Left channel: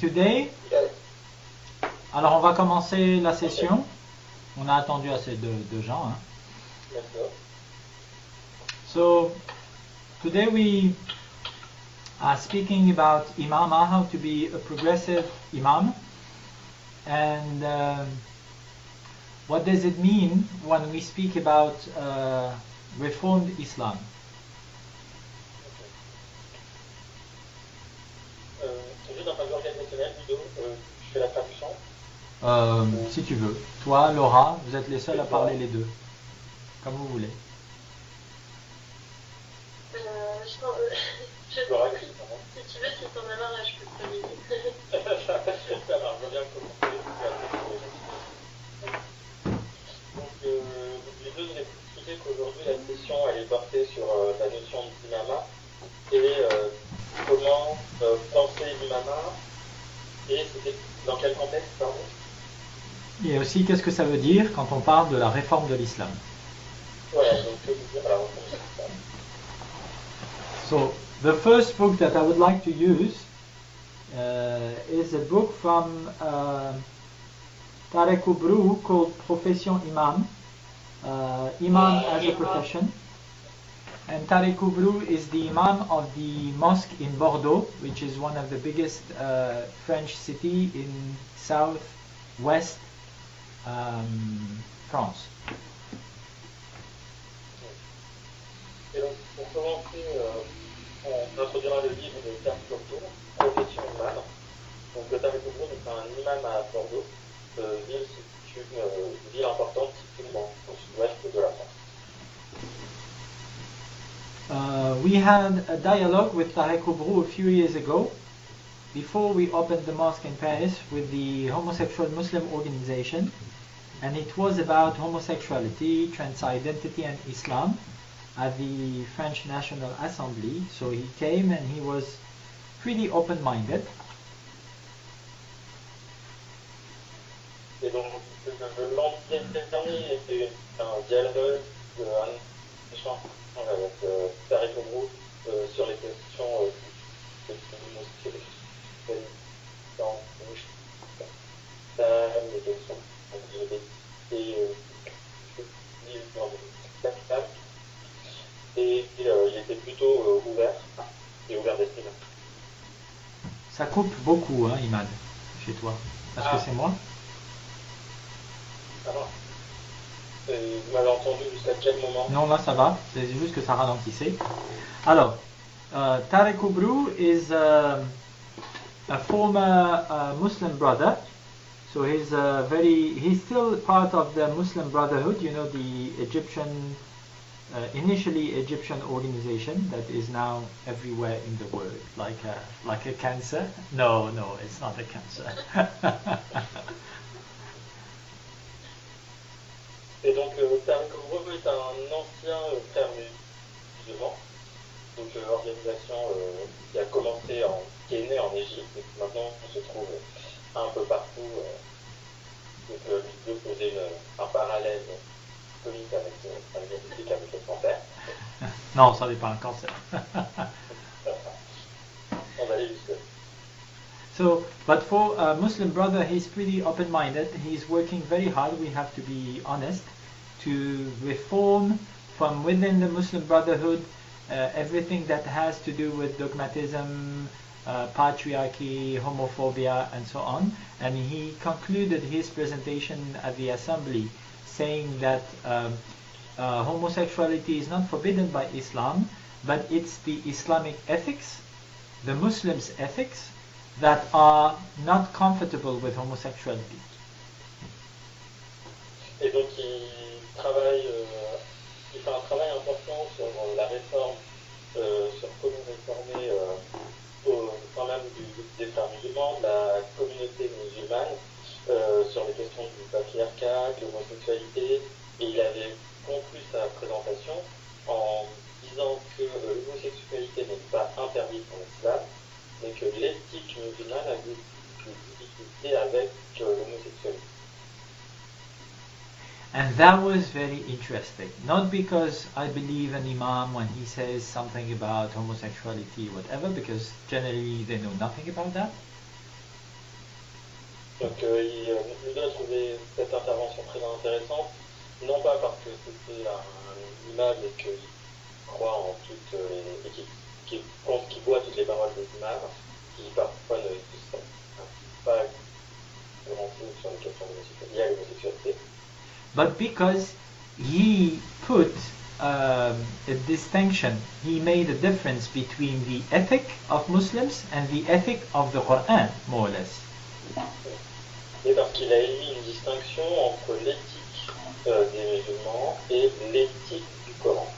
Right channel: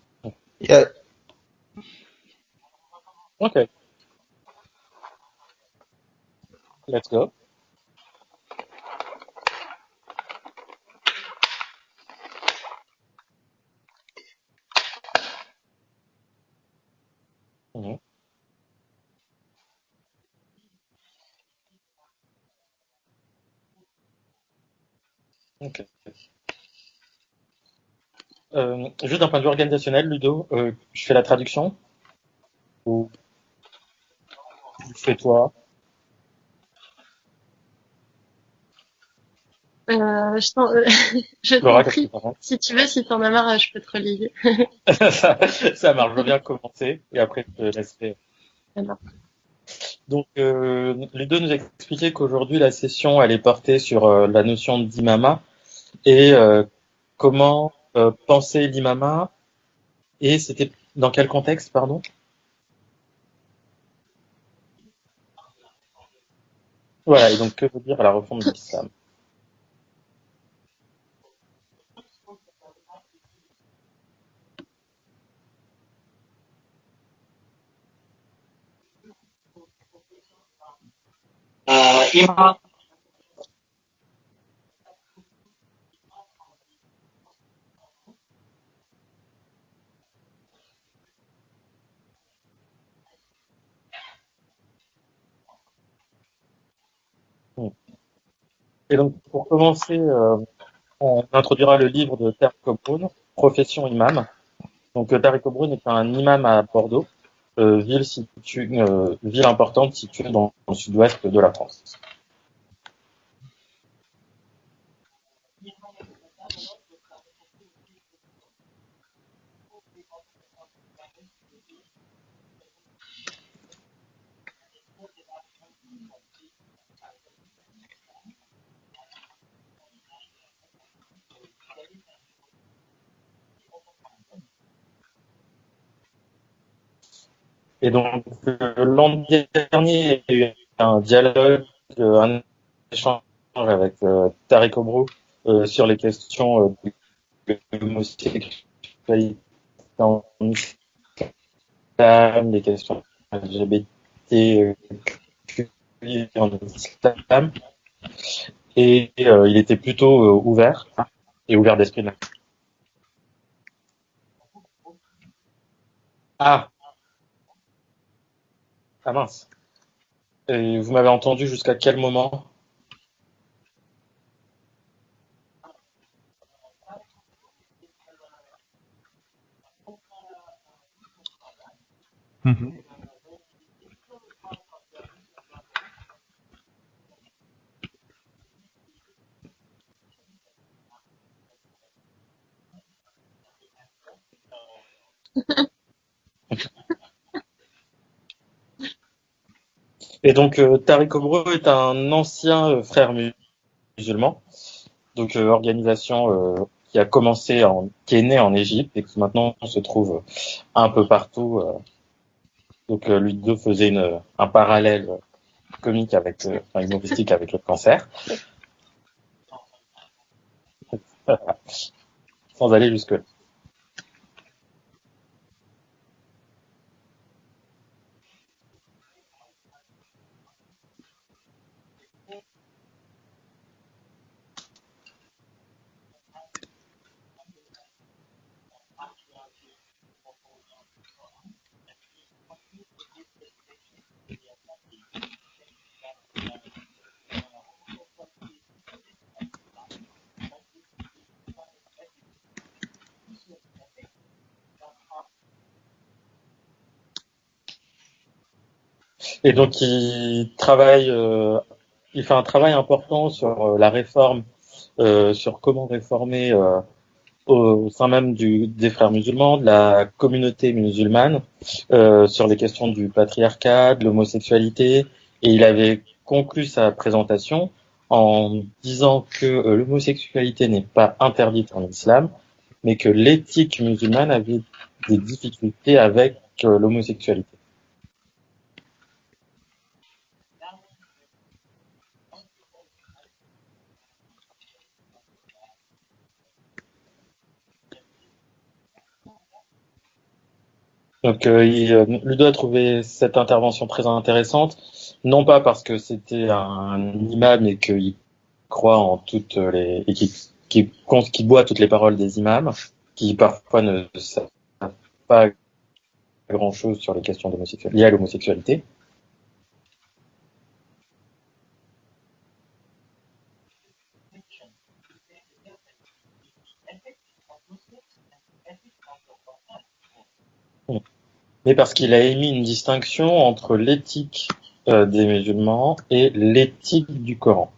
Today, Yeah. alors on va commencer la Okay, session. On a attendu assez de gens. Hein. let's go. So today we are speaking about imama, how to be a progressive imam, and Mhm. what does it mean when we speak about reformed Islam. Ok. Juste d'un point de vue organisationnel, Ludo, je fais la traduction ou Si tu veux. Toi, Laura, vous êtes les c'est seuls à parler toi? les deux, comme vous voulez. Je t'en Laura, qu'est-ce que prie. tu penses? Si tu veux, si t'en as marre, je peux te relayer. Ça, ça marche, je veux bien commencer et après je te laisserai. Alors, Donc, Ludo nous a expliqué qu'aujourd'hui la session elle est portée sur la notion d'imama et comment penser l'imama et c'était dans quel contexte, pardon? Et aussi, qu'est-ce que ça veut dire quand on parle de la réforme de l'islam. Voilà, et donc que veut dire la réforme de l'islam? So, the first book that I would like to use is a book from Tarek Oubrou called Profession Imam, Imam as a Profession. And Tarek Oubrou is the Imam of the mosque in Bordeaux, which is one of the biggest French city in southwest France. Hmm. Et donc, pour commencer, on introduira le livre de Tariq Obroun, Profession imam. Donc, Tariq Obroun est un imam à Bordeaux, ville importante située dans le sud-ouest de la France. We had a dialogue with Tarek Oubrou a few years ago, before we opened the mosque in Paris with the Homosexual Muslim Organization, and it was about homosexuality, transidentity, and Islam at the French National Assembly. So he came and he was pretty open-minded. Et donc, l'an dernier, il y a eu un dialogue, un échange avec Tariq Obroun sur les questions de l'homosexualité en islam, les questions LGBTQI en islam. Et il était plutôt ouvert et ouvert d'esprit. Ça coupe beaucoup, hein, Imad, chez toi. Est-ce que Ah, c'est moi? ah mince. Et vous m'avez entendu jusqu'à quel moment? Non, là ça va, c'est juste que ça ralentissait. Alors, Tarek Oubrou is a former Muslim brother. So he's still part of the Muslim Brotherhood, you know, the Egyptian, initially Egyptian organization that is now everywhere in the world, like a cancer. No, no, it's not a cancer. Et donc, Tariq Obro est un ancien frère musulman, donc organisation qui a qui est née en Égypte et qui maintenant se trouve un peu partout. Donc, Ludo faisait un parallèle comique enfin, humoristique avec le cancer. Non, ça n'est pas un cancer. Sans aller jusque-là. So, but for a Muslim brother, he's pretty open-minded. He's working very hard, we have to be honest, to reform from within the Muslim Brotherhood everything that has to do with dogmatism, patriarchy, homophobia, and so on. And he concluded his presentation at the assembly saying that homosexuality is not forbidden by Islam, but it's the Islamic ethics, the Muslims' ethics, that are not comfortable with homosexuality. Et donc, il fait un travail important sur la réforme, sur comment réformer au sein même des frères musulmans, de la communauté musulmane, sur les questions du patriarcat, de l'homosexualité. Et il avait conclu sa présentation en disant que l'homosexualité n'est pas interdite en islam, mais que l'éthique musulmane avait des difficultés avec l'homosexualité. And that was very interesting. Not because I believe an imam when he says something about homosexuality, whatever, because generally they know nothing about that. Donc, Ludo a trouvé cette intervention très intéressante, non pas parce que c'était un imam et qu'il croit en toutes les et qui boit toutes les paroles des imams, qui parfois ne savent pas grand-chose sur les questions liées à l'homosexualité. but because he put a distinction, he made a difference between the ethic of Muslims and the ethic of the Quran, more or less. Mais parce qu'il a émis une distinction entre l'éthique des musulmans et l'éthique du Coran.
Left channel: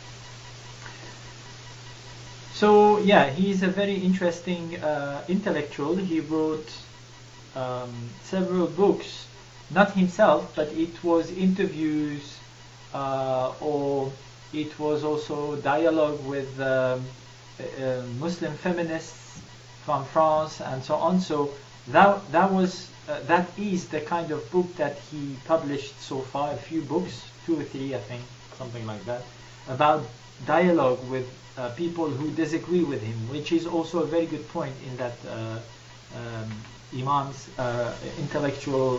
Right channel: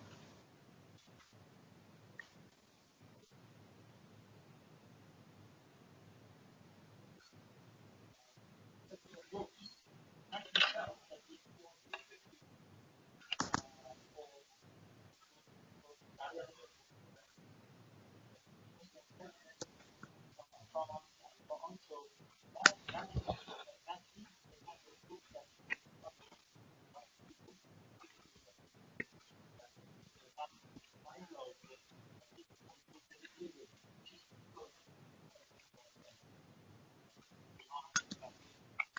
So yeah, he's a very interesting intellectual. He wrote several books, not himself, but it was interviews or it was also dialogue with Muslim feminists from France and so on. So that is the kind of book that he published so far. A few books, 2 or 3, I think, something like that, about dialogue with people who disagree with him, which is also a very good point in that Imam's intellectual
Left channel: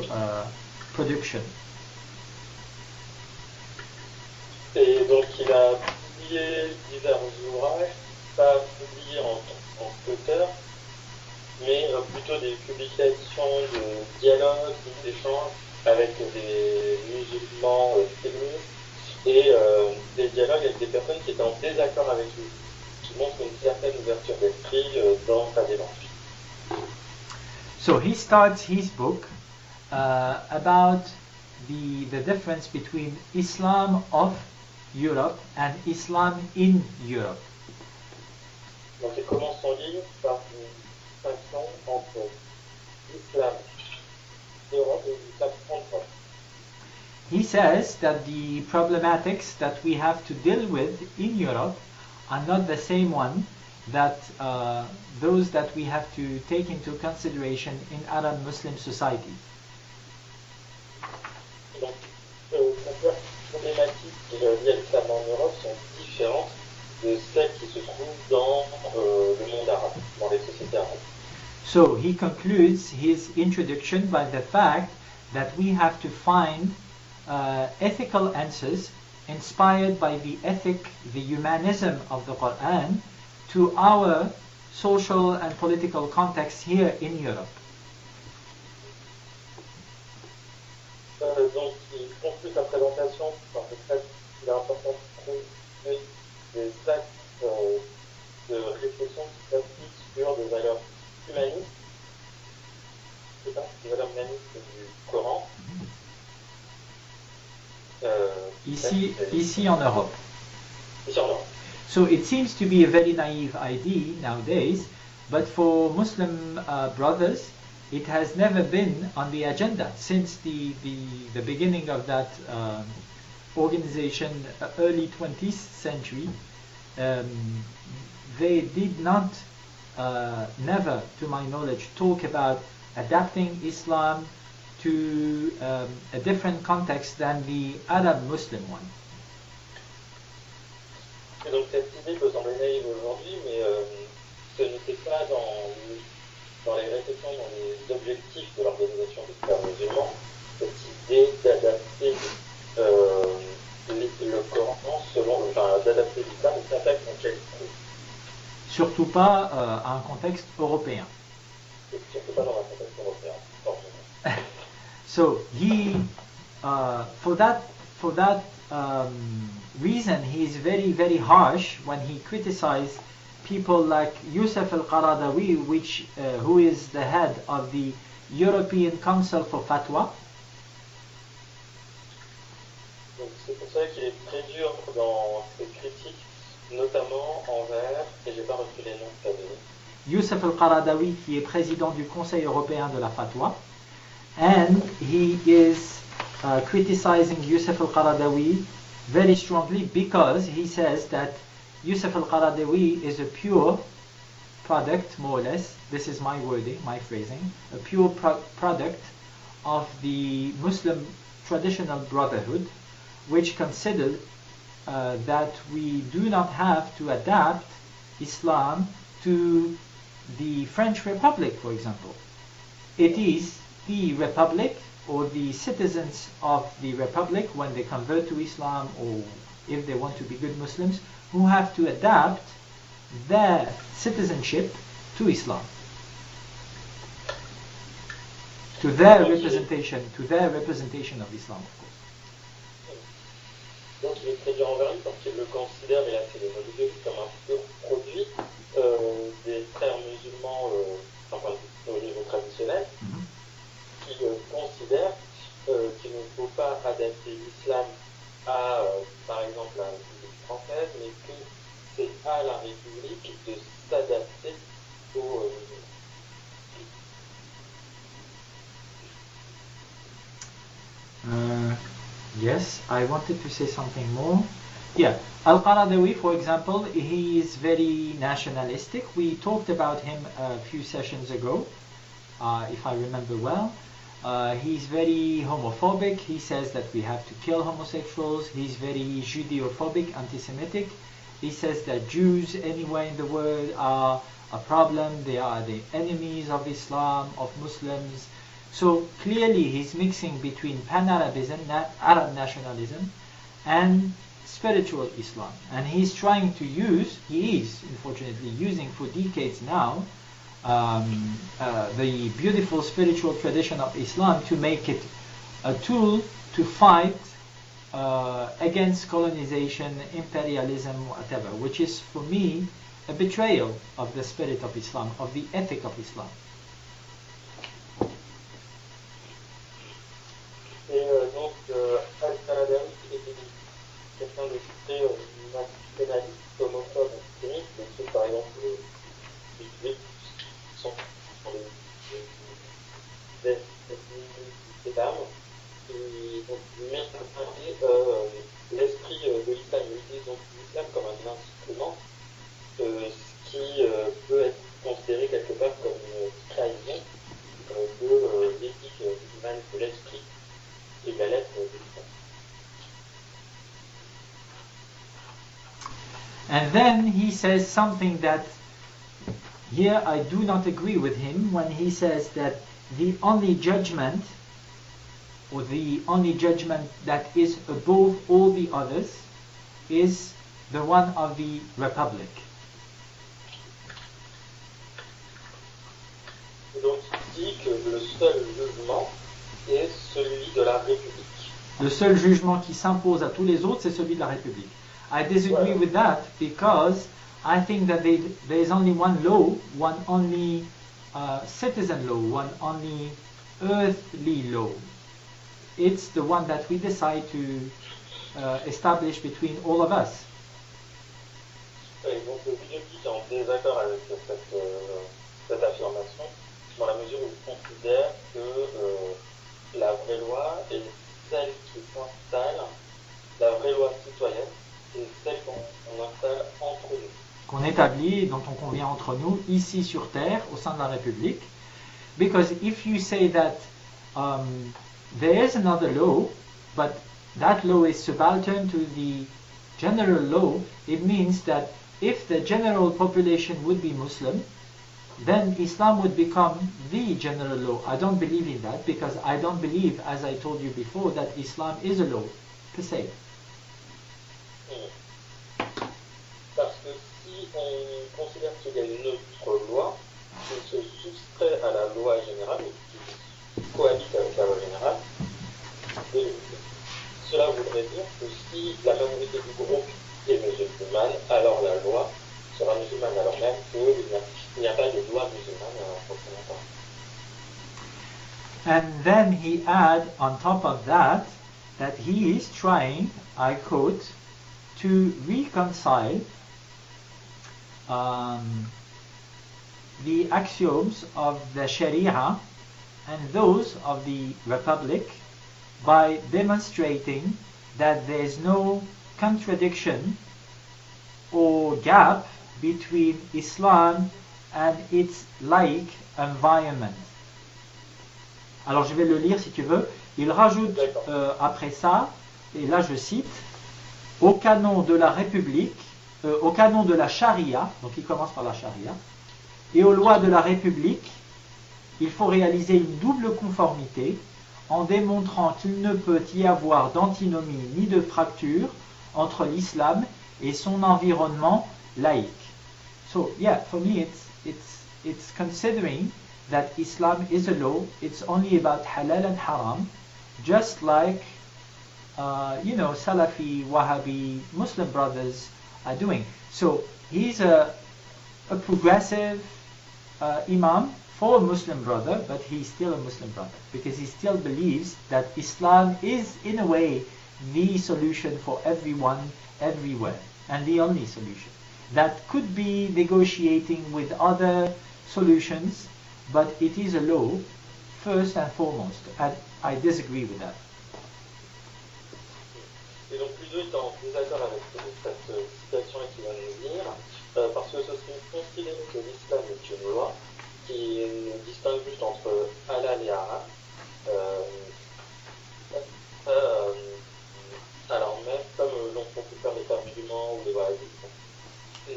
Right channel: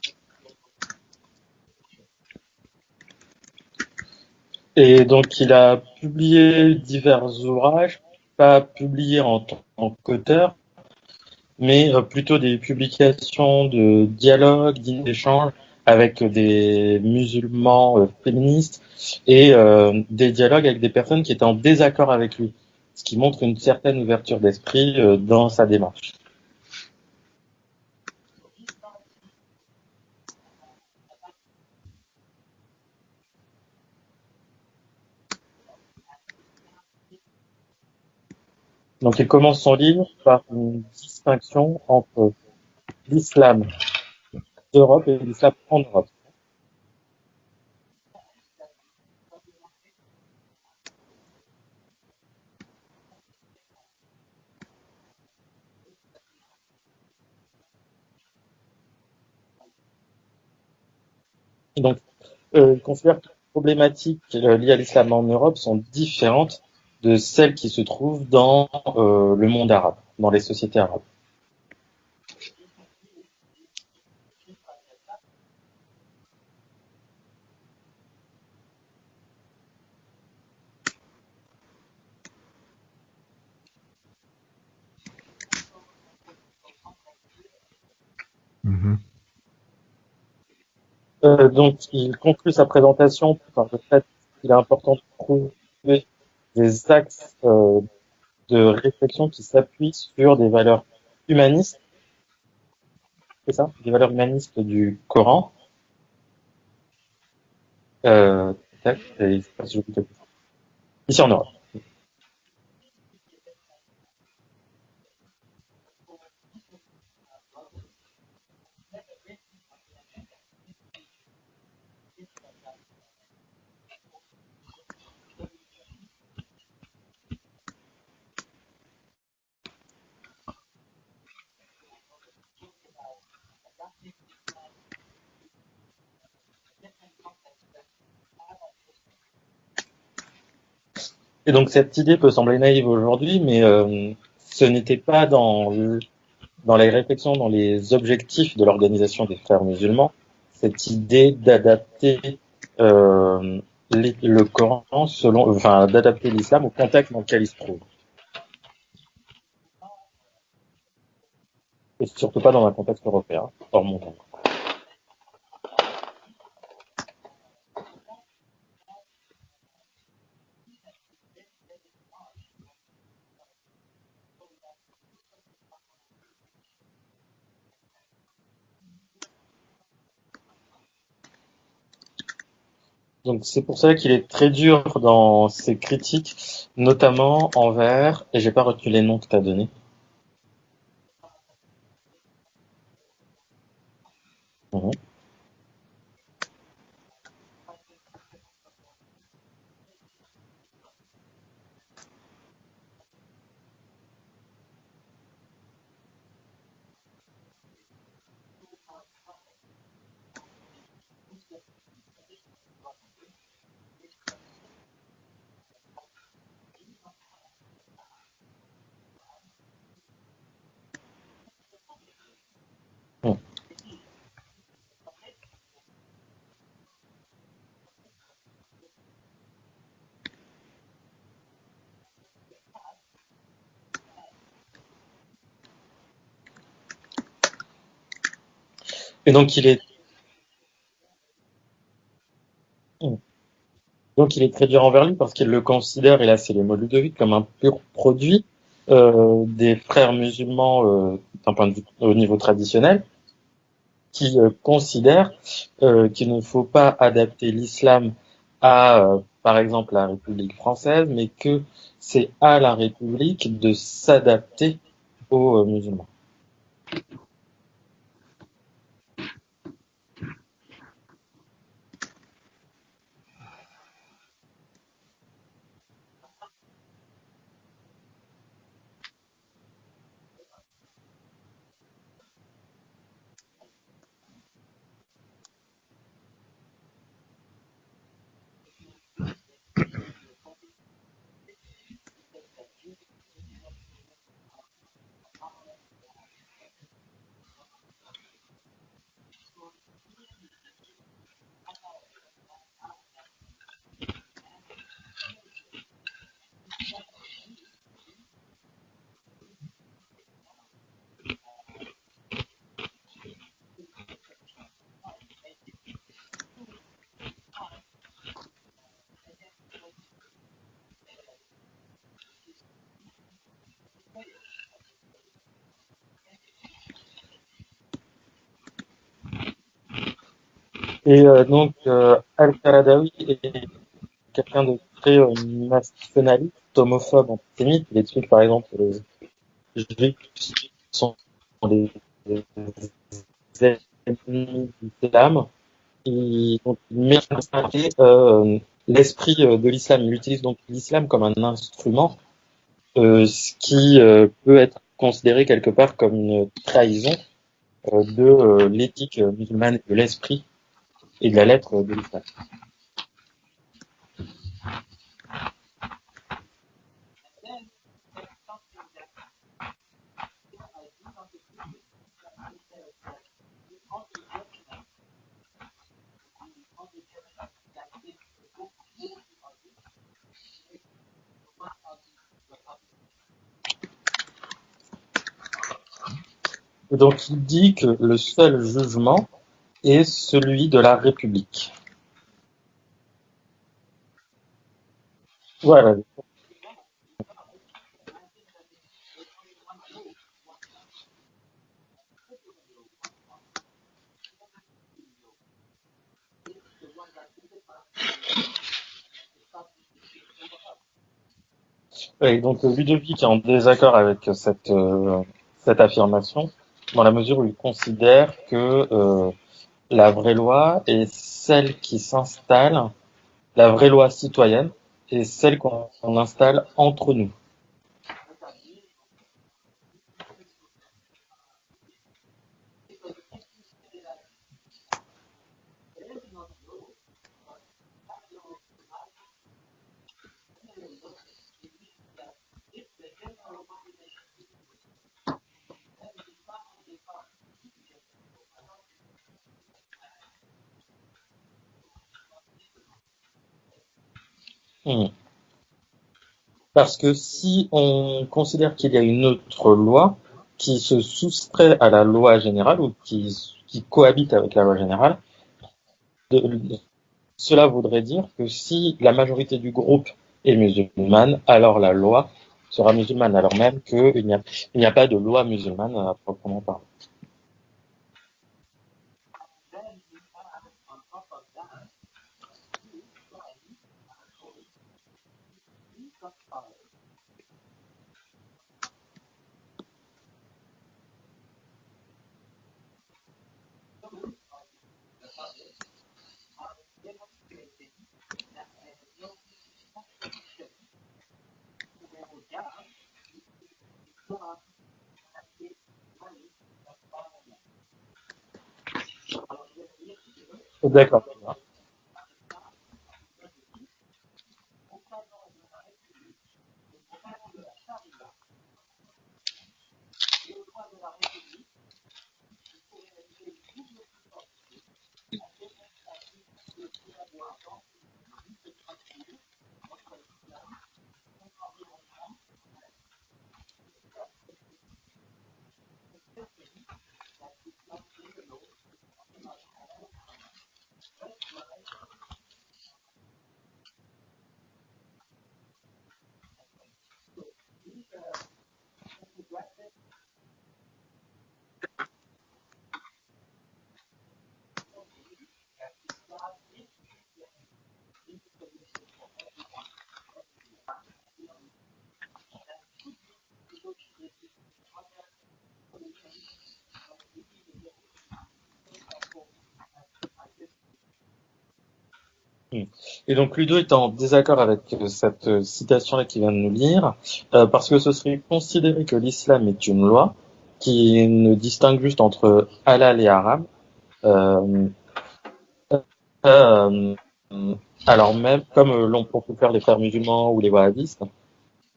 production. Et donc, il a publié divers ouvrages, pas publiés en tant qu'auteur, mais plutôt des publications de dialogues, d'échanges avec des musulmans féministes et des dialogues avec des personnes qui étaient en désaccord avec lui, ce qui montre une certaine ouverture d'esprit dans sa démarche. So he starts his book about the difference between Islam of Europe and Islam in Europe. Donc il commence son livre par une distinction entre l'islam d'Europe et l'islam en Europe. He says that the problematics that we have to deal with in Europe are not the same one that those that we have to take into consideration in Arab Muslim societies. Et donc, il considère que les problématiques liées à l'islam en Europe sont différentes de celles qui se trouvent dans le monde arabe, dans les sociétés arabes. So he concludes his introduction by the fact that we have to find ethical answers inspired by the ethic, the humanism of the Quran to our social and political context here in Europe. Donc, il conclut sa présentation par le fait qu'il est important de trouver des axes de réflexion qui s'appuient sur des valeurs humanistes, c'est ça, des valeurs humanistes du Coran. Ici en Europe. Ici en Europe. So it seems to be a very naive idea nowadays, but for Muslim brothers, it has never been on the agenda since the beginning of that organization, early 20th century. They did not, never to my knowledge, talk about adapting Islam to a different context than the Arab Muslim one. Et donc cette idée peut sembler naïve aujourd'hui, mais ce n'était pas dans les réflexions, dans les objectifs de l'organisation des frères musulmans, cette idée d'adapter le Coran d'adapter l'islam au contexte dans lequel il se trouve. Surtout pas à un contexte européen. Et surtout pas dans un contexte européen, hors mon temps. So he, for that reason, he is very, very harsh when he criticized people like Yusuf al-Qaradawi, who is the head of the European Council for Fatwa. Donc c'est pour ça qu'il est très dur dans ses critiques, notamment envers, et j'ai pas retenu les noms que tu as donnés. Yusuf al-Qaradawi, qui est président du Conseil européen de la Fatwa, and he is criticizing Yusuf al-Qaradawi very strongly because he says that Yusuf al-Qaradawi is a pure product, more or less, this is my wording, my phrasing, a pure product of the Muslim traditional brotherhood, which considered that we do not have to adapt Islam to the French Republic, for example. It is the republic or the citizens of the republic when they convert to Islam or if they want to be good Muslims who have to adapt their citizenship to Islam. To their representation of Islam, of course. Donc il est très dur envers lui parce qu'il le considère, et là c'est le mot Ludovic, comme un pur produit des frères musulmans au niveau traditionnel, qui considèrent qu'il ne faut pas adapter l'islam à, par exemple, la République française, mais que c'est à la République de s'adapter aux musulmans. Yes, I wanted to say something more. Yeah, Al-Qaradawi, for example, he is very nationalistic. We talked about him a few sessions ago, if I remember well. He's very homophobic. He says that we have to kill homosexuals. He's very Judeophobic, anti-Semitic. He says that Jews anywhere in the world are a problem. They are the enemies of Islam, of Muslims. So clearly he's mixing between pan-Arabism, Arab nationalism, and spiritual Islam. And he's trying to use, he is unfortunately using for decades now, the beautiful spiritual tradition of Islam to make it a tool to fight against colonization, imperialism, whatever, which is for me a betrayal of the spirit of Islam, of the ethic of Islam. Et donc, Al-Qaradawi est quelqu'un de très nationaliste, homophobe, antisémite. Les trucs, par exemple, les juifs sont des ennemis de l'islam. Il met l'esprit de l'islam. Il utilise donc l'islam comme un instrument, ce qui peut être considéré quelque part comme une trahison de l'éthique musulmane, de l'esprit et de la lettre de l'islam. And then he says something that here I do not agree with him when he says that the only judgment or the only judgment that is above all the others is the one of the Republic. Donc il dit que le seul jugement est celui de la République. Le seul jugement qui s'impose à tous les autres, c'est celui de la République. I disagree with that because I think that there is only one law, one only citizen law, one only earthly law. It's the one that we decide to establish between all of us. Et donc Ludovic est en désaccord avec cette affirmation, dans la mesure où il considère que la vraie loi est celle qui s'installe, la vraie loi citoyenne, est celle qu'on installe entre nous. Qu'on établit, dont on convient entre nous, ici sur Terre, au sein de la République. Because if you say that there is another law, but that law is subaltern to the general law, it means that if the general population would be Muslim, then Islam would become the general law. I don't believe in that because I don't believe, as I told you before, that Islam is a law per se. Parce que si on considère qu'il y a une autre loi qui se soustrait à la loi générale ou qui cohabite avec la loi générale, cela voudrait dire que si la majorité du groupe est musulmane, alors la loi sera musulmane, alors même qu'il n'y a pas de loi musulmane à proprement parler. And then he adds on top of that he is trying, I quote, to reconcile the axioms of the Sharia and those of the Republic by demonstrating that there is no contradiction or gap between Islam and its like environment. Alors je vais le lire si tu veux. Il rajoute après ça, et là je cite, au canon de la République, au canon de la Charia, donc il commence par la Charia, et aux lois de la République, il faut réaliser une double conformité en démontrant qu'il ne peut y avoir d'antinomie ni de fracture entre l'islam et son environnement laïque. So yeah, for me it's considering that Islam is a law, it's only about halal and haram, just like Salafi, Wahhabi, Muslim brothers are doing. So he's a progressive imam for a Muslim brother, but he's still a Muslim brother because he still believes that Islam is, in a way, the solution for everyone, everywhere, and the only solution. That could be negotiating with other solutions, but it is a law, first and foremost, and I disagree with that. Et donc Ludo est en désaccord avec cette citation-là qu'il vient de nous lire, parce que ce serait considéré que l'islam est une loi qui ne distingue juste entre halal et haram, alors même comme l'ont pour faire les frères musulmans ou les wahhabistes,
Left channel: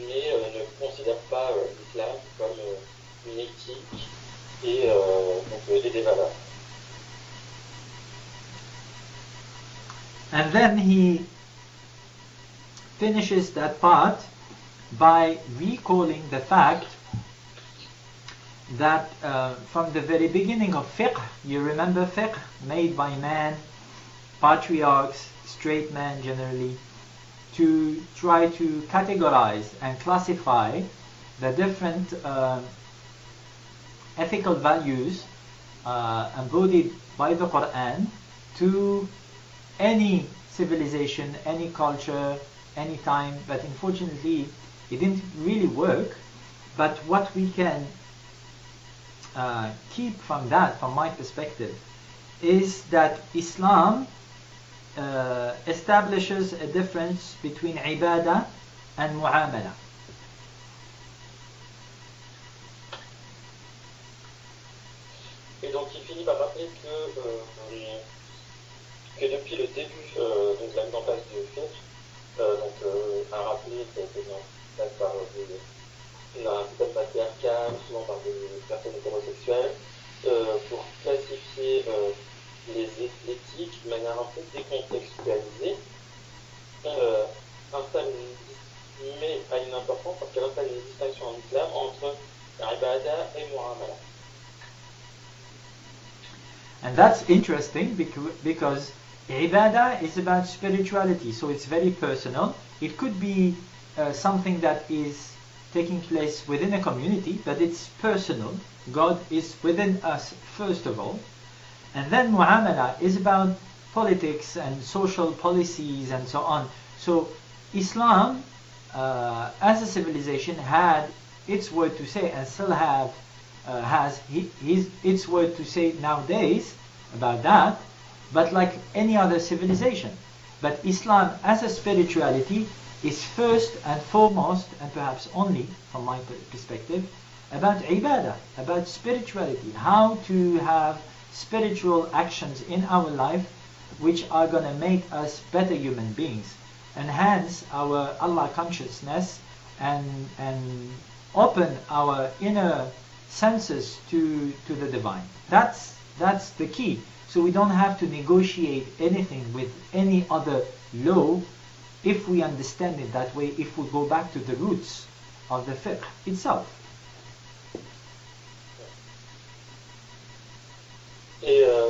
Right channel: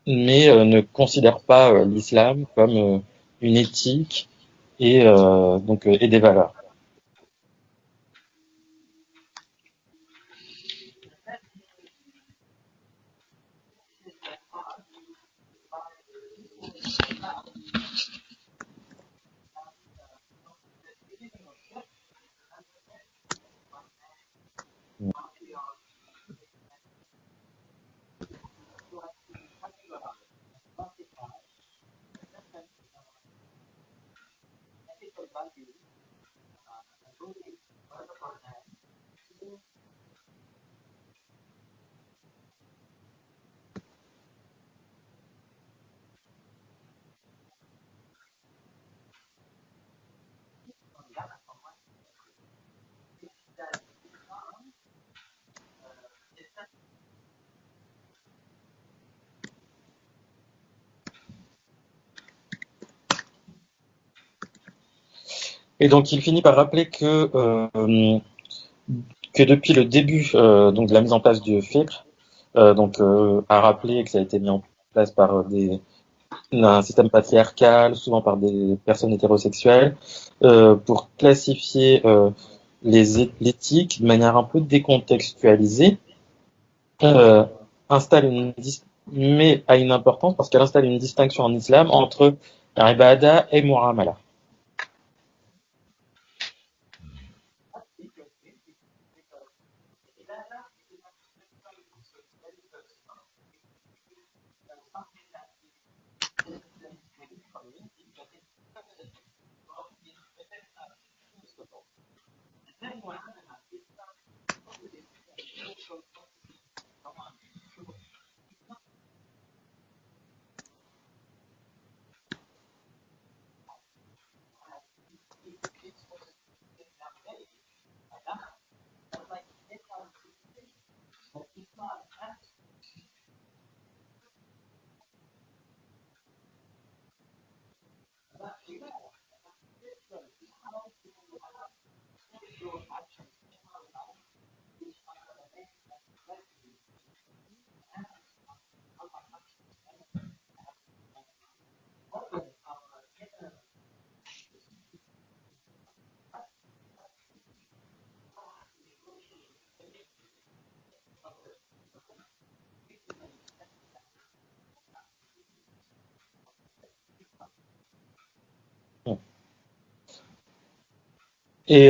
mais ne considère pas l'islam comme une éthique et des valeurs. And then he finishes that part by recalling the fact that from the very beginning of fiqh, you remember fiqh made by man, patriarchs, straight men generally, to try to categorize and classify the different ethical values embodied by the Quran to any civilization, any culture, any time, but unfortunately it didn't really work. But what we can keep from that, from my perspective, is that Islam establishes a difference between ibadah and mu'amala. Et donc il finit par rappeler que depuis le début donc de la mise en place du fiqh, a rappelé que ça a été mis en place par un système patriarcal, souvent par des personnes hétérosexuelles, pour classifier l'éthique de manière un peu décontextualisée, mais a une importance parce qu'elle installe une distinction en islam entre ibadah et mu'amala. And that's interesting because ibadah is about spirituality, so it's very personal. It could be something that is taking place within a community, but it's personal. God is within us first of all. And then mu'amala is about politics and social policies and so on. So Islam, as a civilization, had its word to say and still has its word to say nowadays about that, but like any other civilization. But Islam as a spirituality is first and foremost, and perhaps only from my perspective, about ibadah, about spirituality, how to have spiritual actions in our life which are going to make us better human beings, enhance our Allah consciousness and open our inner senses to the divine. That's the key. So we don't have to negotiate anything with any other law if we understand it that way, if we go back to the roots of the fiqh itself. Et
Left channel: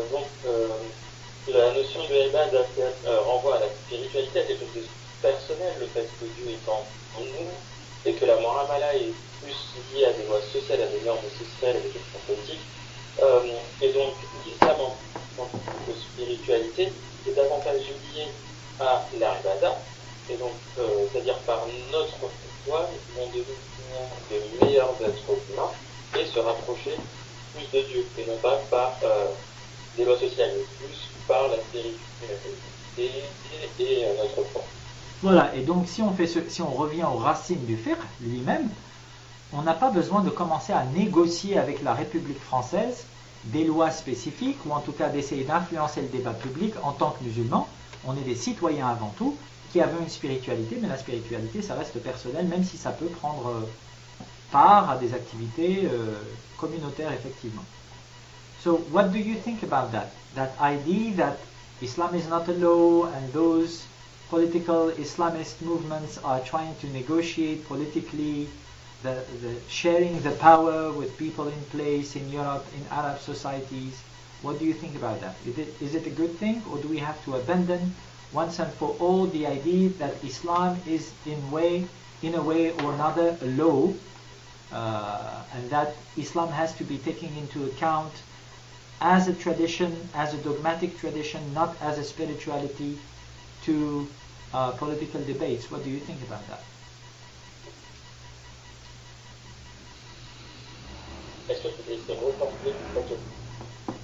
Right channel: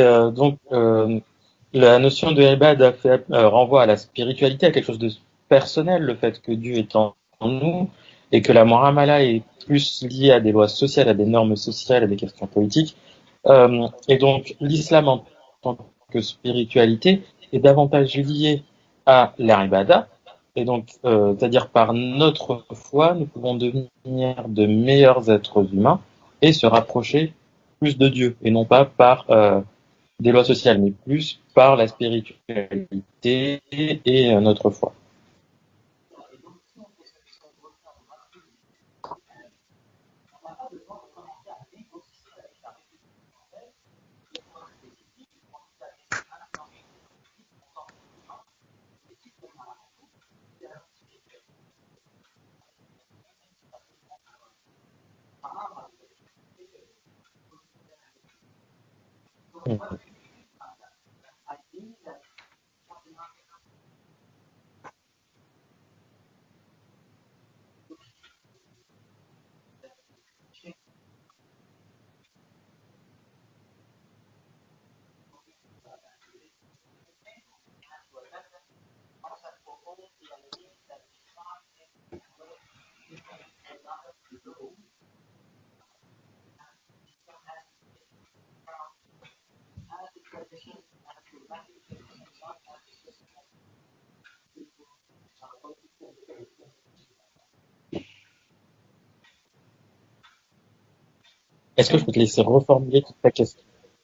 la notion de ibadah renvoie à la spiritualité, à quelque chose de personnel, le fait que Dieu est en nous, et que la mu'amala est plus liée à des lois sociales, à des normes sociales, à des questions politiques. Et donc l'islam en tant que spiritualité est davantage lié à l'ibadah, et donc c'est-à-dire par notre foi, nous pouvons devenir de meilleurs êtres humains et se rapprocher plus de Dieu, et non pas par des lois sociales, mais plus par la spiritualité et notre foi. Voilà, et donc si on revient aux racines du fiqh lui-même, on n'a pas besoin de commencer à négocier avec la République française des lois spécifiques, ou en tout cas d'essayer d'influencer le débat public en tant que musulmans. On est des citoyens avant tout, qui avons une spiritualité, mais la spiritualité, ça reste personnel, même si ça peut prendre part à des activités communautaires, effectivement. So what do you think about that? That idea that Islam is not a law and those political Islamist movements are trying to negotiate politically the sharing the power with people in place in Europe, in Arab societies. What do you think about that? Is it a good thing, or do we have to abandon once and for all the idea that Islam is in a way or another a law, and that Islam has to be taken into account as a tradition, as a dogmatic tradition, not as a spirituality to political debates? What do you think about that? Est-ce que je peux te laisser reformuler ta question?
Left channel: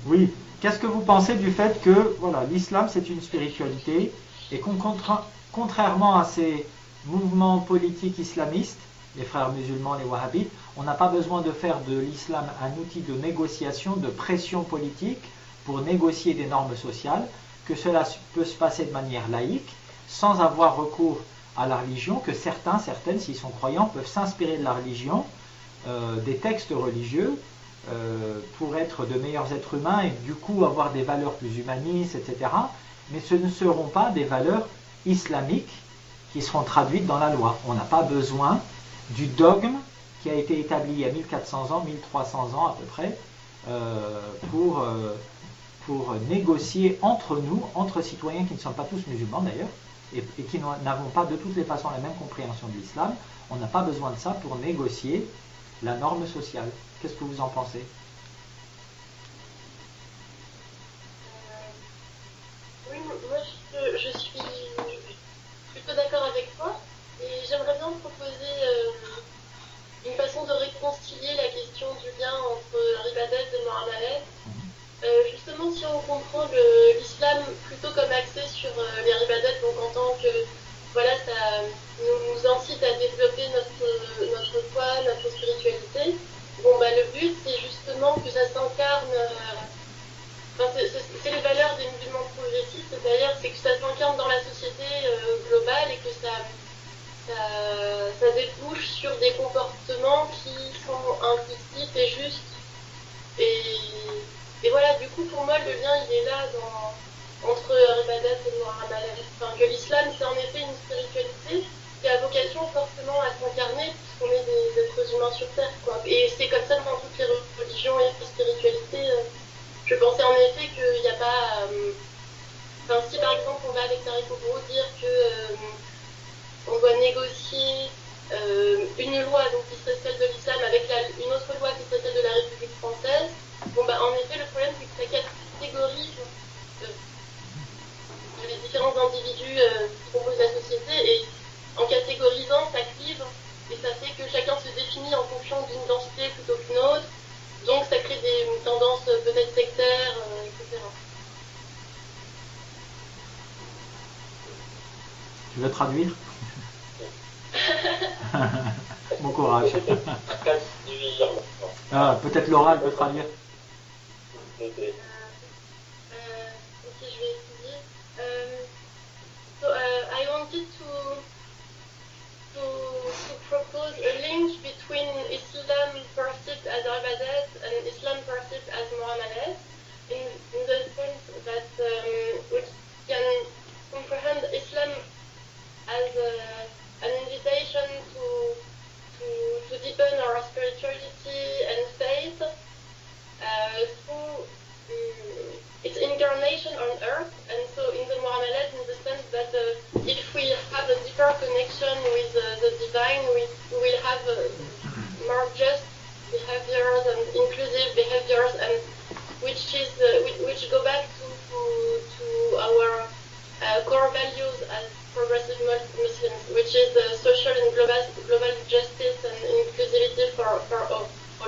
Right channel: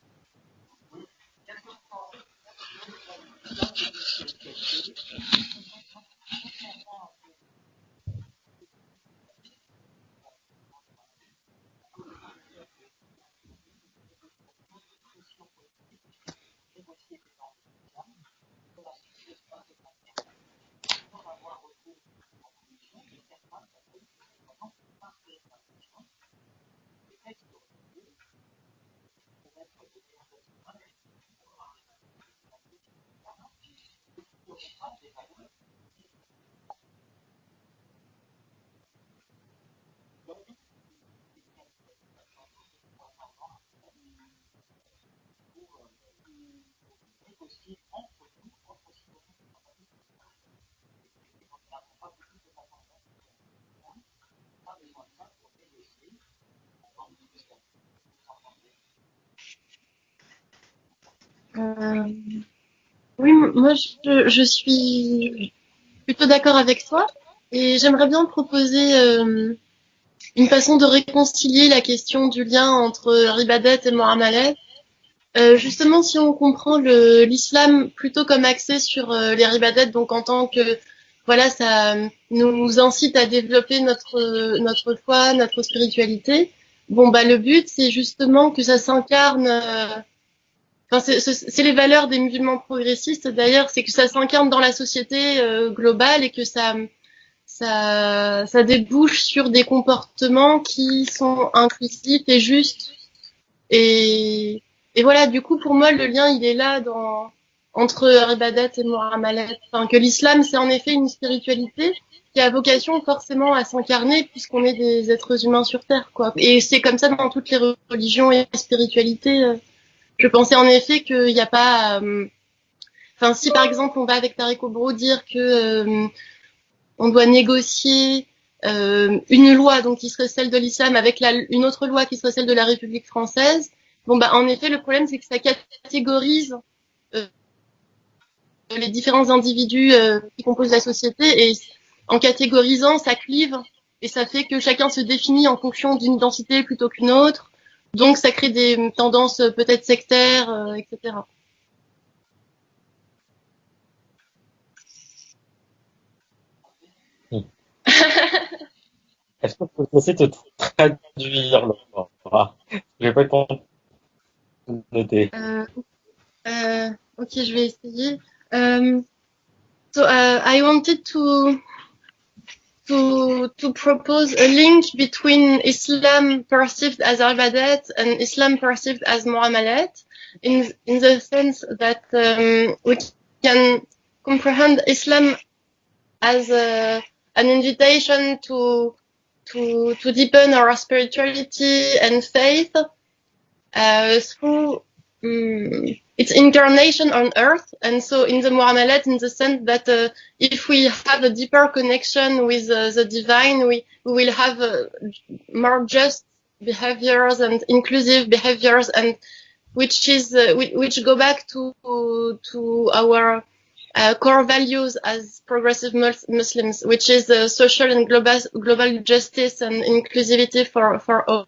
Oui. Qu'est-ce que vous pensez du fait que voilà, l'islam c'est une spiritualité et contrairement à ces mouvements politiques islamistes, les frères musulmans, les wahhabites, on n'a pas besoin de faire de l'islam un outil de négociation, de pression politique pour négocier des normes sociales, que cela peut se passer de manière laïque, sans avoir recours à la religion, que certaines, s'ils sont croyants, peuvent s'inspirer de la religion, des textes religieux, pour être de meilleurs êtres humains et du coup avoir des valeurs plus humanistes, etc. Mais ce ne seront pas des valeurs islamiques qui seront traduites dans la loi. On n'a pas besoin du dogme qui a été établi il y a 1400 ans, 1300 ans à peu près, pour négocier entre nous, entre citoyens qui ne sont pas tous musulmans d'ailleurs, et qui n'avons pas de toutes les façons la même compréhension de l'islam. On n'a pas besoin de ça pour négocier la norme sociale. Qu'est-ce que vous en pensez? Oui, moi je suis plutôt d'accord avec toi et j'aimerais bien proposer une façon de réconcilier la question du lien entre Ibadat et Muamalat. Justement, si on comprend l'islam plutôt comme axé sur les Ibadat, donc en tant que voilà, ça nous incite à développer notre foi, notre spiritualité. Bon, bah, le but, c'est justement que ça s'incarne. Enfin, c'est les valeurs des musulmans progressistes, d'ailleurs, c'est que ça s'incarne dans la société globale et que ça débouche sur des comportements qui sont inclusifs et justes. Et voilà, du coup, pour moi, le lien, il est là entre Ibadat et Muamalat. Enfin, que l'islam, c'est en effet une spiritualité qui a vocation forcément à s'incarner puisqu'on est des êtres humains sur Terre, quoi. Et c'est comme ça dans toutes les religions et spiritualités. Je pensais en effet qu'il n'y a pas... Enfin, si par exemple, on va avec Tariq Obro dire que... on doit négocier une loi donc qui serait celle de l'islam avec une autre loi qui serait celle de la République française. Bon, bah, en effet, le problème, c'est que ça catégorise les différents individus qui composent la société, et en catégorisant, ça clive et ça fait que chacun se définit en fonction d'une identité plutôt qu'une autre. Donc, ça crée des tendances peut-être sectaires, etc. Tu veux traduire? Bon courage. Je vais essayer de traduire. Peut-être Laura peut Je vais pas traduire. noter. Ok, je vais essayer. I wanted to propose a link between Islam perceived as Ibadat and Islam perceived as Muamalat, in the sense that we can comprehend Islam as an invitation to deepen our spirituality and faith through its incarnation on earth. And so in the Muamalat, in the sense that if we have a deeper connection with the divine, we will have more just behaviors and inclusive behaviors, and which go back to our core values as progressive Muslims, which is social and global justice and inclusivity for all.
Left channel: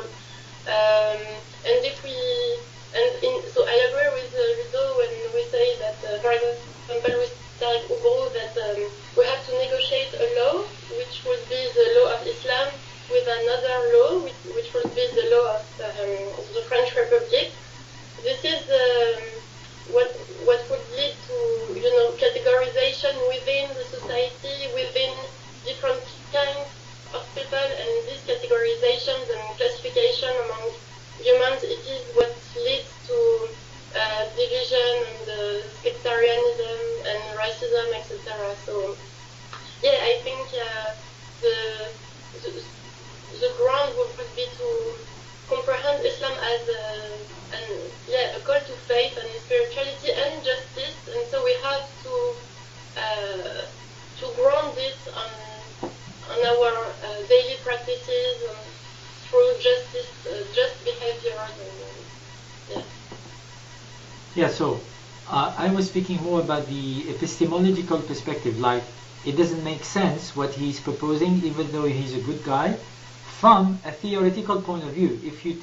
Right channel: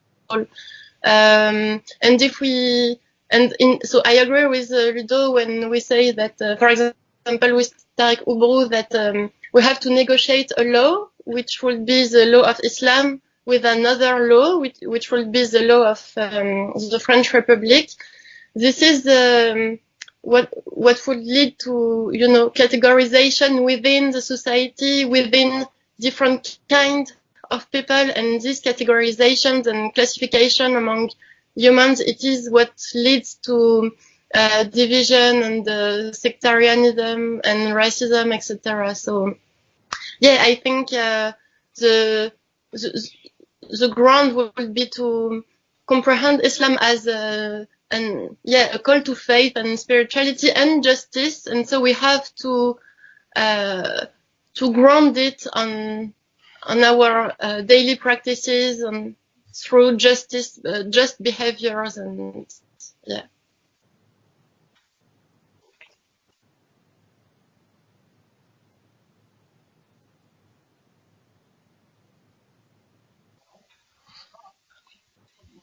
So I agree with Ludo when we say that, for example, with Tariq Ubru, that we have to negotiate a law, which will be the law of Islam, with another law, which will be the law of the French Republic. This is what would lead to, categorization within the society, within different kinds of people, and these categorizations and classification among humans, it is what leads to division and sectarianism and racism, etc. So yeah, I think the ground would be to comprehend Islam as a call to faith and spirituality and justice, and so we have to ground it on our daily practices and through justice, just behaviors, and yeah. Yeah. So I was speaking more about the epistemological perspective. Like, it doesn't make sense what he's proposing, even though he's a good guy, from a theoretical point of view. If you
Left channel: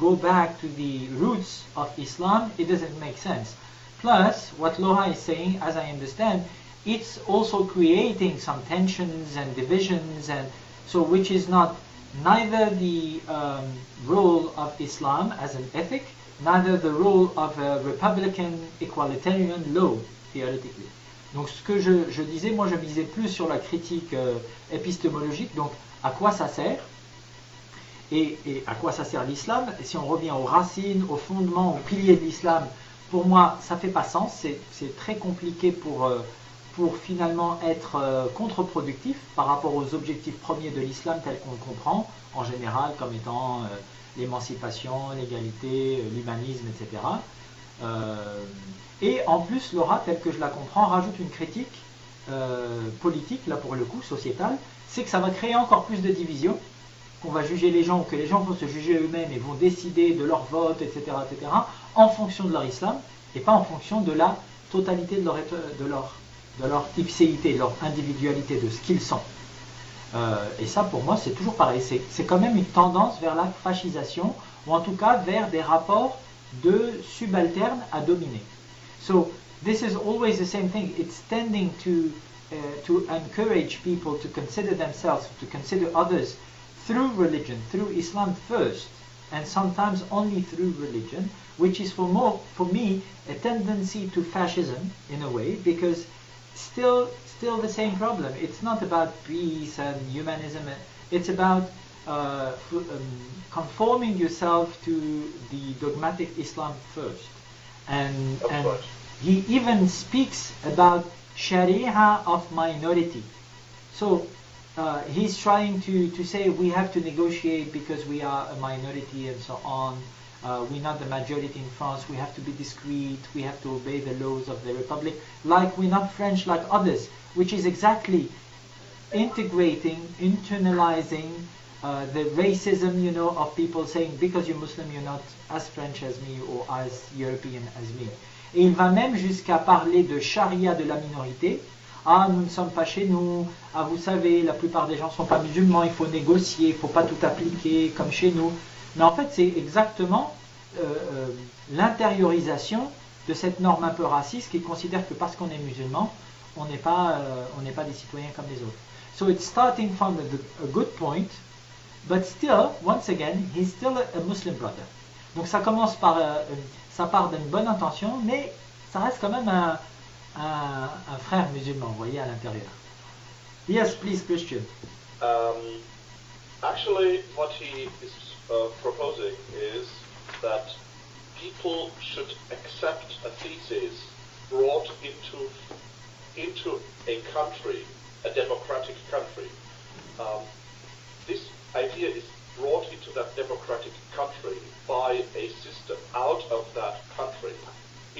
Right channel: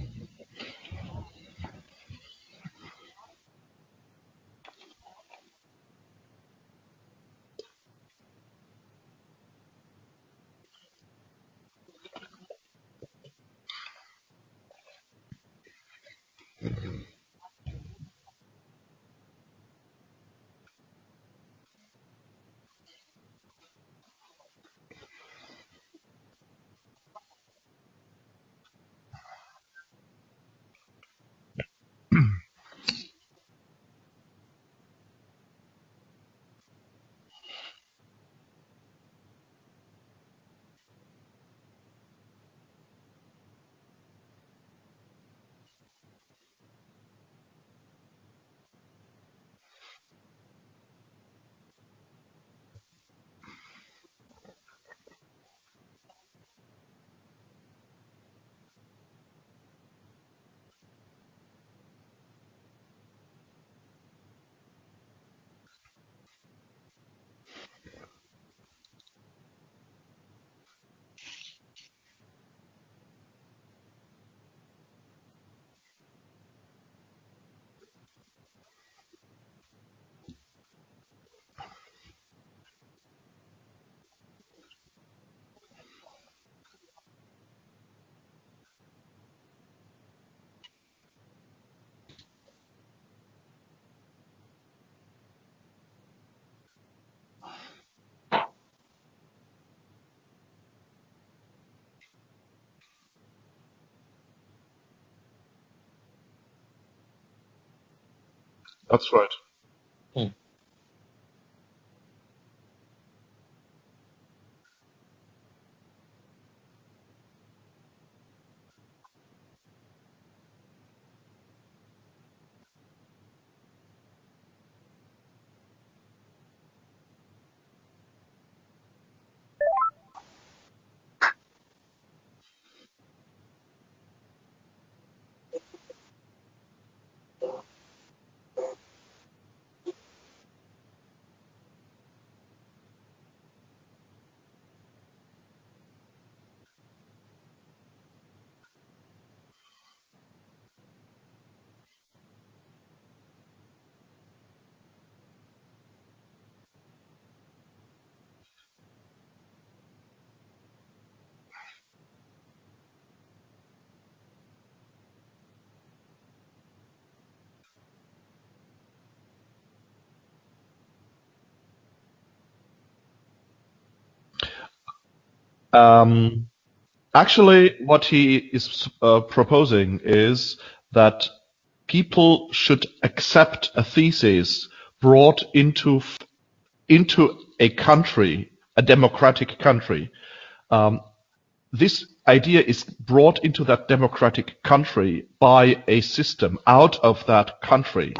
go back to the roots of Islam, it doesn't make sense. Plus, what Loha is saying, as I understand, it's also creating some tensions and divisions, and so which is neither the role of Islam as an ethic, neither the role of a Republican equalitarian law, theoretically. Donc ce que je disais, moi je misais plus sur la critique épistémologique, donc à quoi ça sert et à quoi ça sert l'islam. Et si on revient aux racines, aux fondements, aux piliers de l'islam, pour moi ça fait pas sens, c'est très compliqué pour finalement être contre-productif par rapport aux objectifs premiers de l'islam tels qu'on le comprend en général comme étant l'émancipation, l'égalité, l'humanisme, etc. Et en plus, Laura, telle que je la comprends, rajoute une critique politique, là pour le coup, sociétale, c'est que ça va créer encore plus de divisions, qu'on va juger les gens, ou que les gens vont se juger eux-mêmes et vont décider de leur vote, etc., en fonction de leur islam, et pas en fonction de la totalité de leur ipséité, de leur individualité, de ce qu'ils sont. Et ça, pour moi, c'est toujours pareil. C'est quand même une tendance vers la fascisation, ou en tout cas vers des rapports de subalternes à dominer. So this is always the same thing. It's tending to encourage people to consider themselves, to consider others through religion, through Islam first, and sometimes only through religion, which is for me a tendency to fascism in a way, because still the same problem. It's not about peace and humanism. It's about conforming yourself to the dogmatic Islam first. And that's right. He even speaks about Sharia of minority. So he's trying to say we have to negotiate because we are a minority and so on. We're not the majority in France. We have to be discreet. We have to obey the laws of the Republic. Like we're not French like others, which is exactly internalizing the racism, of people saying because you're Muslim, you're not as French as me or as European as me. Et il va même jusqu'à parler de charia de la minorité. Ah, nous ne sommes pas chez nous. Ah, vous savez, la plupart des gens ne sont pas musulmans. Il faut négocier, il ne faut pas tout appliquer comme chez nous. Mais en fait, c'est exactement l'intériorisation de cette norme un peu raciste qui considère que parce qu'on est musulman, on n'est pas des citoyens comme les autres. So it's starting from a good point, but still, once again, he's still a Muslim brother. Donc ça commence par, ça part d'une bonne intention, mais ça reste quand même un frère musulman, vous voyez, à l'intérieur. Yes, please, Christian. Actually, what he is proposing is that people should accept a thesis brought into a country, a democratic country. This idea is brought into that democratic country by a system out of that country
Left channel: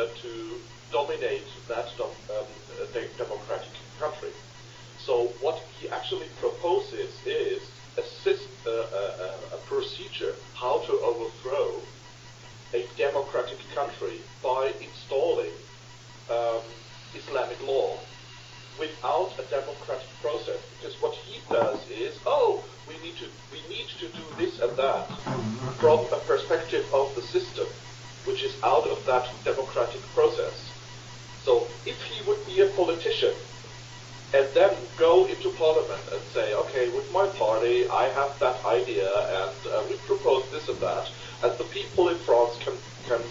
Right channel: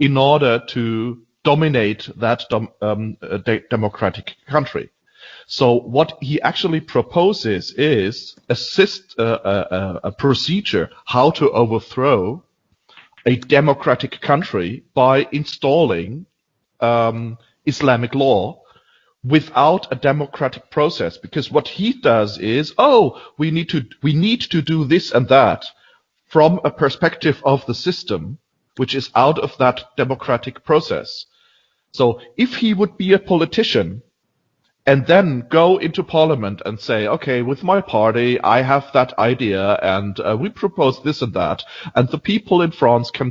in order to dominate that democratic country. So what he actually proposes is a procedure how to overthrow a democratic country by installing Islamic law without a democratic process, because what he does is, we need to do this and that from a perspective of the system, which is out of that democratic process. So if he would be a politician and then go into parliament and say, okay, with my party I have that idea and we propose this and that, and the people in France can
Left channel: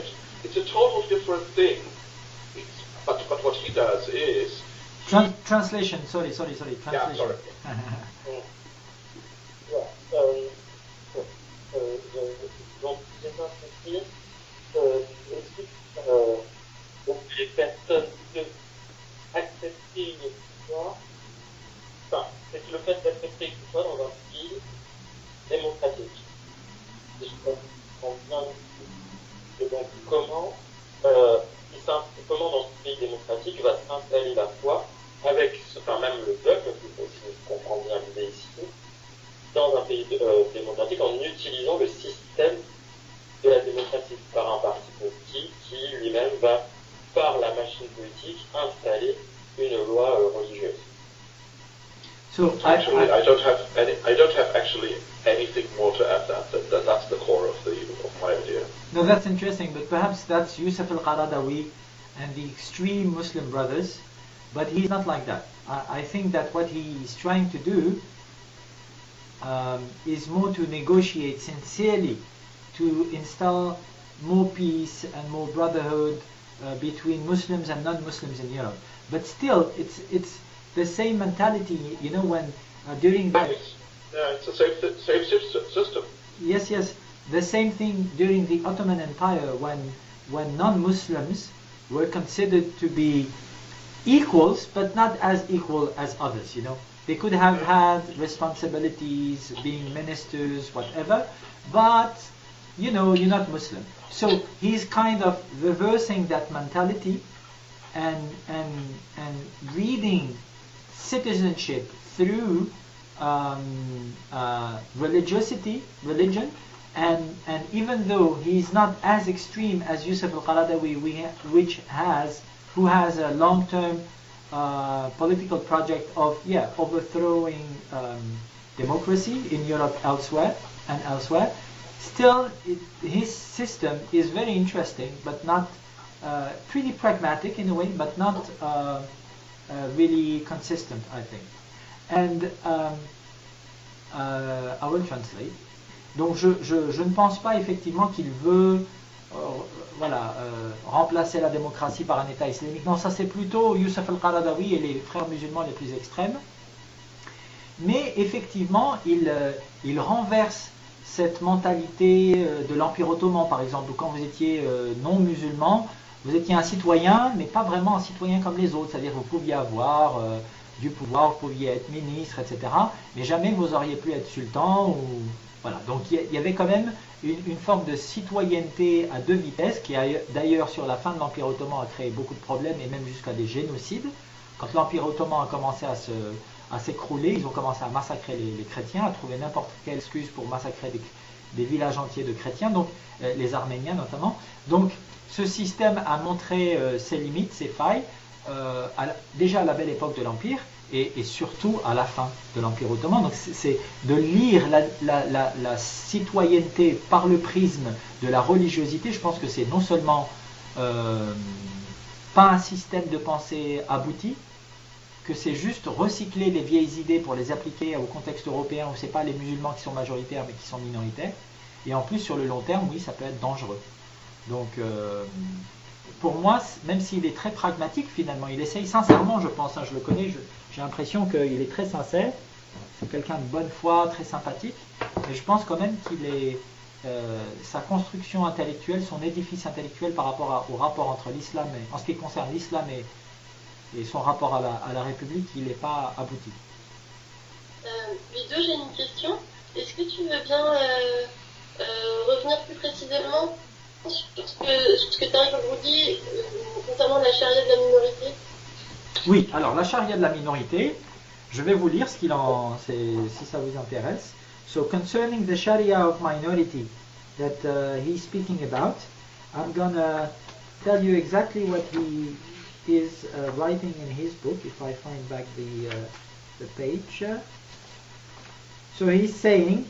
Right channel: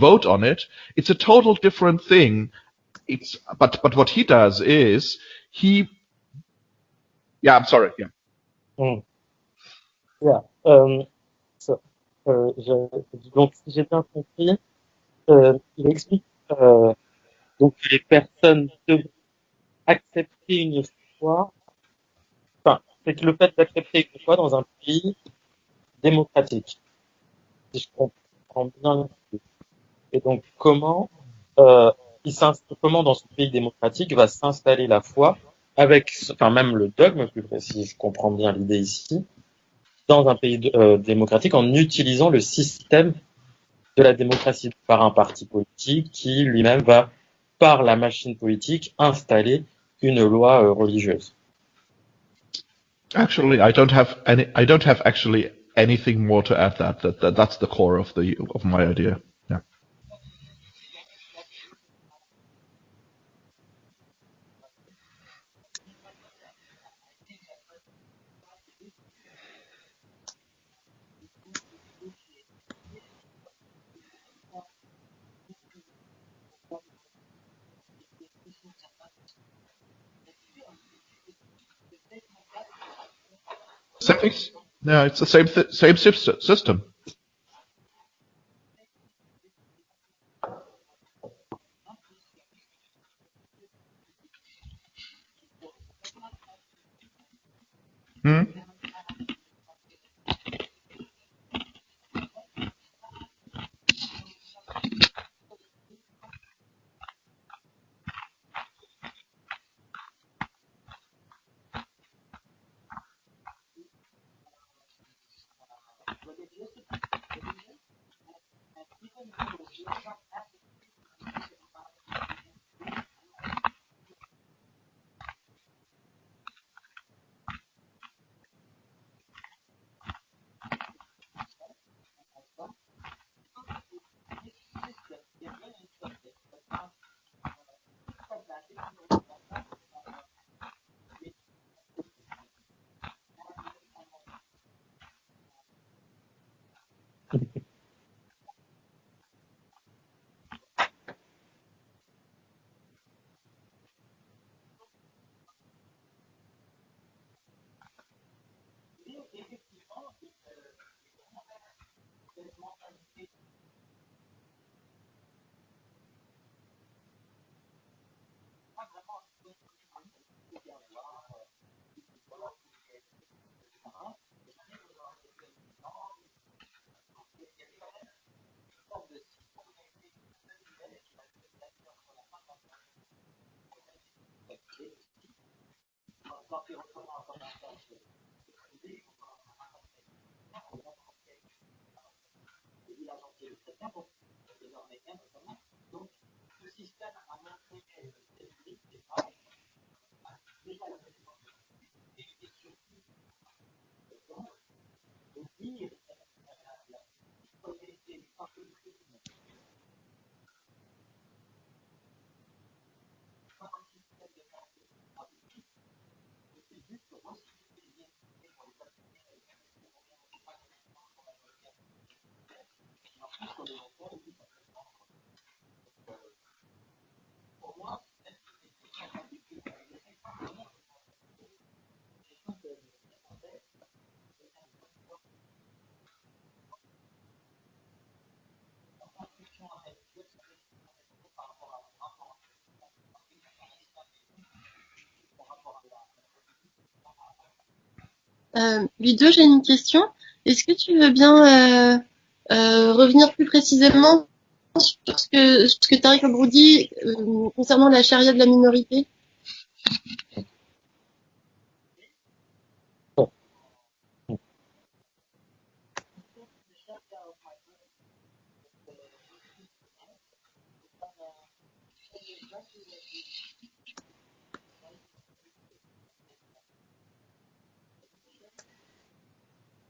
vote on it, it's a total different thing. But what he does is translation. Sorry. Translation. Yeah, I'm sorry. Yeah. Hmm. Yeah. So, donc, si j'ai bien compris, il explique donc que les personnes devraient accepter une foi, enfin, c'est que le fait d'accepter une foi dans un pays démocratique, si je comprends bien. Et donc, euh, comment dans ce pays démocratique va s'installer la foi avec, enfin, même le dogme, plus précis, si je comprends bien l'idée ici, dans un pays démocratique en utilisant le système de la démocratie par un parti politique qui lui-même va, par la machine politique, installer une loi religieuse. So Actually, I don't have any. I don't have actually anything more to add. That's the core of my no, idea. that's Yeah. interesting, but perhaps that's Yusuf al-Qaradawi and the extreme Muslim brothers, but he's not like that. I think that what he's trying to do is more to negotiate sincerely to install more peace and more brotherhood between Muslims and non-Muslims in Europe. But still, it's the same mentality, you know, when during the Same, yeah, it's the same system. yes, yes, the same thing during the Ottoman Empire when non-Muslims were considered to be equals, but not as equal as others. You know, they could have had responsibilities, being ministers, whatever, but you know, you're not Muslim. So he's kind of reversing that mentality and and and reading citizenship through religion, and even though he's not as extreme as Yusuf al-Qaradawi, who has a long-term political project of overthrowing democracy in Europe elsewhere. Still, his system is very interesting, but not pretty pragmatic in a way, but not really consistent, I think. And I will translate. Donc je ne pense pas effectivement qu'il veut remplacer la démocratie par un État islamique. Non, ça c'est plutôt Youssef al-Qaradawi et les frères musulmans les plus extrêmes. Mais effectivement, il renverse cette mentalité de l'Empire ottoman, par exemple, où quand vous étiez non musulman, vous étiez un citoyen, mais pas vraiment un citoyen comme les autres. C'est-à-dire que vous pouviez avoir du pouvoir, vous pouviez être ministre, etc. Mais jamais vous auriez pu être sultan. Voilà. Donc il y avait quand même une forme de citoyenneté à deux vitesses, qui d'ailleurs sur la fin de l'Empire ottoman a créé beaucoup de problèmes et même jusqu'à des génocides. Quand l'Empire ottoman a commencé à s'écrouler, ils ont commencé à massacrer les chrétiens, à trouver n'importe quelle excuse pour massacrer des villages entiers de chrétiens, donc les Arméniens notamment. Donc ce système a montré ses limites, ses failles, déjà à la belle époque de l'Empire et surtout à la fin de l'Empire ottoman. Donc c'est de lire la citoyenneté par le prisme de la religiosité. Je pense que c'est non seulement pas un système de pensée abouti, que c'est juste recycler les vieilles idées pour les appliquer au contexte européen où c'est pas les musulmans qui sont majoritaires mais qui sont minoritaires. Et en plus sur le long terme, oui, ça peut être dangereux. Donc pour moi, même s'il est très pragmatique finalement, il essaye sincèrement, je pense, je le connais, j'ai l'impression qu'il est très sincère, c'est quelqu'un de bonne foi, très sympathique, mais je pense quand même qu'il est sa construction intellectuelle, son édifice intellectuel par rapport au rapport entre l'islam, en ce qui concerne l'islam et son rapport à la République, il n'est pas abouti. Ludo, j'ai une question. Est-ce que tu veux bien revenir plus précisément sur ce que Tariq Abroudi dit concernant la charia de la minorité? Oui, alors la charia de la minorité, je vais vous lire ce qu'il en si ça vous intéresse. So concerning the sharia of minority that he's speaking about, I'm gonna tell you exactly what he is writing in his book, if I find back the page. So he's saying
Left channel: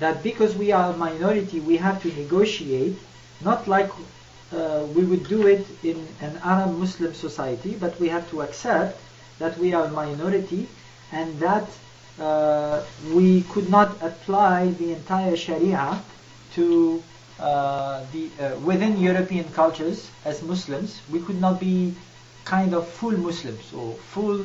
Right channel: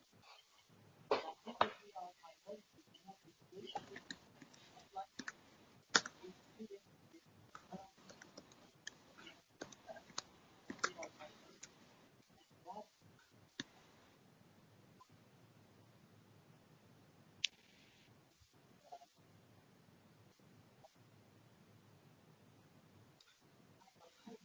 that because we are a minority, we have to negotiate, not like we would do it in an Arab Muslim society, but we have to accept that we are a minority and that we could not apply the entire Sharia to within European cultures as Muslims. We could not be kind of full Muslims or full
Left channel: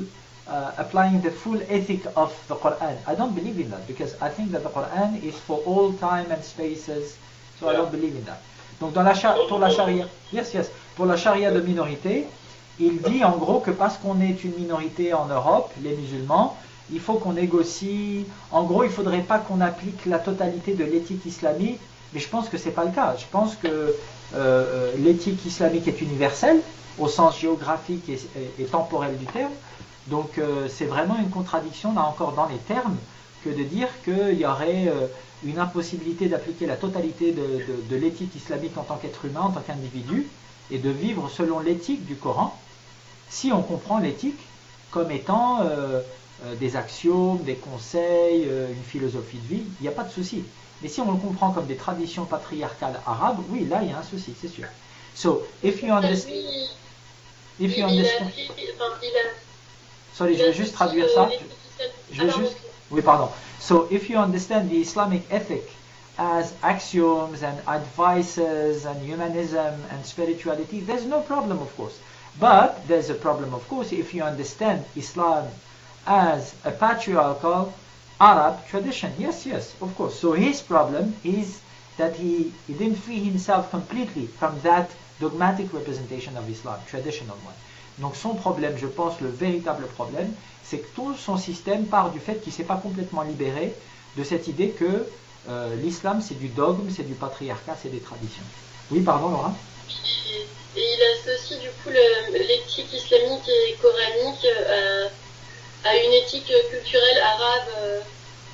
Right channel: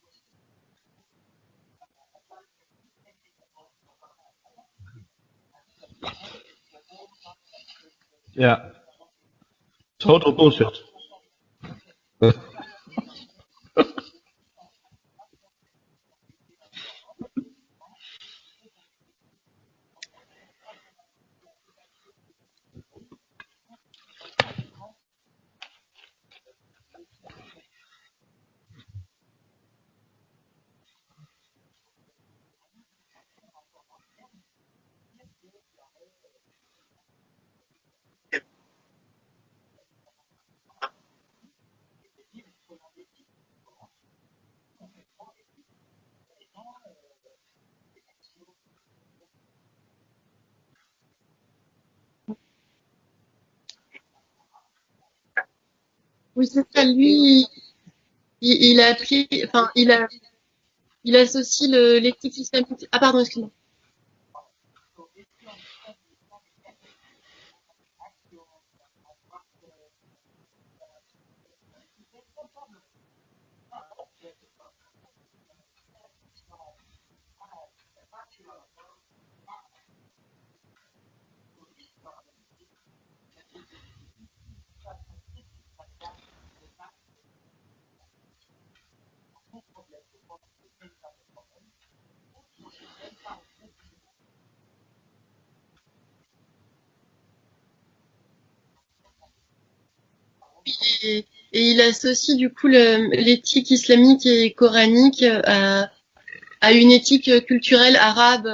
applying the full ethic of the Quran. I don't believe in that because I think that the Quran is for all time and spaces. So I don't believe in that. Yeah. Donc pour la charia, Total bullshit. pour la charia de minorité, il dit en gros que parce qu'on est une minorité en Europe, les musulmans, il faut qu'on négocie. En gros, il ne faudrait pas qu'on applique la totalité de l'éthique islamique, mais je pense que c'est pas le cas. Je pense que l'éthique islamique est universelle au sens géographique et temporel du terme. Donc c'est vraiment une contradiction là encore dans les termes que de dire qu'il y aurait une impossibilité d'appliquer la totalité de l'éthique islamique en tant qu'être humain, en tant qu'individu, et de vivre selon l'éthique du Coran, si on comprend l'éthique comme étant des axiomes, des conseils, une philosophie de vie, il n'y a pas de souci. Mais si on le comprend comme des traditions patriarcales arabes, oui, là il y a un souci, c'est sûr. So, if you understand, Oui, c'est ça, lui, if you understand, il a appliqué, enfin, sorry, je vais juste traduire il ça. associe l'éthique Je vais juste- islamique. Oui, Ah, pardon, pardon. excuse-moi. So, if you understand the Islamic ethic as axioms and advices and humanism and spirituality, there's no problem, of course. But there's a problem, of course, if you understand Islam as a patriarchal Arab tradition. Yes, of course. So his problem is that he didn't free himself completely from that dogmatic representation of Islam, traditional one. Donc son problème, je pense, le véritable problème, c'est que tout son système part du fait qu'il ne s'est pas complètement libéré de cette idée que l'islam c'est du dogme, c'est du patriarcat, c'est des traditions. Oui, pardon Laura. Et il associe du coup l'éthique islamique et coranique à une éthique culturelle arabe.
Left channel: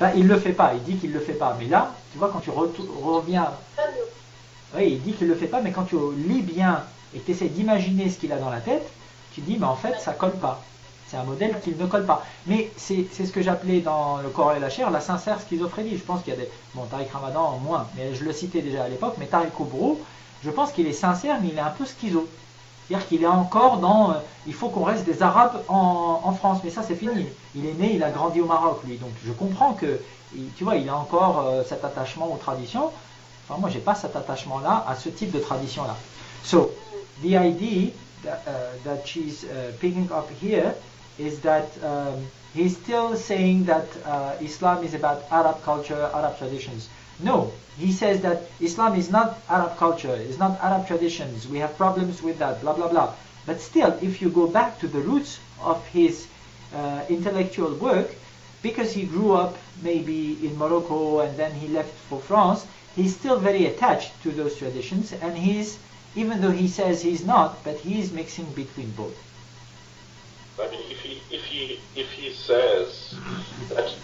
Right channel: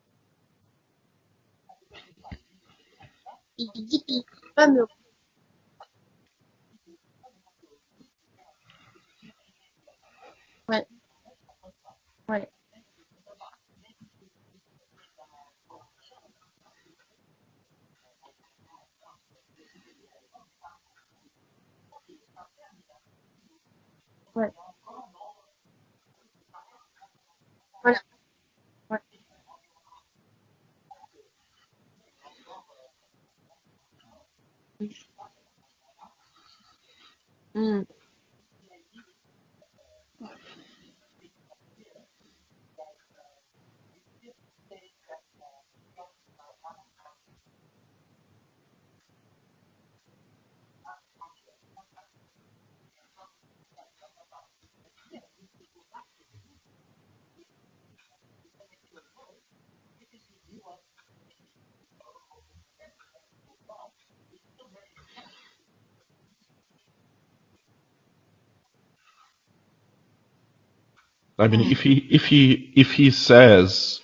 Ben, il ne le fait pas, il dit qu'il ne le fait pas. Mais là, tu vois, quand tu reviens... Il dit qu'il pas, mais Oui, il dit qu'il ne le fait pas, mais quand tu lis bien et que tu essaies d'imaginer ce qu'il a dans la tête, tu dis, mais en fait, ça colle pas. Ouais. C'est un modèle qui ne colle pas. Ouais. Mais c'est ce que j'appelais dans le Coran et la chair la sincère schizophrénie. Je pense qu'il y a des... Bon, Tariq Ramadan, moins, mais je le citais déjà à l'époque, mais Tariq Oubrou, je pense qu'il est sincère, mais il est un peu schizo. C'est-à-dire qu'il est encore dans... il faut qu'on reste des Arabes en France, mais ça c'est fini. Il est né, il a grandi au Maroc, lui. Donc je comprends que, tu vois, il a encore cet attachement aux traditions. Enfin, moi, j'ai pas cet attachement-là à ce type de tradition-là. So, the idea that she's picking up here is that he's still saying that Islam is about Arab culture, Arab traditions. No, he says that Islam is not Arab culture, is not Arab traditions. We have problems with that, blah, blah, blah. But still, if you go back to the roots of his intellectual work, because he grew up maybe in Morocco and then he left for France, he's still very attached to those traditions, and he's, even though he says he's not, but he's mixing between both. I mean, if he says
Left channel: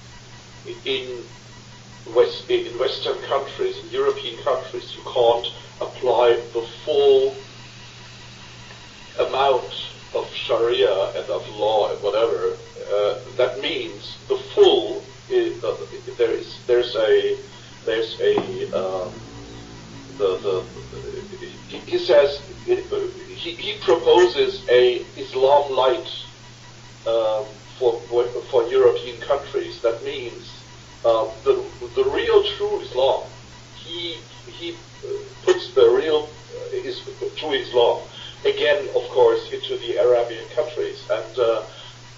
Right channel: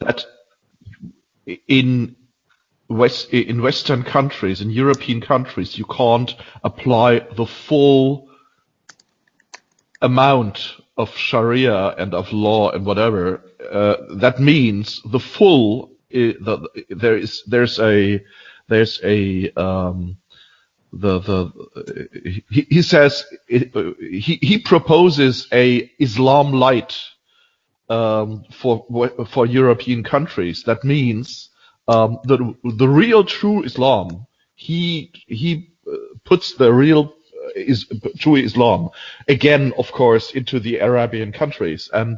that in Western countries, in European countries, you can't apply the full amount of Sharia and of law and whatever, that means the full. He says he proposes a Islam light for European countries. That means the real true Islam. He puts the real true Islam again, of course, into the Arabian countries, and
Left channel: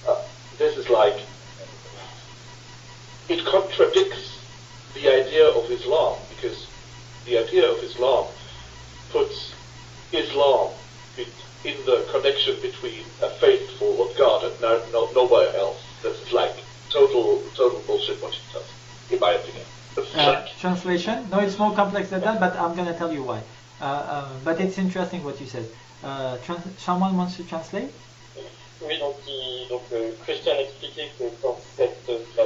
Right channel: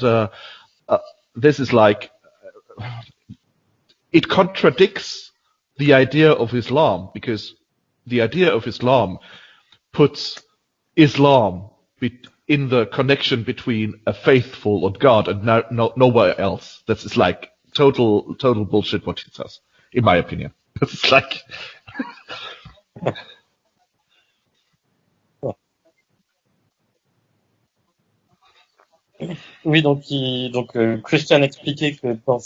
this is like it contradicts the idea of Islam, because the idea of Islam puts Islam in the connection between a faithful of God and nowhere else. That's like total bullshit what he says, in my opinion. Translation? No, it's more complex than that, but I'm going to tell you why. But it's interesting what you said. Someone wants to translate? Oui, donc Christian expliquait que dans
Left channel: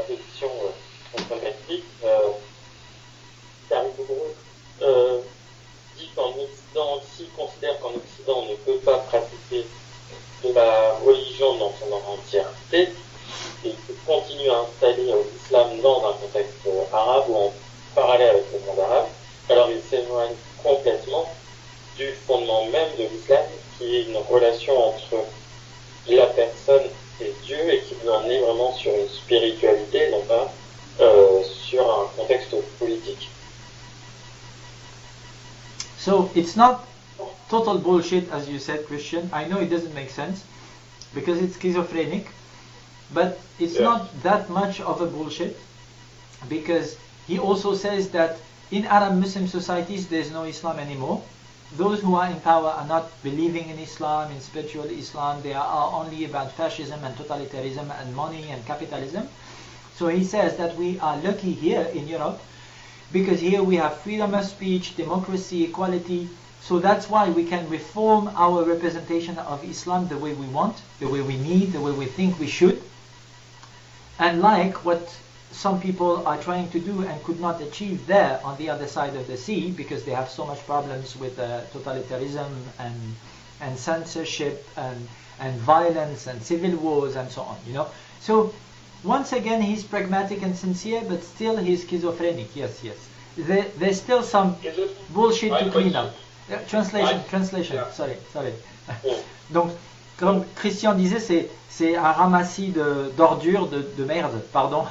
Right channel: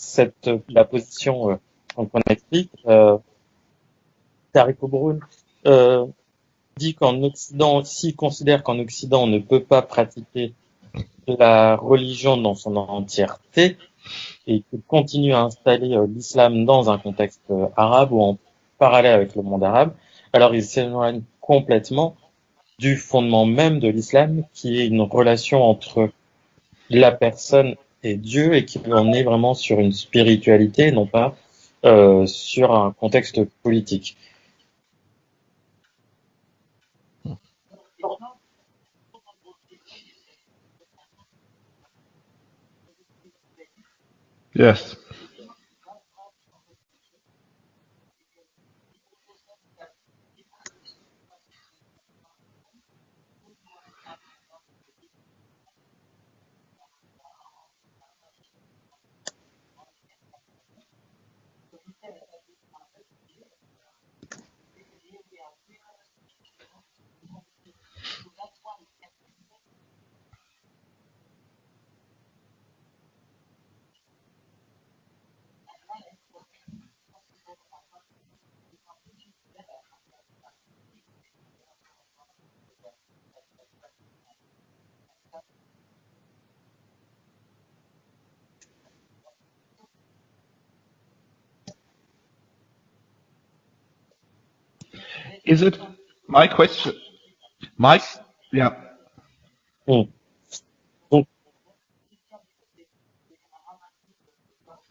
la position qu'on explique, Tariq Oubrou dit qu'en Occident aussi considère qu'en Occident on ne peut pas pratiquer la religion dans son entièreté et qu'il continue à installer l'islam dans un contexte arabe ou parallèle avec le monde arabe, alors il s'éloigne complètement du fondement même de l'islam, qui est une relation entre la personne et Dieu, et qui en est vraiment sur une spiritualité, non pas sur un contexte politique. So it's not total bullshit as you said, Christian. I know it doesn't make sense, because it's schizophrenic, but it's Yes. not that much Yes. of a bullshit, because he also says that in Arab Muslim societies there's no Islam anymore. Those who are in power are not believing in Islam, in spiritual Islam. They are only about fascism and totalitarianism and money and capitalism. So he says that we are lucky here in Europe because here we have freedom of speech, democracy, equality. So that's why we can reform our representation of Islam the way we want, the way we need, the way we think we should. And like what some people are trying to do and could not achieve there on the other side of the sea because they have so much problems with totalitarianism and censorship and violence and civil wars and so on, you know. So once again he's pragmatic and sincere, but still he's schizophrenic. Yes. There's still some Is it? bullshit Is it- cleanup. my question- Translation. My- Sorry. Yeah. Donc, comme Christian disait, c'est un ramassis d'ordures, de merde, pardon.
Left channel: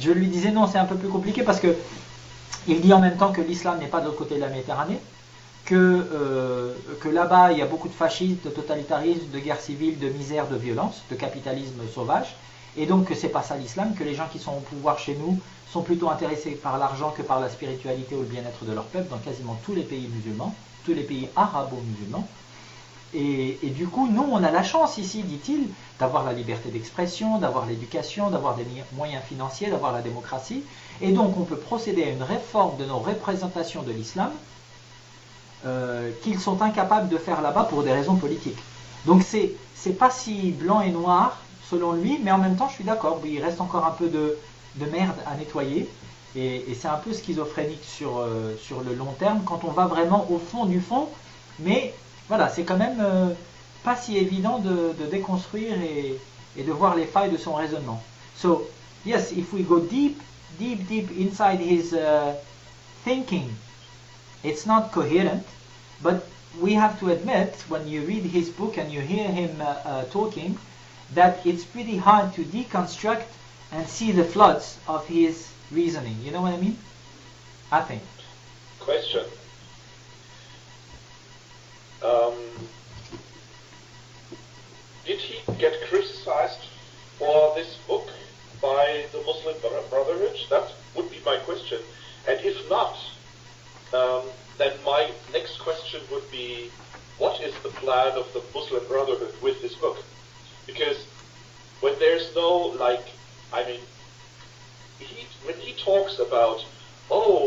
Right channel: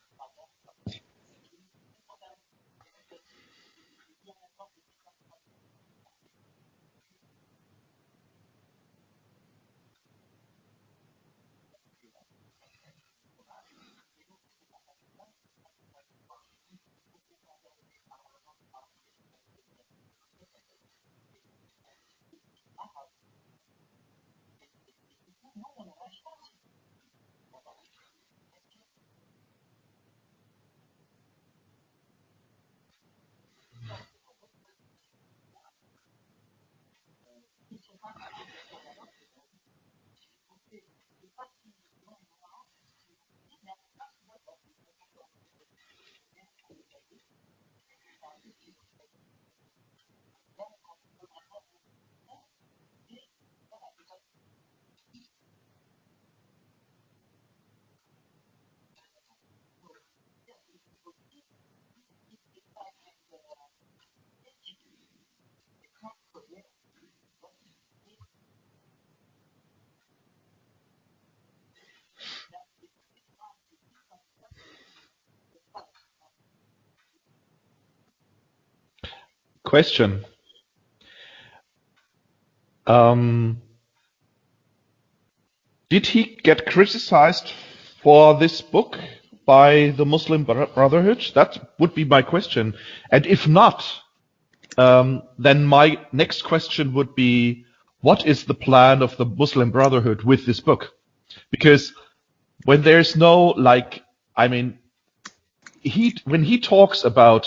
Je lui disais non, c'est un peu plus compliqué parce que il dit en même temps que l'islam n'est pas de l'autre côté de la Méditerranée, que là-bas il y a beaucoup de fascisme, de totalitarisme, de guerre civile, de misère, de violence, de capitalisme sauvage, et donc que c'est pas ça l'islam, que les gens qui sont au pouvoir chez nous sont plutôt intéressés par l'argent que par la spiritualité ou le bien-être de leur peuple dans quasiment tous les pays musulmans, tous les pays arabo-musulmans. Et du coup, nous, on a la chance ici, dit-il, d'avoir la liberté d'expression, d'avoir l'éducation, d'avoir des moyens financiers, d'avoir la démocratie. Et donc, on peut procéder à une réforme de nos représentations de l'islam qu'ils sont incapables de faire là-bas pour des raisons politiques. Donc, c'est pas si blanc et noir, selon lui, mais en même temps, je suis d'accord, il reste encore un peu de merde à nettoyer. Et c'est un peu schizophrénique sur le long terme, quand on va vraiment au fond du fond, mais... Voilà, c'est quand même pas si évident de déconstruire et de voir les failles de son raisonnement. So, yes, if we go deep inside his thinking, it's not coherent, but we have to admit, when you read his book and you hear him talking, that it's pretty hard to deconstruct and see the floods of his reasoning. You know what I mean? I think. Question. Did he get criticized for this book by the Muslim Brotherhood? That would be my question. And if not, then my next question would be, what is the plan of the Muslim Brotherhood with this book? Because when there's no, like, I mean, when he talks about,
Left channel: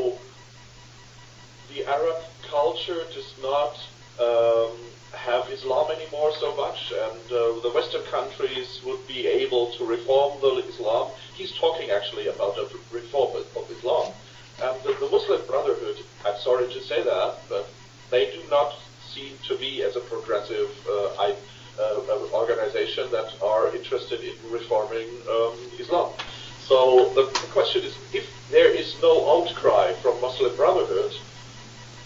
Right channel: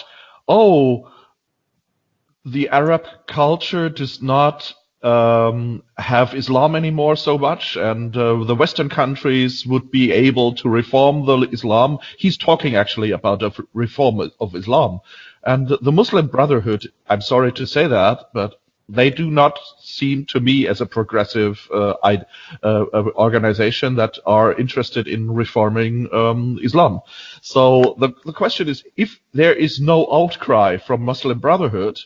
oh, the Arab culture does not have Islam anymore so much, and the Western countries would be able to reform the Islam. He's talking actually about a reform of Islam. And the Muslim Brotherhood, I'm sorry to say that, but they do not seem to me as a progressive organization that are interested in reforming Islam. So the question is, if there is no outcry from Muslim Brotherhood,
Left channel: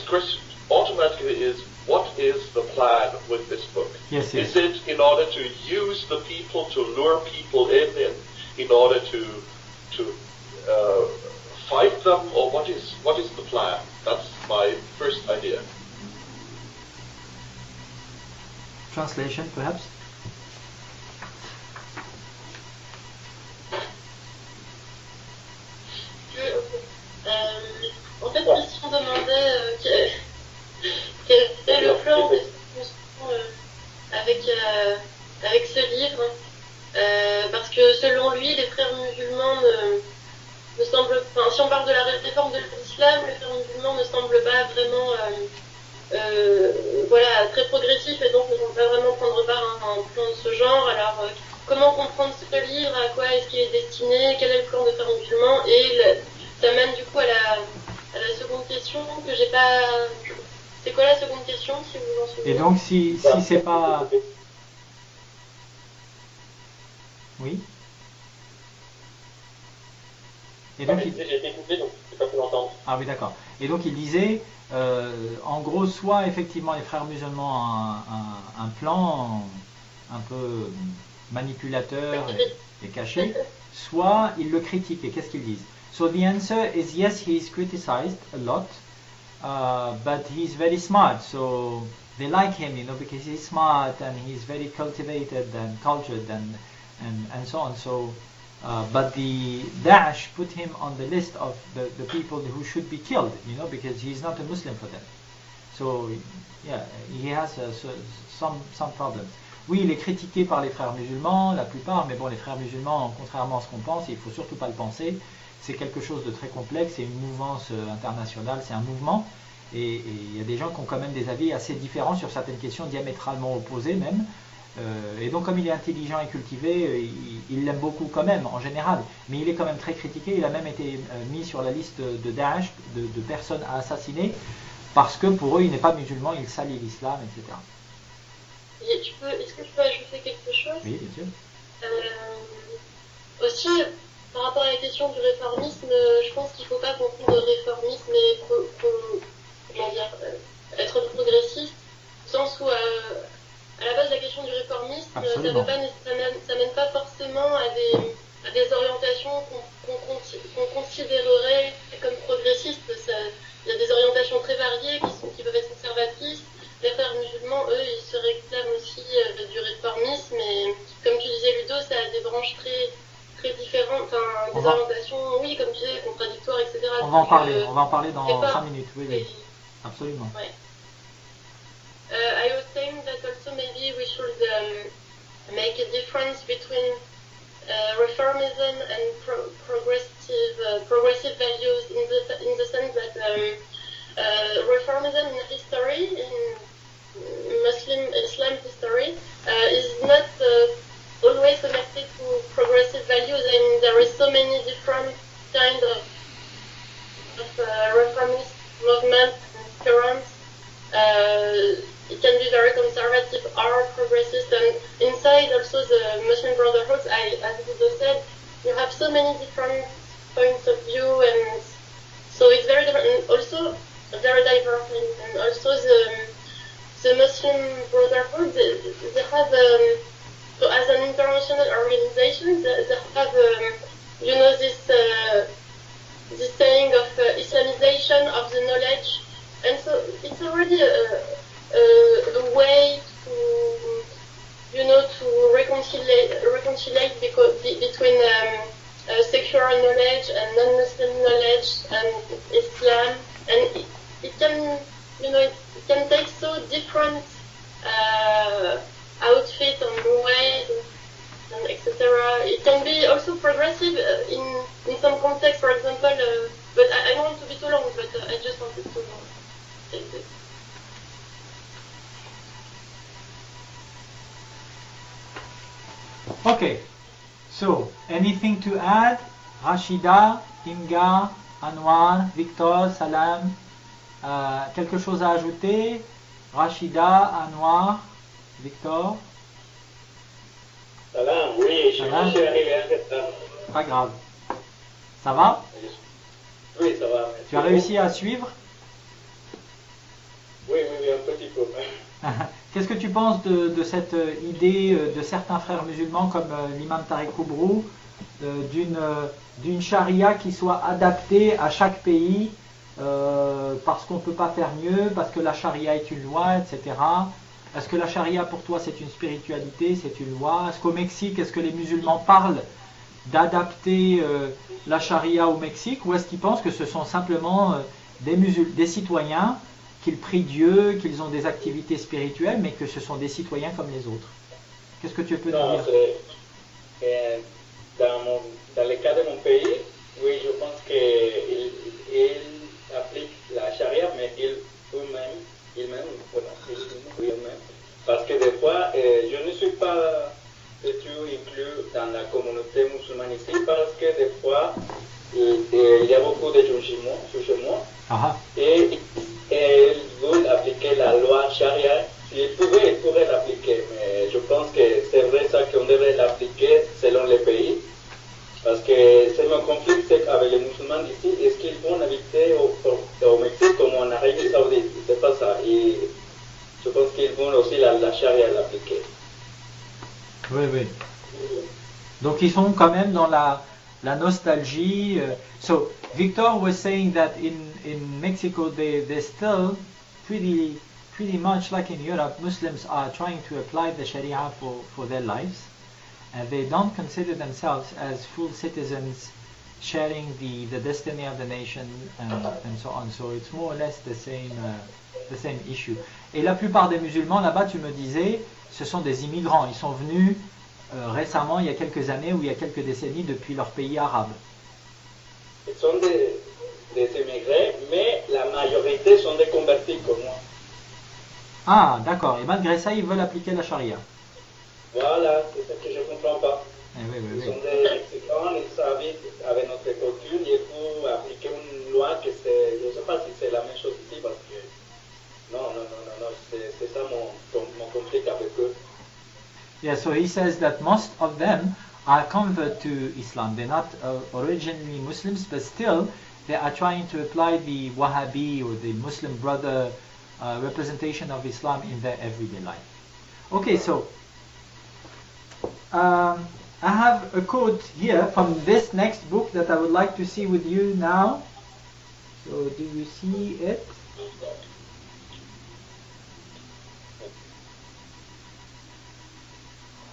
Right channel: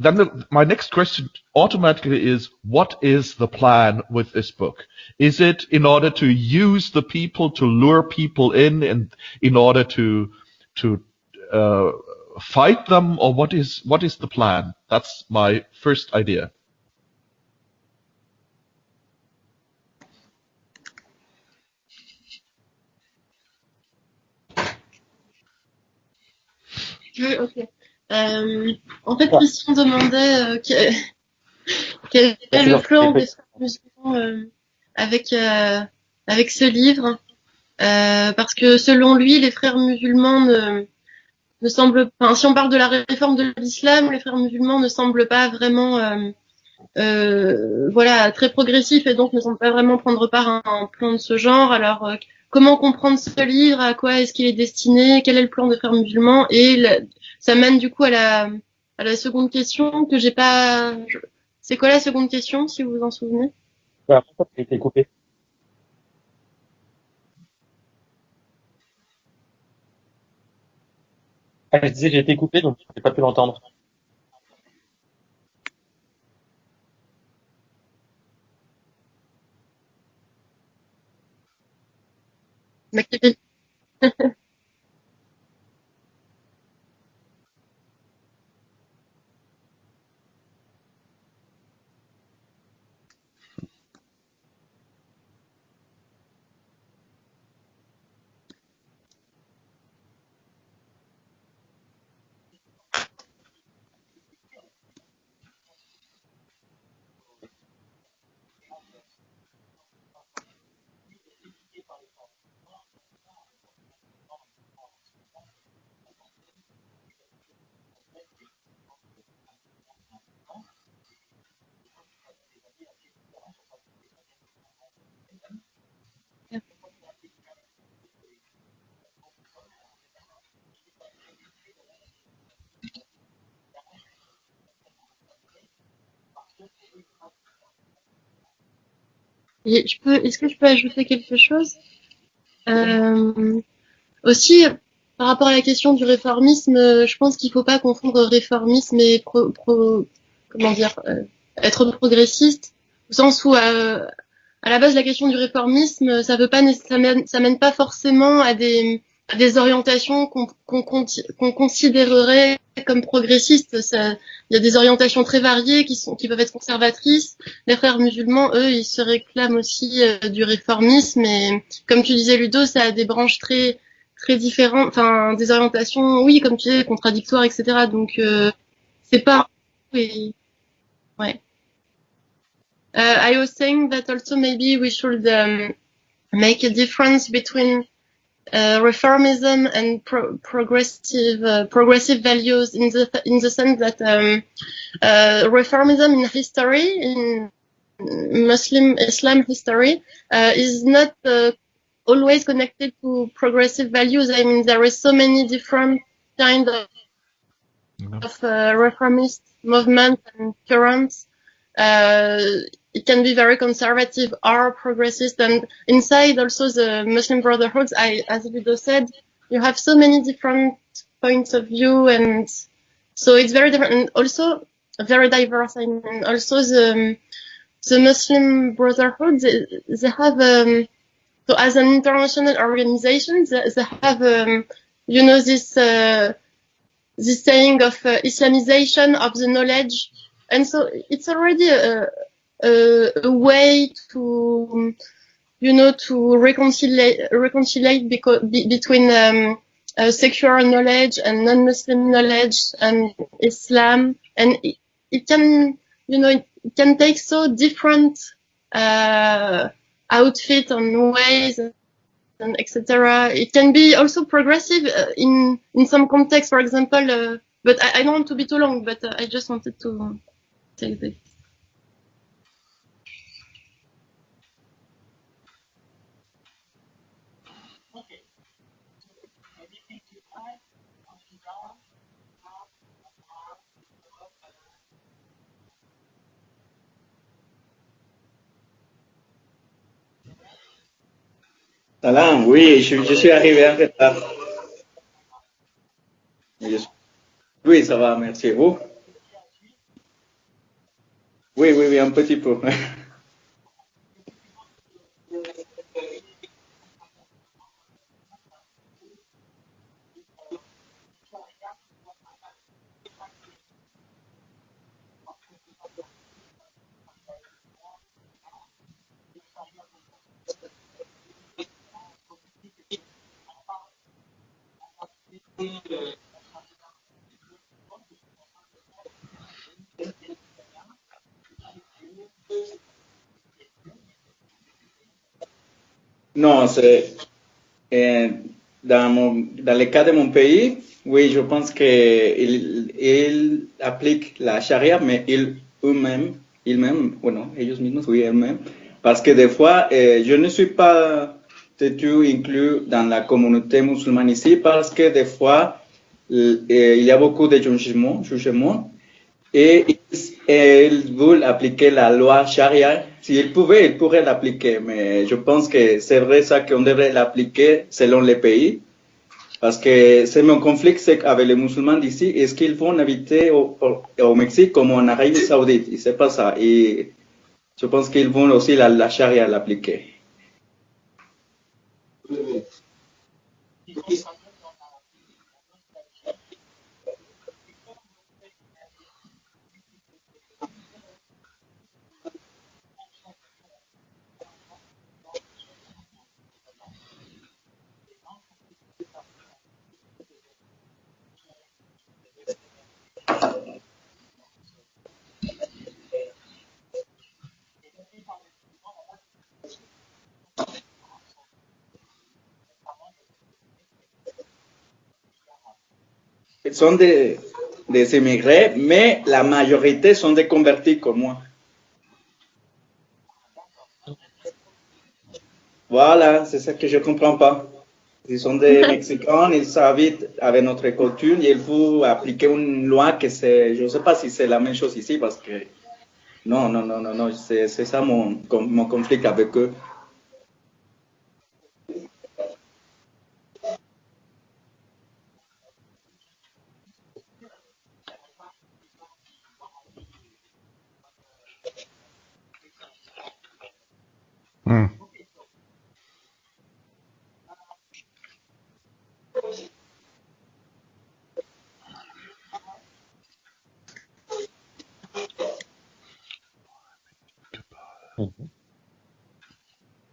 then my next question automatically is, what is the plan with this book? Is it in order to use the people, to lure people in order to fight them, or what is the plan? That's my first idea. Translation, perhaps? En fait, ils se demandaient quel est le plan des avec ce livre, parce que selon lui, les frères musulmans ne semblent, enfin, si on parle de la réforme de l'islam, les frères musulmans ne semblent pas vraiment, voilà, très progressifs et donc ne semblent pas vraiment prendre part à un plan de ce genre. Alors, comment comprendre ce livre, à quoi est-ce qu'il est destiné, quel est le plan des frères musulmans, et ça mène du coup à la seconde question que j'ai pas. C'est quoi la seconde Et question, donc, si vous en si souvenez? c'est pas... Ça a été coupé. Oui. Et donc, Ah, je disais, j'ai été coupé, donc Ah je oui, pas pu d'accord. l'entendre. Et donc il disait, en gros, soit effectivement les frères musulmans ont un plan un peu manipulateur et caché, soit ils le critiquent. Et qu'est-ce qu'ils disent? So the answer is yes, he is criticized a lot, but he is very smart. So they like him, you know, because he's smart and he's very cultivated and cultured and so on. So, but the Daesh put him on the list of the people who should be killed, you know, because he's not a Muslim for them. So, yeah, he has some problems. Oui, il est critiqué par les frères musulmans, la plupart, mais bon, les frères musulmans, contrairement à ce qu'on pense, il faut surtout pas le penser, c'est quelque chose de très complexe, c'est une mouvance internationale, c'est un mouvement, et il y a des gens qui ont quand même des avis assez différents sur certaines questions, diamétralement opposées même, et donc comme il est intelligent et cultivé, il l'aime beaucoup quand même, en général, mais il est quand même très critiqué, il a même été mis sur la liste de Daesh, de personnes à assassiner, parce que pour eux, il n'est pas musulman, il salit l'islam, etc. Est-ce que je peux ajouter quelque chose aussi, par rapport à la question du réformisme, je pense qu'il ne faut pas confondre réformisme et comment dire, être progressiste, au sens où à la base la question du réformisme, ça mène pas forcément à des orientations qu'on considérerait comme progressistes. Il y a des orientations très variées qui peuvent être conservatrices. Les frères musulmans, eux, ils se réclament aussi du réformisme, et comme tu disais Ludo, ça a des branches très différentes, enfin des orientations, oui, comme tu disais, contradictoires, etc. Donc c'est pas, oui, ouais. I was saying that also maybe we should make a difference between reformism and progressive values in the sense that reformism in history, in Muslim Islam history, is not always connected to progressive values. I mean, there is so many different kinds of reformist movements and currents. It can be very conservative or progressist, and inside also the Muslim Brotherhoods, as Ludo said, you have so many different points of view, and so it's very different, and also very diverse. And also the Muslim Brotherhood, they have so as an international organization, they have you know this saying of Islamization of the knowledge, and so it's already a way to to reconcile between secular knowledge and non-Muslim knowledge and Islam, and it can it can take so different outfit and ways, etc. It can be also progressive in some context, for example. But I don't want to be too long. But I just wanted to say this. Okay, so anything to add? Rachida, Inga, Anwar, Victor, Salam, quelque chose à ajouter? Rachida, Anwar, Victor? Salam, oui, je suis arrivé en retard. Ça va? Oui, Tu as oui, réussi ça à va, suivre? merci. Vous? Oui, un petit peu. Qu'est-ce que tu penses de cette idée de certains frères musulmans comme l'imam Tariq Oubrou d'une charia qui soit adaptée à chaque pays parce qu'on ne peut pas faire mieux, parce que la charia est une loi, etc. Est-ce que la charia pour toi c'est une spiritualité, c'est une loi? Est-ce qu'au Mexique, est-ce que les musulmans parlent d'adapter la charia au Mexique, ou est-ce qu'ils pensent que ce sont simplement des citoyens, qu'ils prient Dieu, qu'ils ont des activités spirituelles, mais que ce sont des citoyens comme les autres? Qu'est-ce que tu peux nous dire? Non, c'est dans le cas de mon pays, oui, je pense qu'ils appliquent la charia, mais eux-mêmes, bueno, ellos mismos, oui, eux-mêmes, parce que des fois, je ne suis pas du tout inclus dans la communauté musulmane ici, parce que des fois, il y a beaucoup de changements, et ils veulent appliquer la loi charia. S'ils pouvaient, ils pourraient l'appliquer. Mais je pense que c'est vrai ça qu'on devrait l'appliquer selon les pays. Parce que c'est mon conflit avec les musulmans d'ici. Est-ce qu'ils vont habiter au Mexique comme en Arabie Saoudite? C'est pas ça. Et je pense qu'ils vont aussi la charia l'appliquer. Oui, oui. Donc ils sont quand même dans la nostalgie. So Victor was saying that in Mexico they're still pretty pretty much like in Europe, Muslims are trying to apply the Sharia for their lives, and they don't consider themselves as full citizens sharing the destiny of the nation and so on. So it's more or less the same issue. Et la plupart des musulmans là-bas, tu me disais, ce sont des immigrants. Ils sont venus récemment, il y a quelques années ou il y a quelques décennies, depuis leur pays arabe. Sont des immigrés, mais la majorité sont des convertis comme moi. Ah, d'accord. Et malgré ça, ils veulent appliquer la charia. Voilà, c'est ça que je ne comprends pas. Ils sont des Mexicains, ils habitent avec notre culture et il faut appliquer une loi que c'est, je ne sais pas si c'est la même chose ici parce que non, c'est ça mon conflit avec eux. Yeah, so he says that most of them are convert to Islam. They're not originally Muslims, but still they are trying to apply the Wahhabi or the Muslim brother representation of Islam in their everyday life. Okay, so I have a quote here from this next book that I would like to see with you now. So do you see it?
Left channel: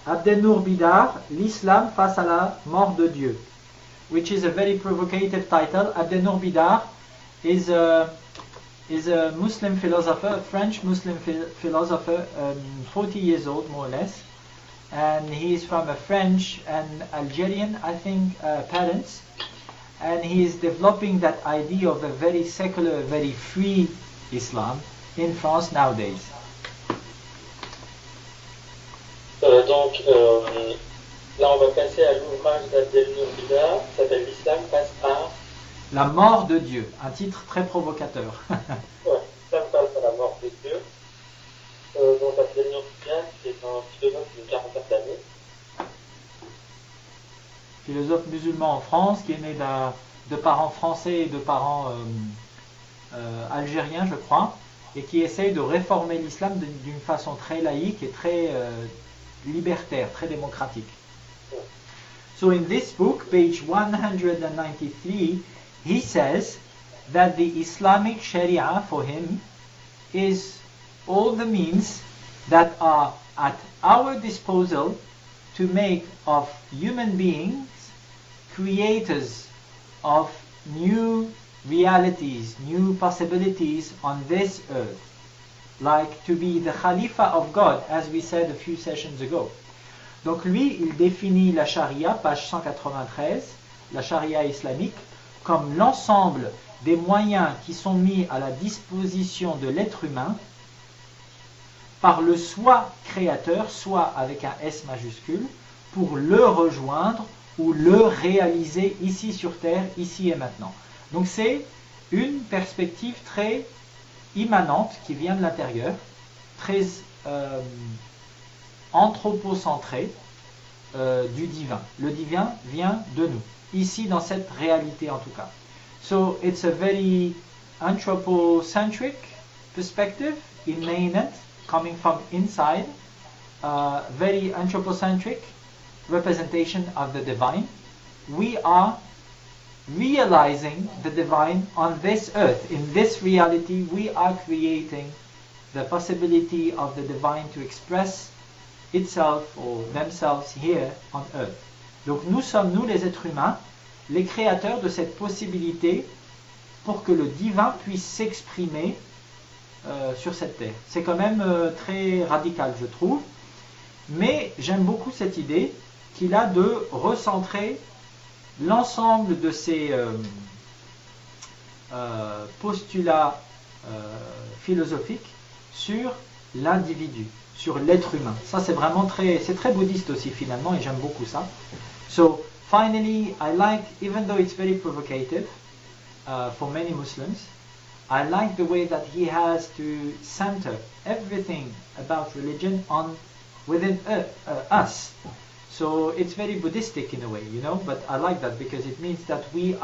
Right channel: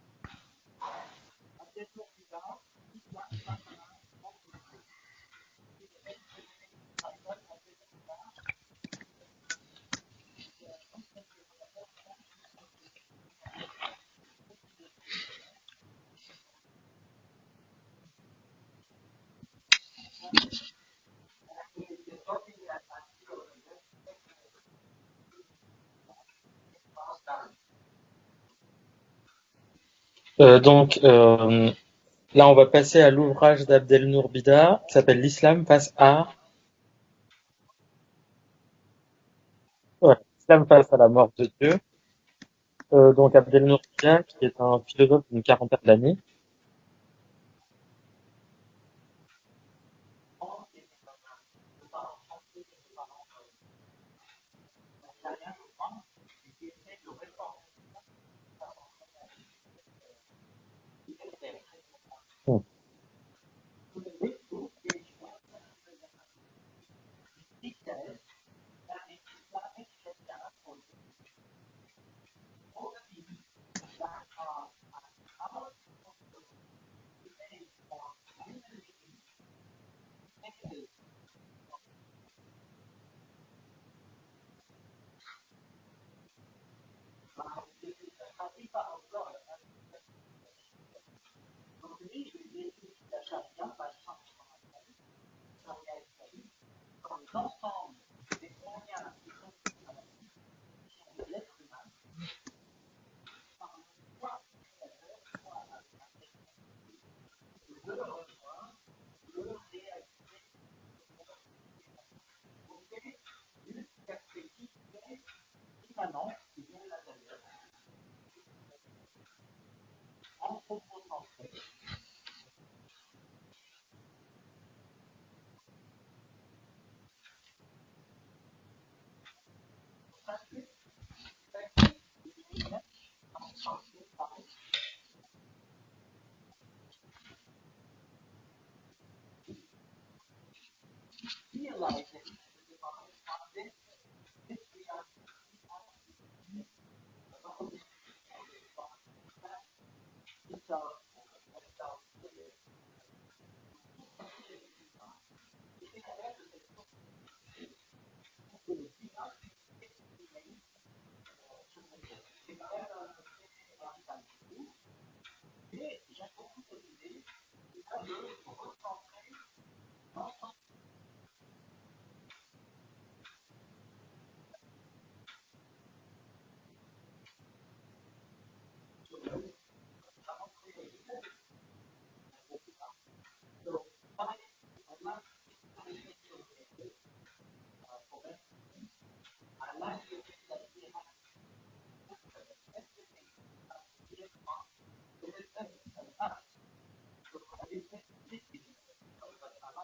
Abdelnour Bidar, l'Islam face à la mort de Dieu, which is a very provocative title. Abdelnour Bidar is a Muslim philosopher, a French Muslim philosopher, 40 years old more or less, and he is from a French and Algerian, I think, parents, and he is developing that idea of a very secular, very free Islam in France nowadays. Là, on va passer à l'ouvrage d'Abdelnour Bidar qui s'appelle L'Islam face La à... mort de Dieu, un titre très provocateur. L'Islam face à la mort de Dieu. Donc Abdelnour Bidar, qui est un philosophe d'une quarantaine d'années. Philosophe musulman en France, qui est né de parents français et de parents algériens, je crois, et qui essaye de réformer l'islam d'une façon très laïque et très libertaire, très démocratique. So in this book, page 193, he says that the Islamic Sharia for him is all the means that are at our disposal to make of human beings creators of new realities, new possibilities on this earth. Like to be the Khalifa of God, as we said a few sessions ago. Donc lui, il définit la charia, page 193, la charia islamique, comme l'ensemble des moyens qui sont mis à la disposition de l'être humain par le soi créateur, soit avec un S majuscule, pour le rejoindre ou le réaliser ici sur Terre, ici et maintenant. Donc c'est une perspective très immanente qui vient de l'intérieur, très anthropocentrée du divin. Le divin vient de nous, ici dans cette réalité en tout cas. So it's a very anthropocentric perspective, immanent, coming from inside, very anthropocentric representation of the divine. We are realizing the divine on this earth. In this reality, we are creating the possibility of the divine to express itself or themselves here on earth. Donc nous sommes, nous les êtres humains, les créateurs de cette possibilité pour que le divin puisse s'exprimer sur cette terre. C'est quand même très radical, je trouve, mais j'aime beaucoup cette idée qu'il a de recentrer l'ensemble de ces postulats philosophiques sur l'individu, sur l'être humain. Ça c'est vraiment c'est très bouddhiste aussi finalement, et j'aime beaucoup ça. So finally, I like, even though it's very provocative for many Muslims, I like the way that he has to center everything about religion within us. So it's very Buddhistic in a way, you know, but I like that because it means that we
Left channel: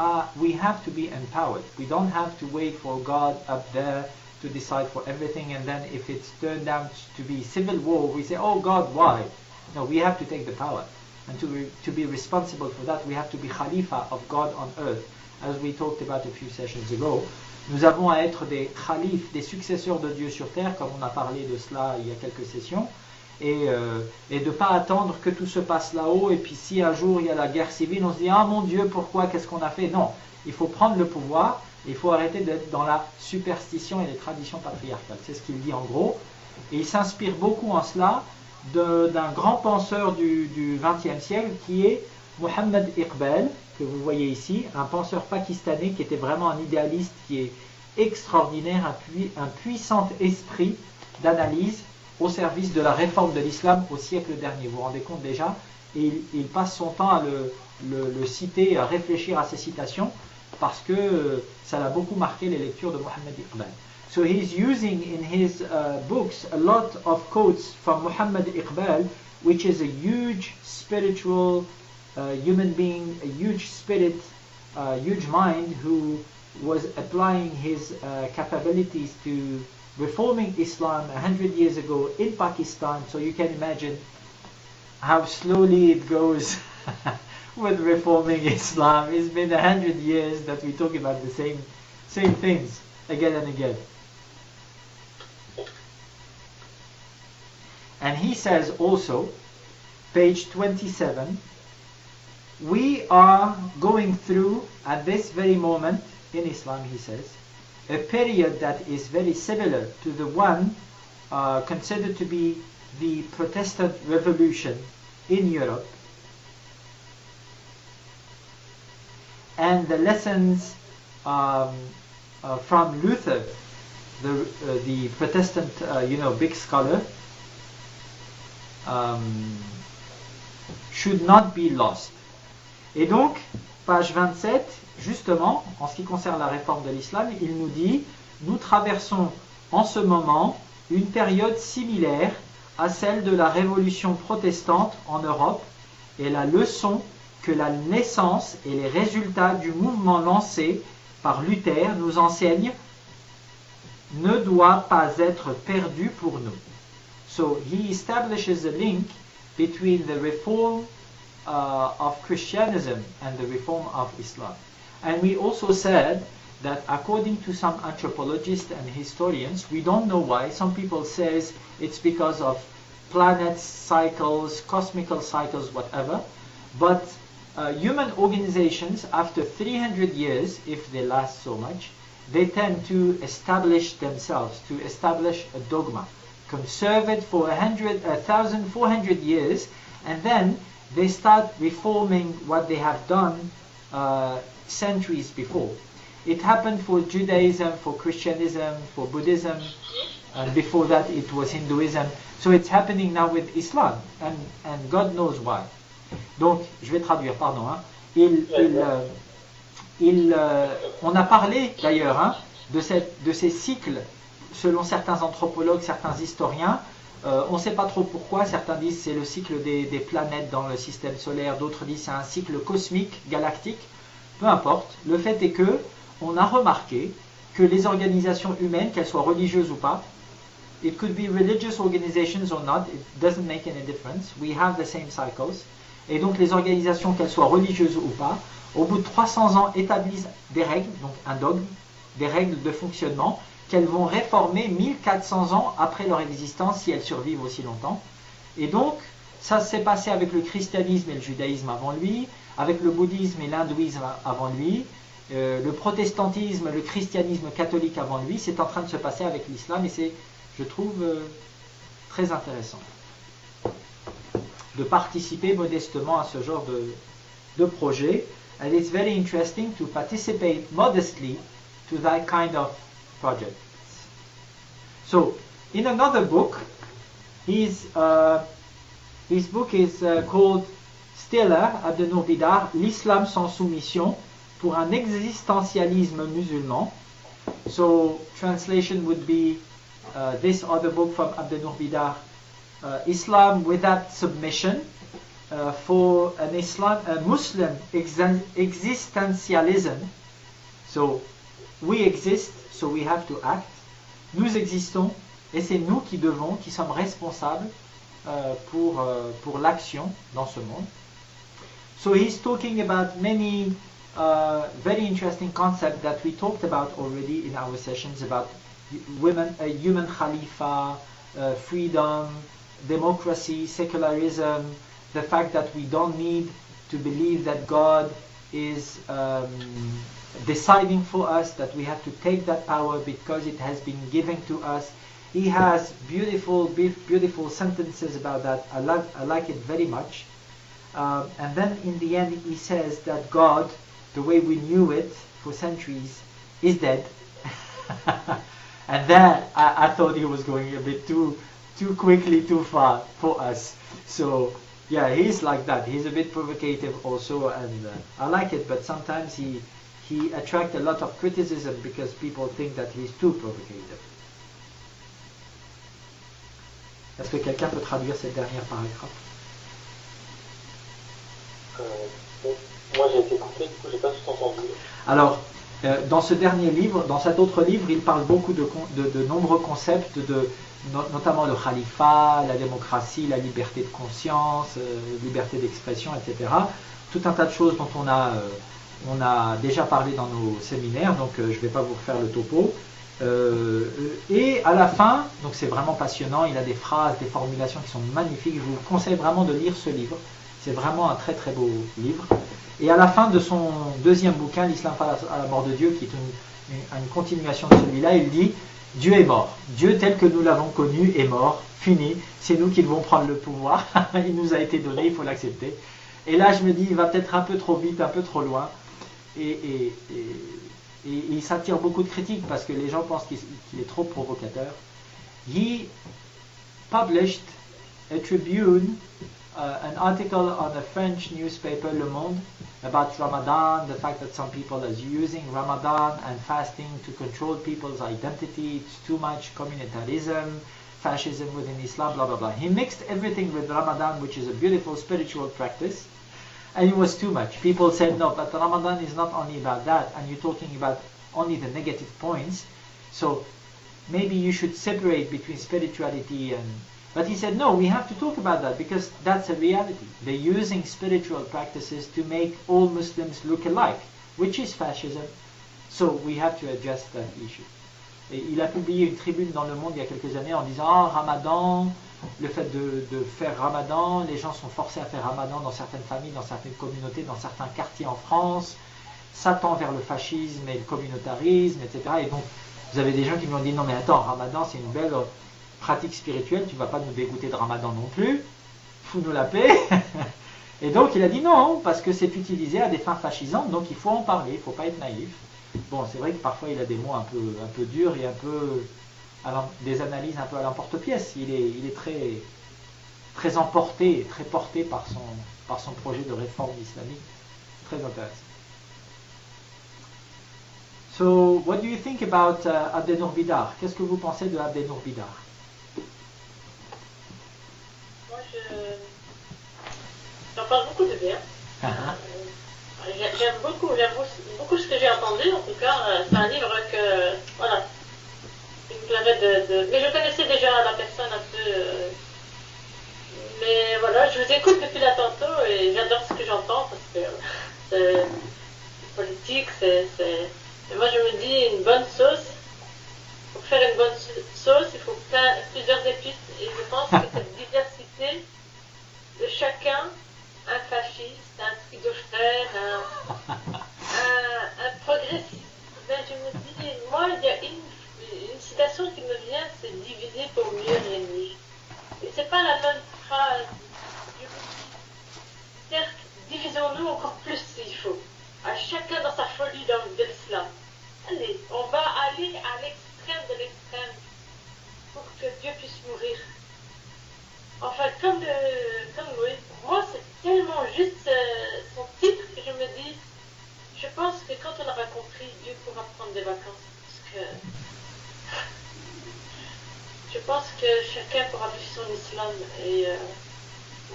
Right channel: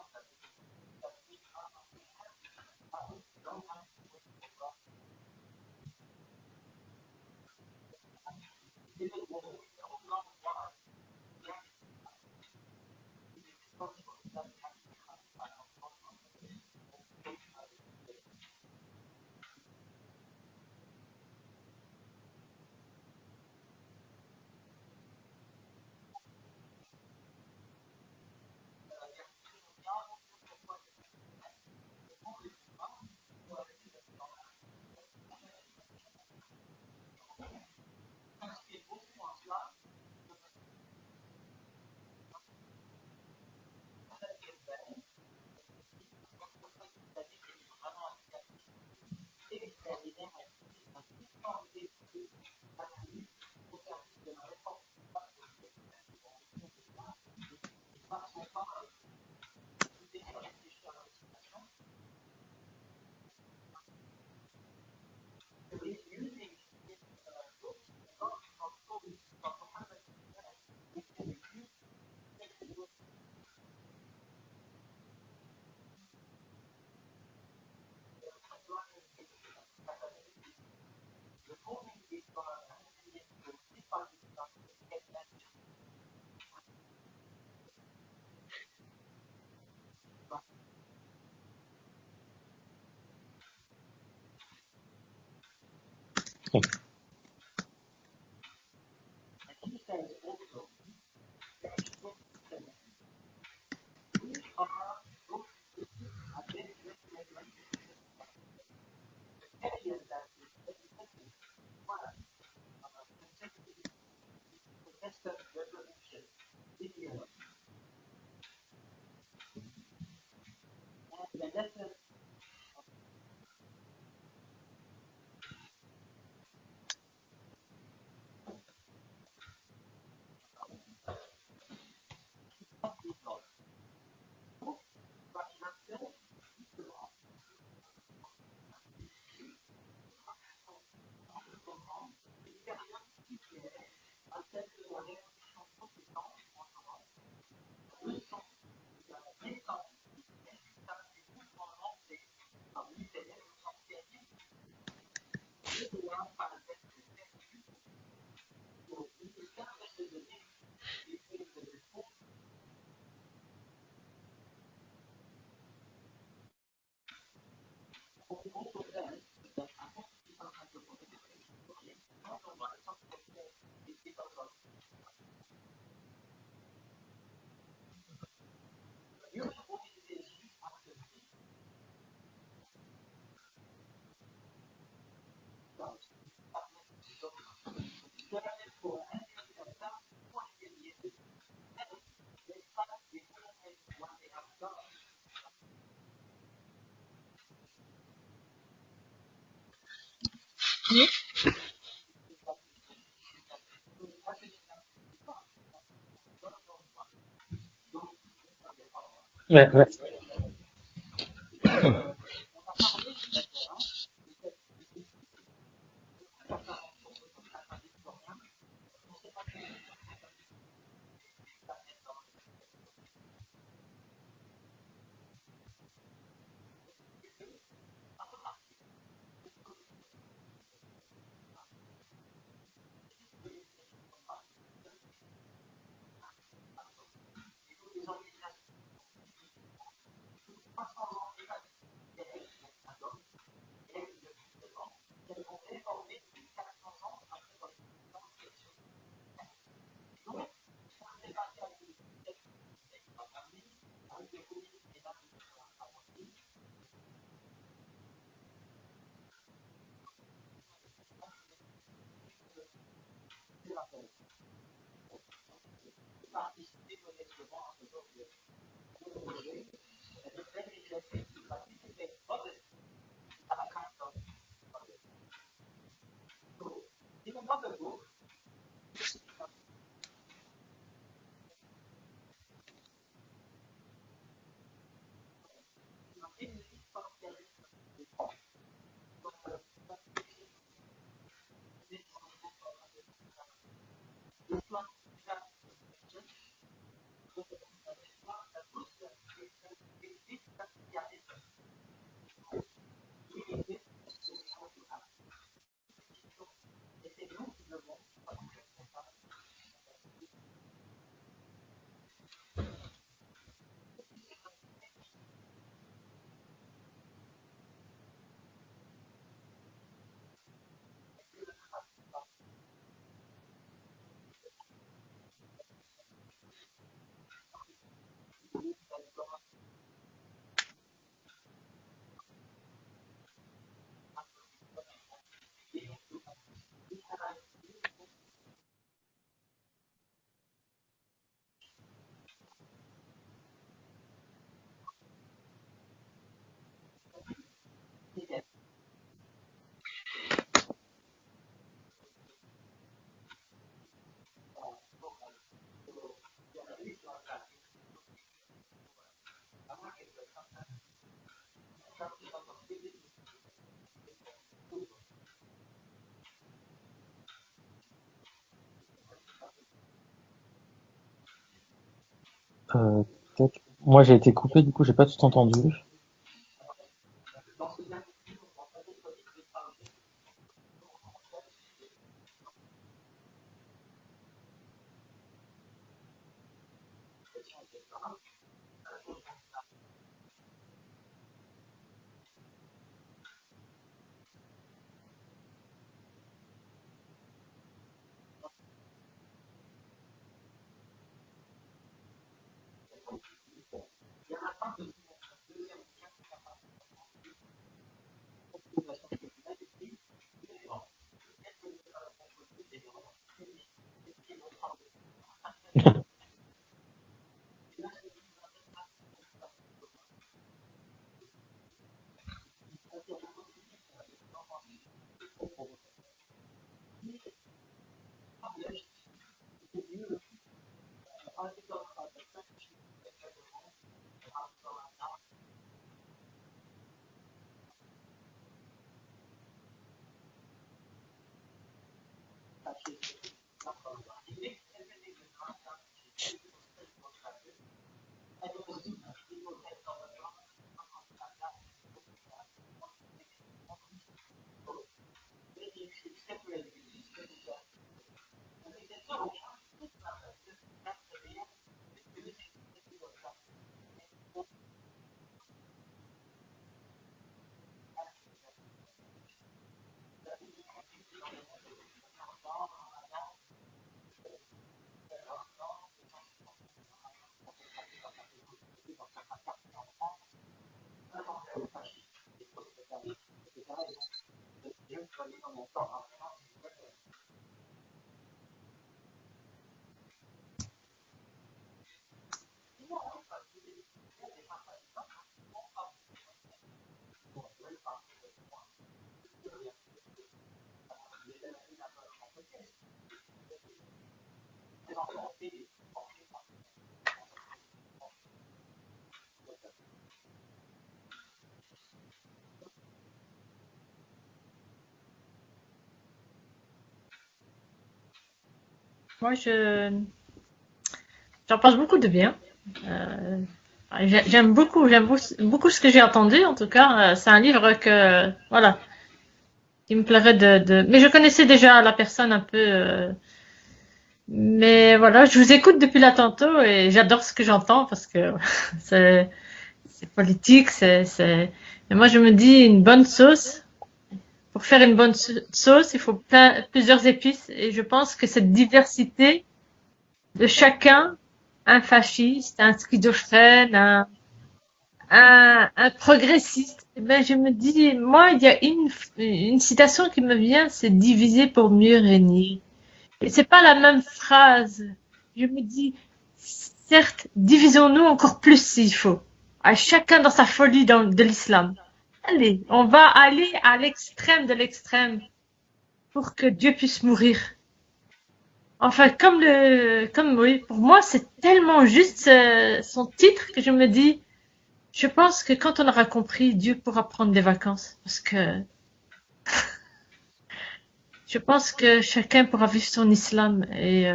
have to be empowered. We don't have to wait for God up there to decide for everything, and then if it's turned out to be civil war, we say, oh God, why? No, we have to take the power. And to be responsible for that, we have to be Khalifa of God on earth. as we talked about a few sessions ago. Nous avons à être des khalifes, des successeurs de Dieu sur terre, comme on a parlé de cela il y a quelques sessions, et de ne pas attendre que tout se passe là-haut, et puis si un jour il y a la guerre civile, on se dit « Ah mon Dieu, pourquoi, qu'est-ce qu'on a fait ?» Non, il faut prendre le pouvoir, il faut arrêter d'être dans la superstition et les traditions patriarcales. C'est ce qu'il dit en gros, et il s'inspire beaucoup en cela d'un grand penseur du XXe siècle qui est Mohammed Iqbal, que vous voyez ici, un penseur pakistanais qui était vraiment un idéaliste, qui est extraordinaire, un puissant esprit d'analyse au service de la réforme de l'islam au siècle dernier. Vous vous rendez compte déjà? Et il passe son temps à le citer, à réfléchir à ses citations, parce que ça l'a beaucoup marqué les lectures de Mohammed Iqbal. So he's using in his books a lot of quotes from Muhammad Iqbal, which is a huge spiritual human being, a huge spirit, huge mind, who was applying his capabilities to reforming Islam 100 years ago in Pakistan. So you can imagine how slowly it goes with reforming Islam. It's been 100 years that we talk about the same things again and again. And he says also, page 27, we are going through at this very moment in Islam, he says, a period that is very similar to the one considered to be the Protestant Revolution in Europe, and the lessons from Luther, the Protestant, big scholar, should not be lost. Et donc, page 27, justement, en ce qui concerne la réforme de l'islam, il nous dit, nous traversons en ce moment une période similaire à celle de la révolution protestante en Europe, et la leçon que la naissance et les résultats du mouvement lancé par Luther nous enseignent ne doit pas être perdue pour nous. So he establishes a link between the reform of Christianism and the reform of Islam. And we also said that according to some anthropologists and historians, we don't know why. Some people says it's because of planets, cycles, cosmical cycles, whatever. But human organizations, after 300 years, if they last so much, they tend to establish themselves, to establish a dogma, conserve it for 1,400 years, and then they start reforming what they have done centuries before. It happened for Judaism, for Christianism, for Buddhism, and before that it was Hinduism. So it's happening now with Islam, and God knows why. Donc, je vais traduire, pardon. Hein. On a parlé d'ailleurs de ces cycles, selon certains anthropologues, certains historiens. On ne sait pas trop pourquoi. Certains disent c'est le cycle des planètes dans le système solaire, d'autres disent c'est un cycle cosmique, galactique. Peu importe. Le fait est que on a remarqué que les organisations humaines, qu'elles soient religieuses ou pas, it could be religious organizations or not, it doesn't make any difference. We have the same cycles. Et donc les organisations, qu'elles soient religieuses ou pas, au bout de 300 ans établissent des règles, donc un dogme, des règles de fonctionnement qu'elles vont réformer 1400 ans après leur existence si elles survivent aussi longtemps. Et donc ça s'est passé avec le christianisme et le judaïsme avant lui, avec le bouddhisme et l'hindouisme avant lui, le protestantisme, le christianisme catholique avant lui. C'est en train de se passer avec l'islam et c'est, je trouve, très intéressant de participer modestement à ce genre de projet. And it's very interesting to participate modestly to that kind of project. So, in another book, his book is called Stella Abdel Nour Bidar, L'Islam sans soumission pour un existentialisme musulman. So, translation would be this other book from Abdel Nour Bidar, Islam without submission, for a Muslim existentialism. So we exist, so we have to act. Nous existons, et c'est nous qui sommes responsables pour l'action dans ce monde. So he's talking about many very interesting concept that we talked about already in our sessions about women, human khalifa, freedom, democracy, secularism, the fact that we don't need to believe that God is deciding for us, that we have to take that power because it has been given to us. He has beautiful sentences about that. I like it very much. And then in the end he says that God, the way we knew it for centuries, is dead. And then I thought he was going a bit too quickly, too far for us. So yeah, he's like that. He's a bit provocative also, and I like it, but sometimes he attracts a lot of criticism because people think that he's too provocative. Est-ce que quelqu'un peut traduire cette dernière paragraphe? Moi j'ai été coupé, du coup j'ai pas tout entendu. Dans ce dernier livre, dans cet autre livre, il parle beaucoup de nombreux concepts, notamment le khalifa, la démocratie, la liberté de conscience, liberté d'expression, etc. Tout un tas de choses dont on a déjà parlé dans nos séminaires, donc je ne vais pas vous refaire le topo. Et à la fin, donc c'est vraiment passionnant, il a des phrases, des formulations qui sont magnifiques. Je vous conseille vraiment de lire ce livre. C'est vraiment un très très beau livre. Et à la fin de son deuxième bouquin, L'Islam à la mort de Dieu, qui est une continuation de celui-là, il dit « Dieu est mort. Dieu tel que nous l'avons connu est mort, fini. C'est nous qui devons prendre le pouvoir. Il nous a été donné, il faut l'accepter. » Et là, je me dis, il va peut-être un peu trop vite, un peu trop loin. Et il s'attire beaucoup de critiques parce que les gens pensent qu'il est trop provocateur. He published a tribune, an article on a French newspaper, Le Monde, about Ramadan, the fact that some people are using Ramadan and fasting to control people's identity. It's too much communitarism, fascism within Islam, blah, blah, blah. He mixed everything with Ramadan, which is a beautiful spiritual practice, and it was too much. People said, no, but Ramadan is not only about that, and you're talking about only the negative points, so maybe you should separate between spirituality and... But he said, no, we have to talk about that because that's a reality. They're using spiritual practices to make all Muslims look alike, which is fascism. So we have to address that issue. Et il a publié une tribune dans Le Monde il y a quelques années en disant, ah, Ramadan, le fait de faire Ramadan, les gens sont forcés à faire Ramadan dans certaines familles, dans certaines communautés, dans certains quartiers en France, ça tend vers le fascisme et le communautarisme, etc. Et donc, vous avez des gens qui lui ont dit, non mais attends, Ramadan c'est une belle pratique spirituelle, tu ne vas pas nous dégoûter de Ramadan non plus, fous-nous la paix. Et donc il a dit non, parce que c'est utilisé à des fins fascisantes, donc il faut en parler, il ne faut pas être naïf. Bon, c'est vrai que parfois il a des mots un peu durs et un peu des analyses un peu à l'emporte-pièce. Il est très emporté, très porté par son projet de réforme islamique. Très intéressant. So, what do you think about Abdenour Bidar? Qu'est-ce que vous pensez de Abdenour Bidar? Moi, j'en pense beaucoup de bien. J'aime beaucoup ce que j'ai entendu. En tout cas, c'est un livre que, voilà, il me plairait de... Mais je connaissais déjà la personne un peu. Mais voilà, je vous écoute depuis là tantôt et j'adore ce que j'entends parce que c'est politique, Moi, je me dis une bonne sauce. Pour faire une bonne sauce, il faut plusieurs épices et je pense que cette diversité de chacun, un fasciste, un schizophrène, un progressiste, ben je me dis, moi, il y a une citation qui me vient, c'est diviser pour mieux régner. Et c'est pas la même phrase. Je me dis, certes, divisons-nous encore plus s'il faut. À chacun dans sa folie de l'islam. Allez, on va aller à l'extrême de l'extrême pour que Dieu puisse mourir. Enfin, oui. Moi, c'est tellement juste son titre que je me dis, je pense que quand on aura compris, Dieu pourra prendre des vacances. Parce que je pense que chacun pourra vivre son islam. Et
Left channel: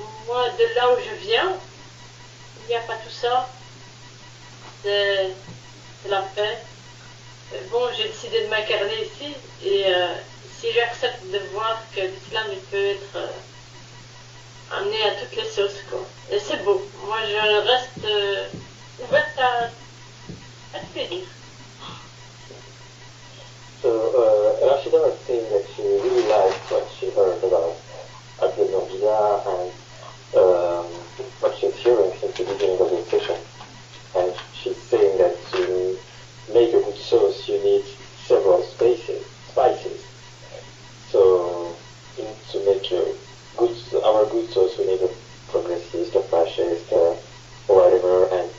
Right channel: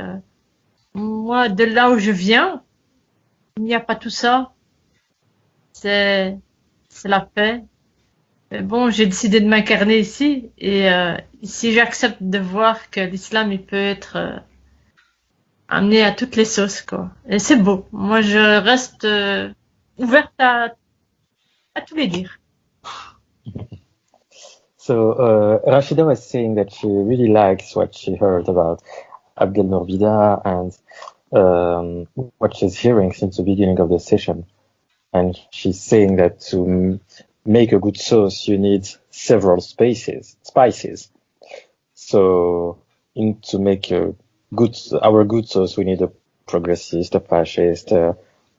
moi, de là où je viens, il n'y a pas tout ça. C'est la paix. Bon, j'ai décidé de m'incarner ici. Et si j'accepte de voir que l'islam il peut être amené à toutes les sauces, quoi. Et c'est beau. Moi, je reste ouverte à tous les dires. So Rashida was saying that she really likes what she heard about Abdel Nourbida and what she's hearing since the beginning of the session. And she's saying that to make a good sauce, you need several spices. So to make our good sauce, we need a progressist, a fascist,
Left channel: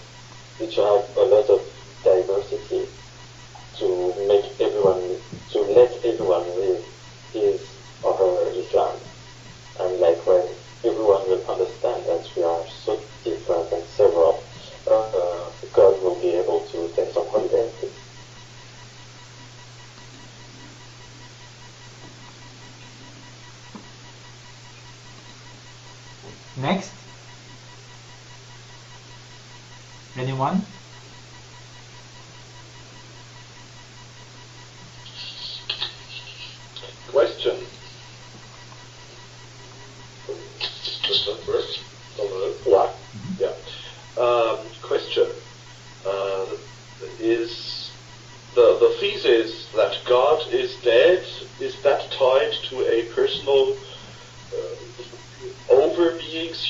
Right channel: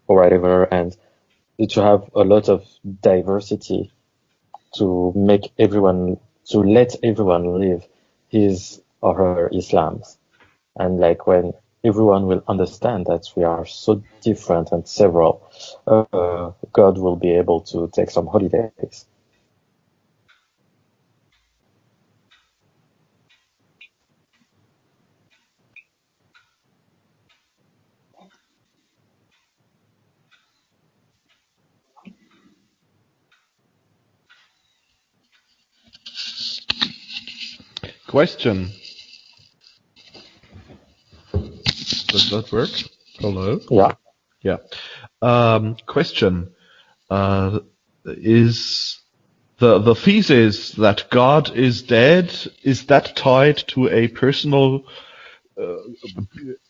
or whatever, and to have a lot of diversity to make everyone, to let everyone live his or her Islam. And like when everyone will understand that we are so different and several, God will be able to take some holidays. Next. Anyone? Question. Does that work? Hello? Yeah. Question. Is the thesis that God is dead, is that tied to a personal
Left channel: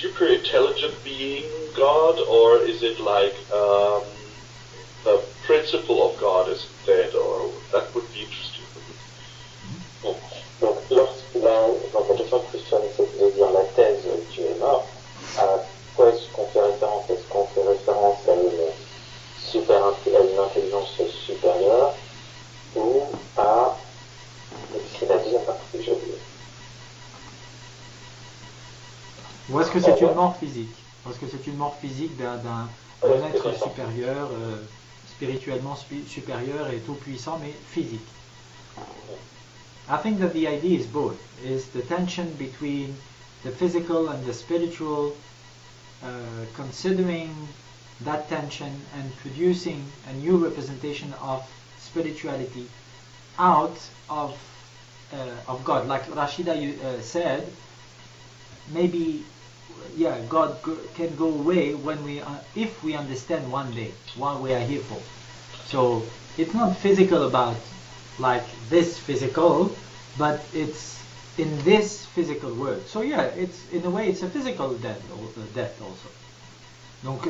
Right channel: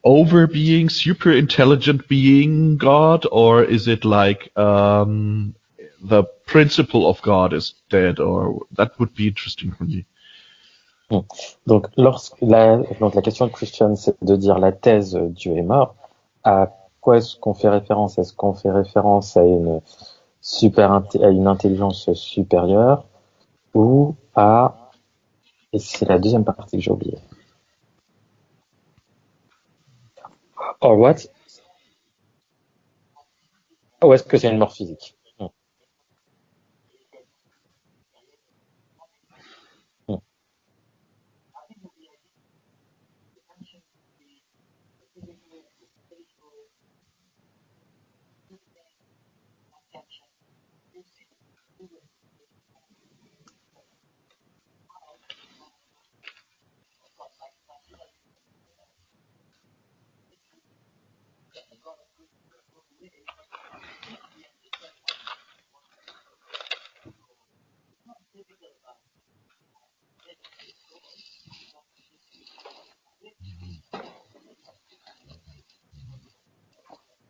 overbeing, super intelligent being God, or is it like the principle of God is dead? Or that would be interesting for me. Donc la question de Christian, c'est de dire la thèse Dieu est mort. À quoi est-ce qu'on fait référence? Est-ce qu'on fait référence à une intelligence supérieure ou à... Et c'est la deuxième partie que j'ai oubliée. Ou est-ce que c'est une mort physique? Or what? Est-ce que c'est une mort physique d'un être supérieur? Ou est-ce que c'est une mort physique? Spirituellement supérieur et tout puissant, mais physique. I think that the idea is both. Is the tension between the physical and the spiritual, considering that tension and producing a new representation of spirituality out of God. Like Rashida said, maybe, yeah, God can go away when if we understand one day what we are here for. So it's not physical about like this physical, but it's in this physical world. So yeah, it's in a way it's a physical death also. Donc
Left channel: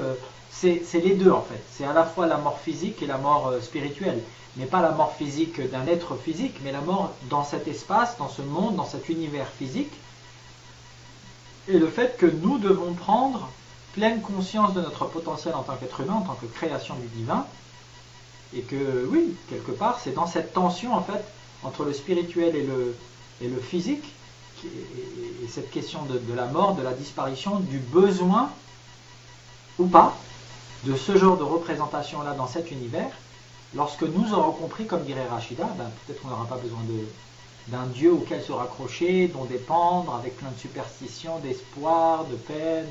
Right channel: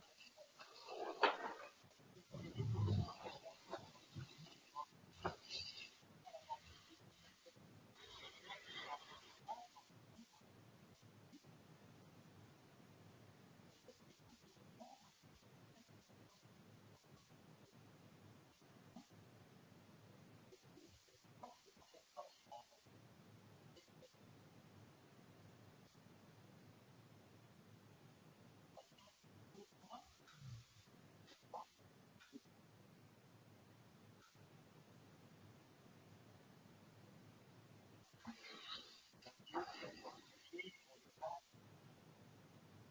c'est les deux en fait. C'est à la fois la mort physique et la mort spirituelle, mais pas la mort physique d'un être physique, mais la mort dans cet espace, dans ce monde, dans cet univers physique. Et le fait que nous devons prendre pleine conscience de notre potentiel en tant qu'être humain, en tant que création du divin, et que oui, quelque part, c'est dans cette tension en fait entre le spirituel et le physique, et cette question de la mort, de la disparition, du besoin ou pas de ce genre de représentation-là dans cet univers. Lorsque nous aurons compris, comme dirait Rashida, peut-être qu'on n'aura pas besoin d'un Dieu auquel se raccrocher, dont dépendre, avec plein de superstitions, d'espoir, de peine.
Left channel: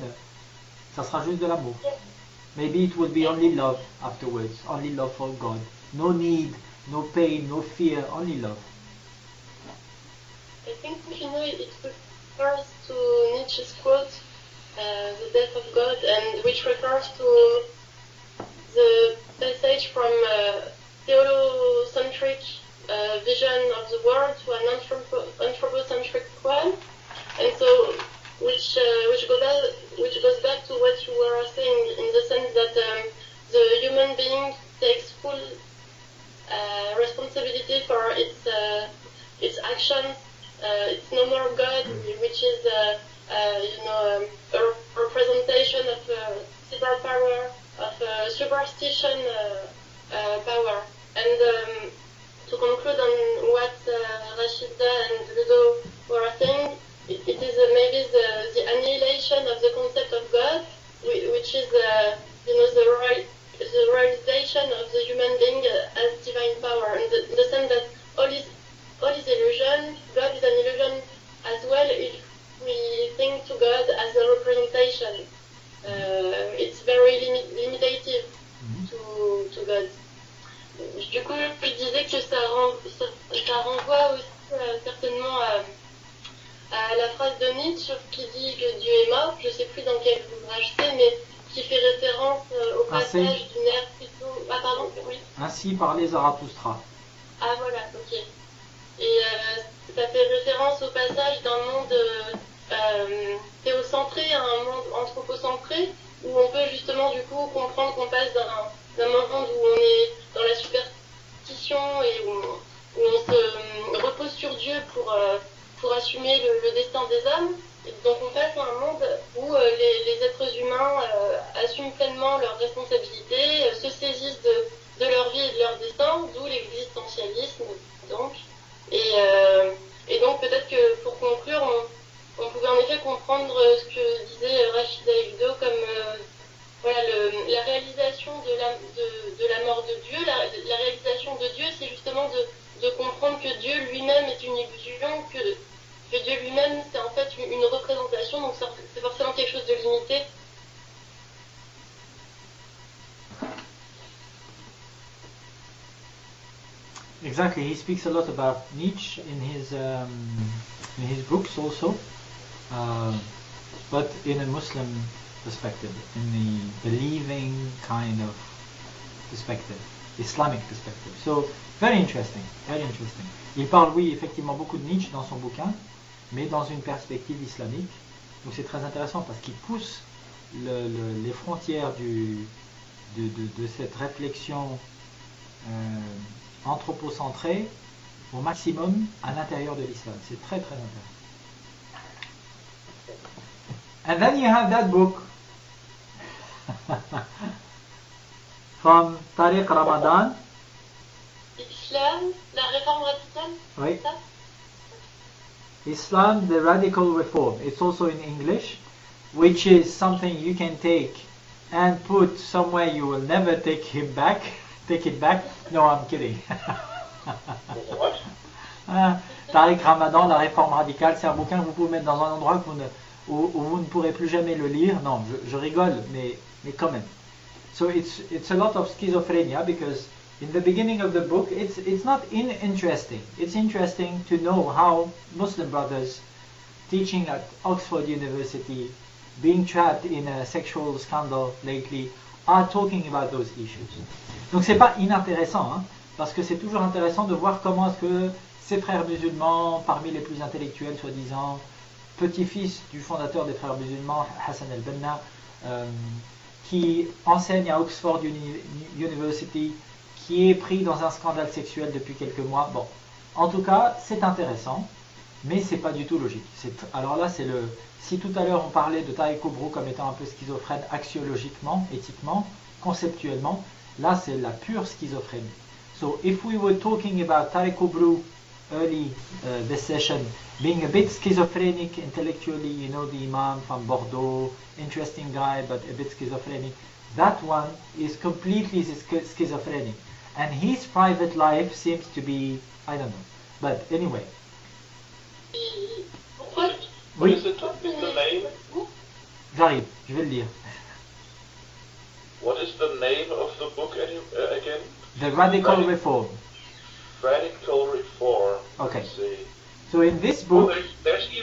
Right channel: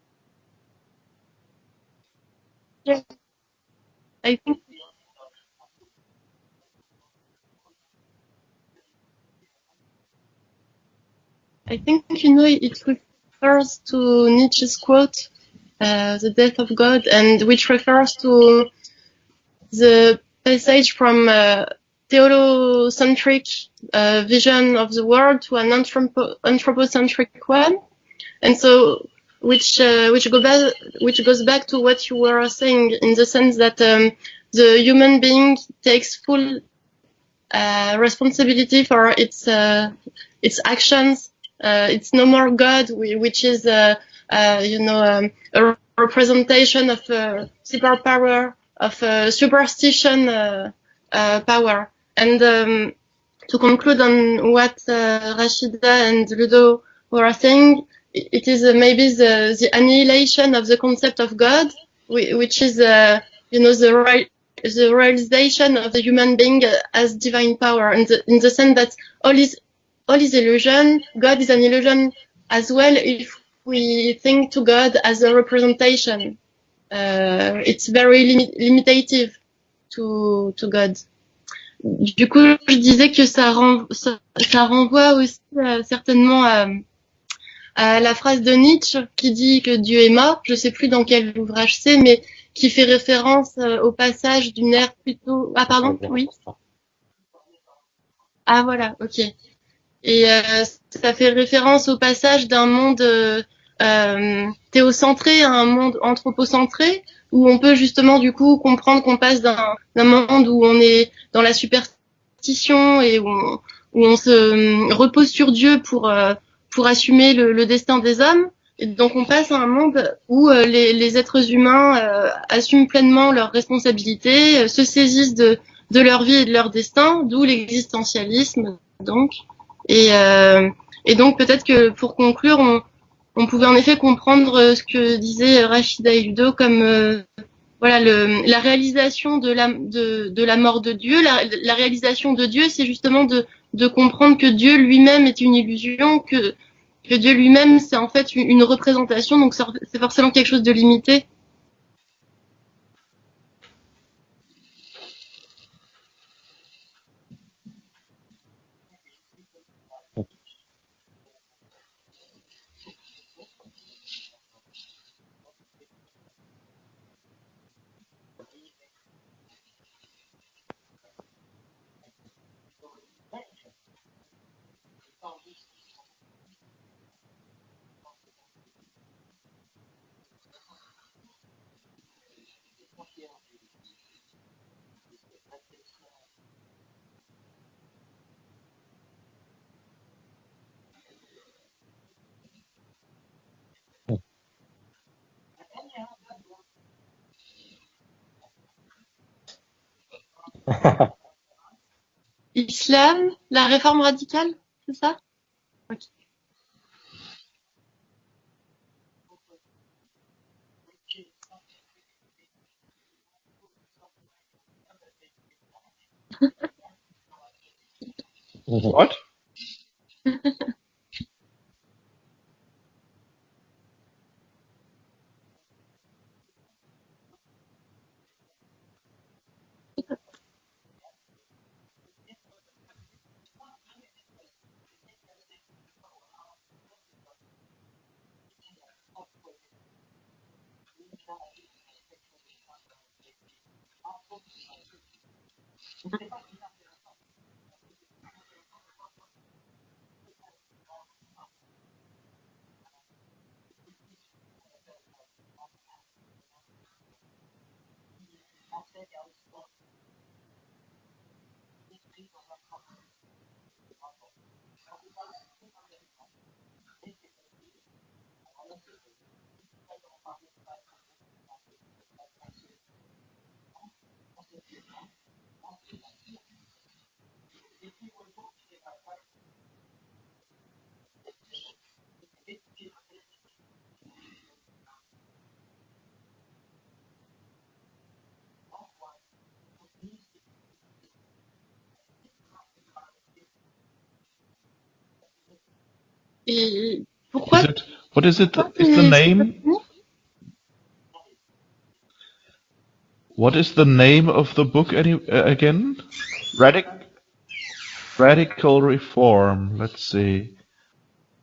Ça sera juste de l'amour. Maybe it would be only love afterwards, only love for God. No need, no pain, no fear, only love. I think it refers to Nietzsche's quote, "The death of God," and which refers to the passage from theocentric vision of the world to an anthropocentric one, and so which goes back to what you were saying, in the sense that the human being takes full responsibility for its actions. It's no more God, which is a representation of superpower, of superstition power. And to conclude on what Rashida and Ludo were saying, it is maybe the annihilation of the concept of God, which is the realization of the human being as divine power, in the sense that all is illusion. God is an illusion as well if we think to God as a representation. It's very limitative to God. Du coup, je disais que ça renvoie aussi certainement à la phrase de Nietzsche qui dit que Dieu est mort. Je sais plus dans quel ouvrage c'est, mais qui fait référence au passage d'une ère plutôt... Ainsi Ah pardon, parlait oui. Zarathustra. Ah voilà, ok. Et ça fait référence au passage d'un monde théocentré à un monde anthropocentré, où on peut justement du coup comprendre qu'on passe d'un monde où on est dans la superstition et où on se repose sur Dieu pour assumer le destin des hommes. Et donc on passe à un monde où les êtres humains assument pleinement leurs responsabilités, se saisissent de leur vie et de leur destin, d'où l'existentialisme. Donc, et donc peut-être que pour conclure, on pouvait en effet comprendre ce que disait Rachida Hildo comme voilà la réalisation de la mort de Dieu. La réalisation de Dieu, c'est justement de comprendre que Dieu lui-même est une illusion, que Dieu lui-même c'est en fait une représentation, donc c'est forcément quelque chose de limité. Exactly, he speaks a lot about Nietzsche in his books also, but in a Muslim perspective, in the believing kind of perspective, Islamic perspective. So very interesting, very interesting. Il parle, oui, effectivement beaucoup de Nietzsche dans son bouquin, mais dans une perspective islamique. Donc c'est très intéressant parce qu'il pousse les frontières de cette réflexion anthropocentrée au maximum à l'intérieur de l'islam. C'est très très intéressant. And then you have that book from Tariq Ramadan. Islam, la réforme radicale, c'est ça? Islam, the Radical Reform. It's also in English, which is something you can take and put somewhere you will never take it back. No, I'm kidding. What? Tariq Ramadan, la réforme radicale, c'est un bouquin que vous pouvez mettre dans un endroit où vous ne pourrez plus jamais le lire. Non, je rigole, mais quand même. So it's a lot of schizophrenia because in the beginning of the book it's not interesting. It's interesting to know how Muslim brothers teaching at Oxford University, being trapped in a sexual scandal lately, are talking about those issues. Donc c'est pas inintéressant, hein, parce que c'est toujours intéressant de voir comment est-ce que ces frères musulmans, parmi les plus intellectuels soi-disant, petit-fils du fondateur des frères musulmans, Hassan al-Banna, qui enseigne à Oxford University, qui est pris dans un scandale sexuel depuis quelques mois. Bon, en tout cas, c'est intéressant, mais c'est pas du tout logique. Alors là, c'est le... Si tout à l'heure on parlait de Tariq Kobro comme étant un peu schizophrène axiologiquement, éthiquement, conceptuellement, là c'est la pure schizophrénie. So if we were talking about Tariq Kobro early this session, being a bit schizophrenic intellectually, you know, the Imam from Bordeaux, interesting guy but a bit schizophrenic, that one is completely schizophrenic. And his private life seems to be, I don't know. But anyway. Et Oui, What is it? Is the name? j'arrive, je vais le lire. What is the name of the book The Radical again? Reform. Radical Reform. Let's So in this see. book,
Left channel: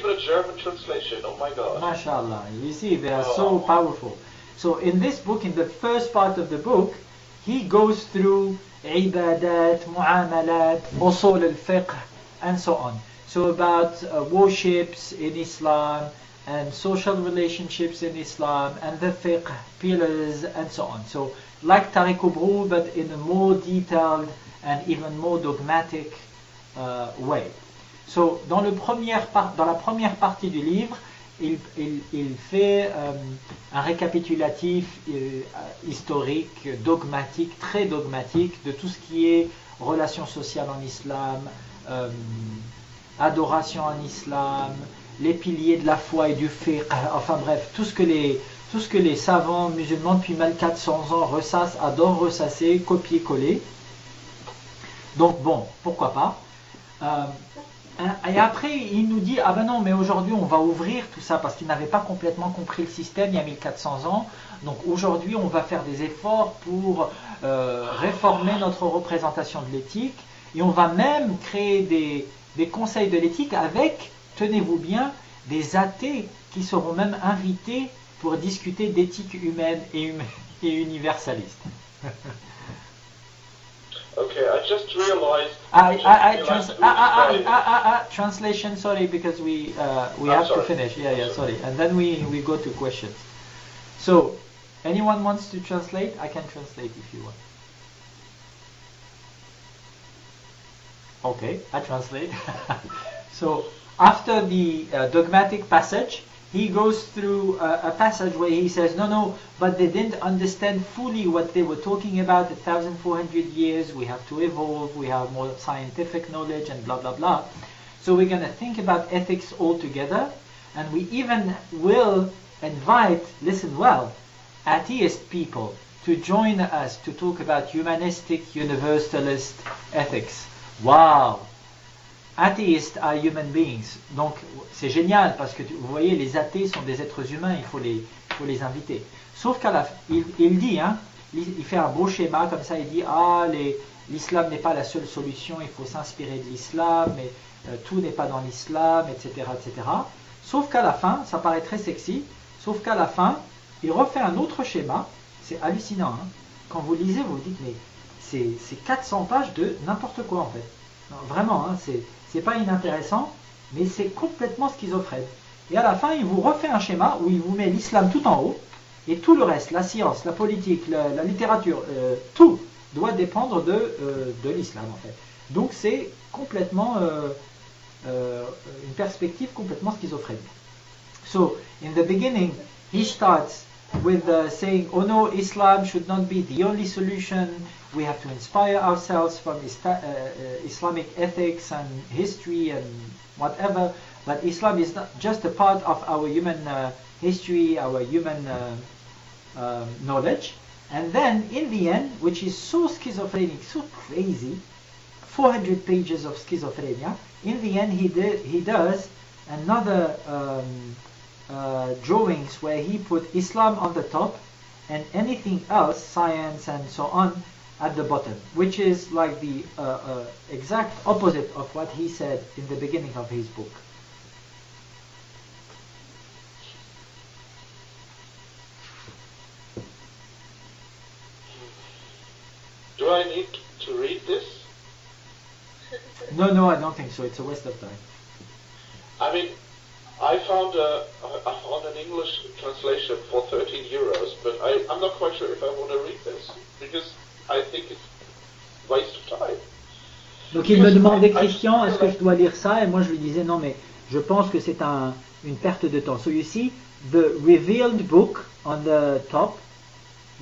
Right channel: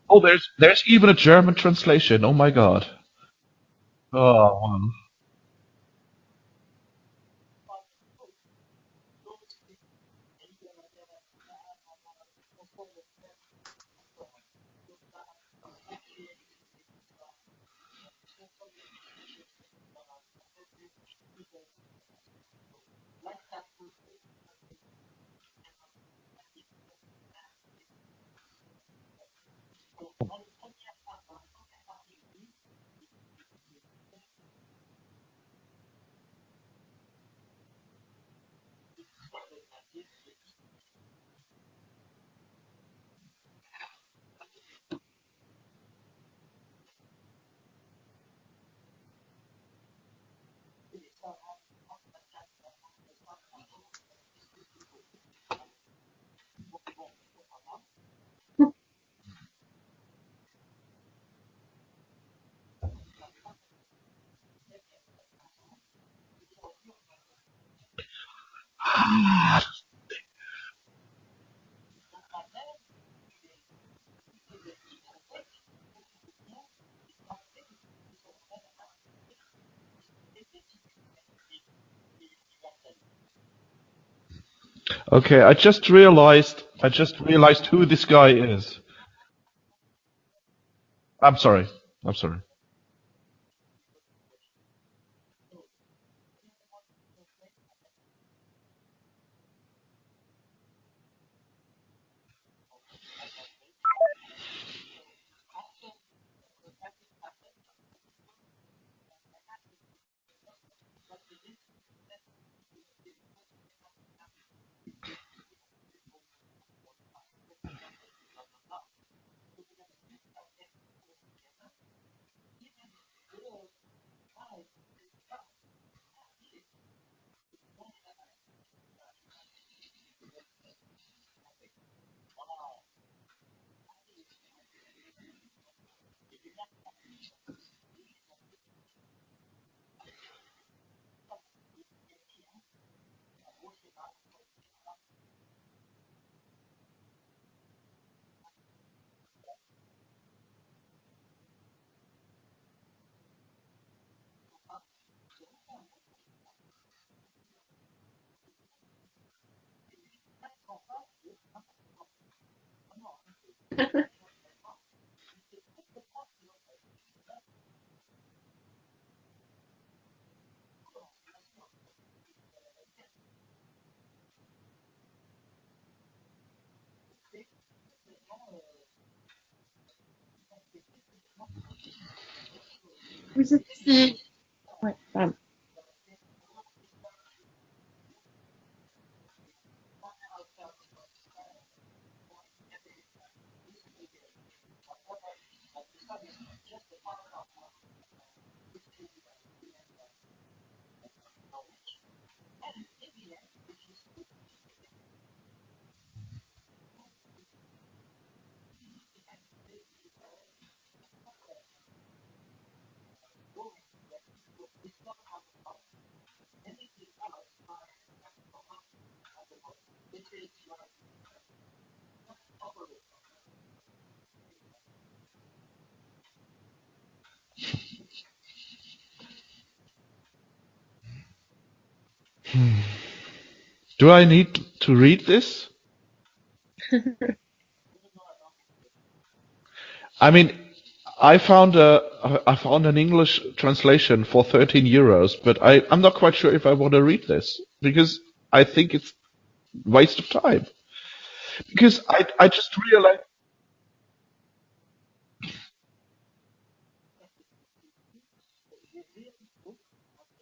Oh, there's even a German translation. Oh my you God. see, they are so powerful. Oh. So in this book, in the first part of the book, he goes through ibadat, mu'amalat, usul al-fiqh, and so on. So about worships in Islam, and social relationships in Islam, and the fiqh, pillars, and so on. So like Tariq Kobro, but in a more detailed and even more dogmatic way. So, dans la première partie du livre, il fait un récapitulatif historique, dogmatique, très dogmatique, de tout ce qui est relations sociales en islam, adoration en islam, les piliers de la foi et du fiqh, enfin bref, tout ce que les savants musulmans depuis 1400 ans ressassent, adorent ressasser, copier-coller. Donc bon, pourquoi pas. Et après, il nous dit, ah ben non, mais aujourd'hui on va ouvrir tout ça, parce qu'il n'avait pas complètement compris le système il y a 1400 ans. Donc aujourd'hui, on va faire des efforts pour réformer notre représentation de l'éthique, et on va même créer des conseils de l'éthique avec, tenez-vous bien, des athées qui seront même invités pour discuter d'éthique humaine et universaliste. Okay, I just realized who this guy is. Translation, sorry, because we have to finish. Yeah, I'm sorry. And then we go to questions. So, anyone wants to translate? I can translate if you want. Okay, I translate. So, after the dogmatic passage, he goes through a passage where he says, no, but they didn't understand fully what they were talking about. 1,400 years, we have to evolve, we have more scientific knowledge, and blah, blah, blah. So we're going to think about ethics altogether, and we even will invite, listen well, atheist people to join us to talk about humanistic, universalist ethics. Wow! Athéistes are human beings. Donc c'est génial parce que vous voyez, les athées sont des êtres humains, il faut les inviter. Sauf qu'à la fin, il dit, hein, il fait un beau schéma comme ça, il dit l'islam n'est pas la seule solution, il faut s'inspirer de l'islam, mais tout n'est pas dans l'islam, etc., etc. Sauf qu'à la fin, ça paraît très sexy, sauf qu'à la fin, il refait un autre schéma, c'est hallucinant. Hein. Quand vous lisez, vous vous dites, mais c'est 400 pages de n'importe quoi en fait. Non, vraiment, hein, c'est pas inintéressant, mais c'est complètement schizophrène. Et à la fin, il vous refait un schéma où il vous met l'islam tout en haut, et tout le reste, la science, la politique, la littérature, tout doit dépendre de l'islam en fait. Donc c'est complètement une perspective complètement schizophrène. So, in the beginning, he starts with saying, oh no, Islam should not be the only solution. We have to inspire ourselves from Islamic ethics and history and whatever. But Islam is not just a part of our human history, our human knowledge. And then in the end, which is so schizophrenic, so crazy, 400 pages of schizophrenia, in the end he does another drawings where he put Islam on the top and anything else, science and so on, at the bottom, which is like the exact opposite of what he said in the beginning of his book. Do I need to read this? No, I don't think so. It's a waste of time. I mean, I found an English translation for 13 euros, but I'm not quite sure if I want to read this because I think it's waste of time. Donc il me demandait, Christian, est-ce que tu dois lire ça? Et moi je lui disais non, mais je pense que c'est une perte de temps. So you see the revealed book on the top,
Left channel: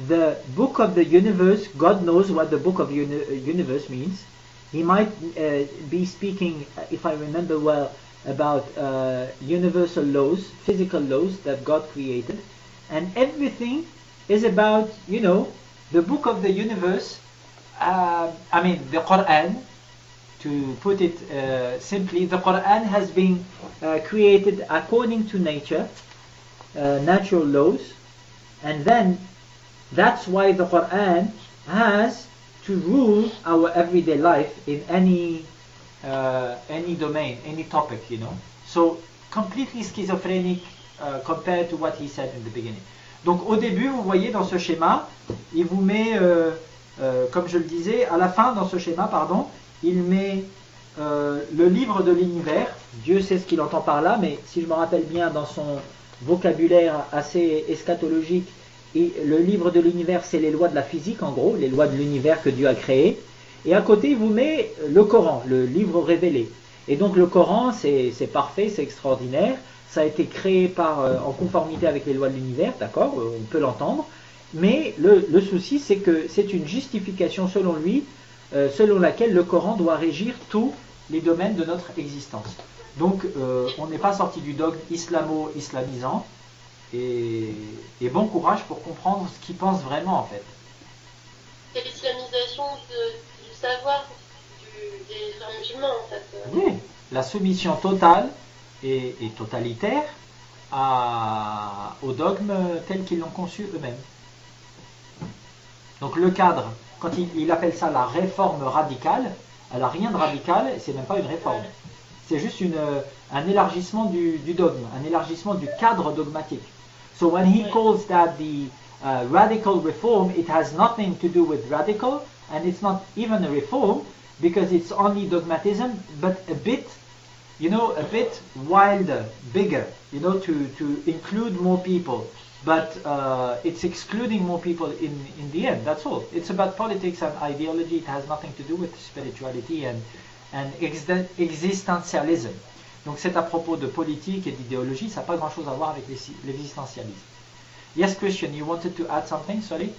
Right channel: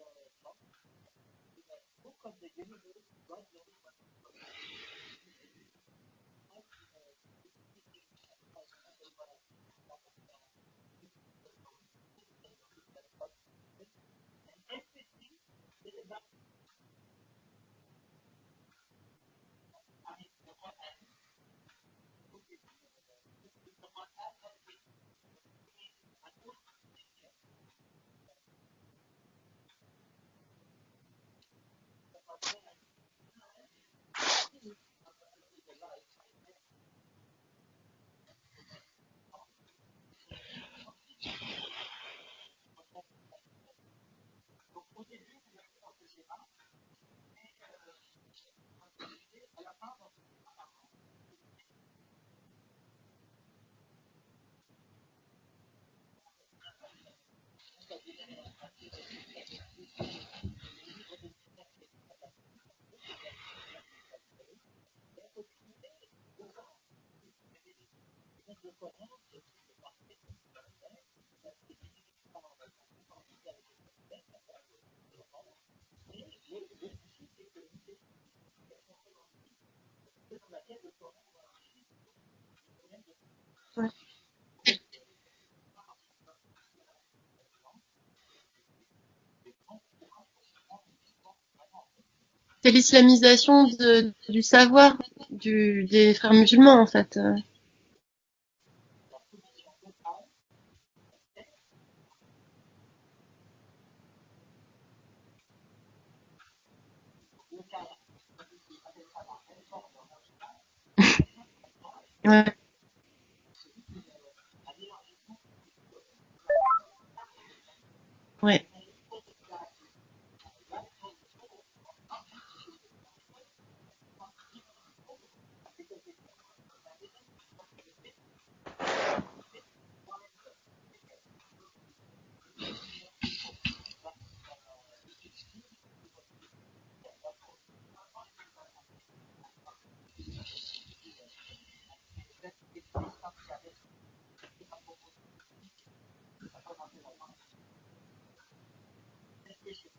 the book of the universe. God knows what the book of the universe means. He might be speaking, if I remember well, about universal laws, physical laws that God created, and everything is about, you know, the book of the universe. I mean, the Quran, to put it simply, the Quran has been created according to nature, natural laws, and then that's why the Quran has to rule our everyday life in any domain, any topic, you know. So completely schizophrenic compared to what he said in the beginning. Donc au début, vous voyez dans ce schéma, il vous met, comme je le disais, à la fin dans ce schéma, pardon, il met le livre de l'univers. Dieu sait ce qu'il entend par là, mais si je me rappelle bien, dans son vocabulaire assez eschatologique, le livre de l'univers, c'est les lois de la physique, en gros, les lois de l'univers que Dieu a créées. Et à côté, il vous met le Coran, le livre révélé. Et donc le Coran, c'est parfait, c'est extraordinaire. Ça a été créé en conformité avec les lois de l'univers, d'accord, on peut l'entendre. Mais le souci, c'est que c'est une justification selon lui, selon laquelle le Coran doit régir tous les domaines de notre existence. Donc on n'est pas sorti du dogme islamo-islamisant. Et bon courage pour comprendre ce qu'il pense vraiment en fait. C'est l'islamisation du savoir des frères musulmans en fait. La soumission totale et totalitaire au dogme tel qu'ils l'ont conçu eux-mêmes. Donc le cadre, quand il appelle ça la réforme radicale, elle n'a rien de radical, c'est non pas une réforme. C'est juste un élargissement du dogme, un élargissement du cadre dogmatique. So when he calls that the Ouais. radical reform, it has nothing to do with radical, and it's not even a reform because it's only dogmatism, but a bit, a bit wilder, bigger, to include more people. But it's excluding more people in the end, that's all. It's about politics and ideology, it has nothing to do with spirituality and existentialism. Donc c'est à propos de politique et d'idéologie, ça n'a pas grand chose à voir avec l'existentialisme. Yes, Christian, you wanted to add something, sorry?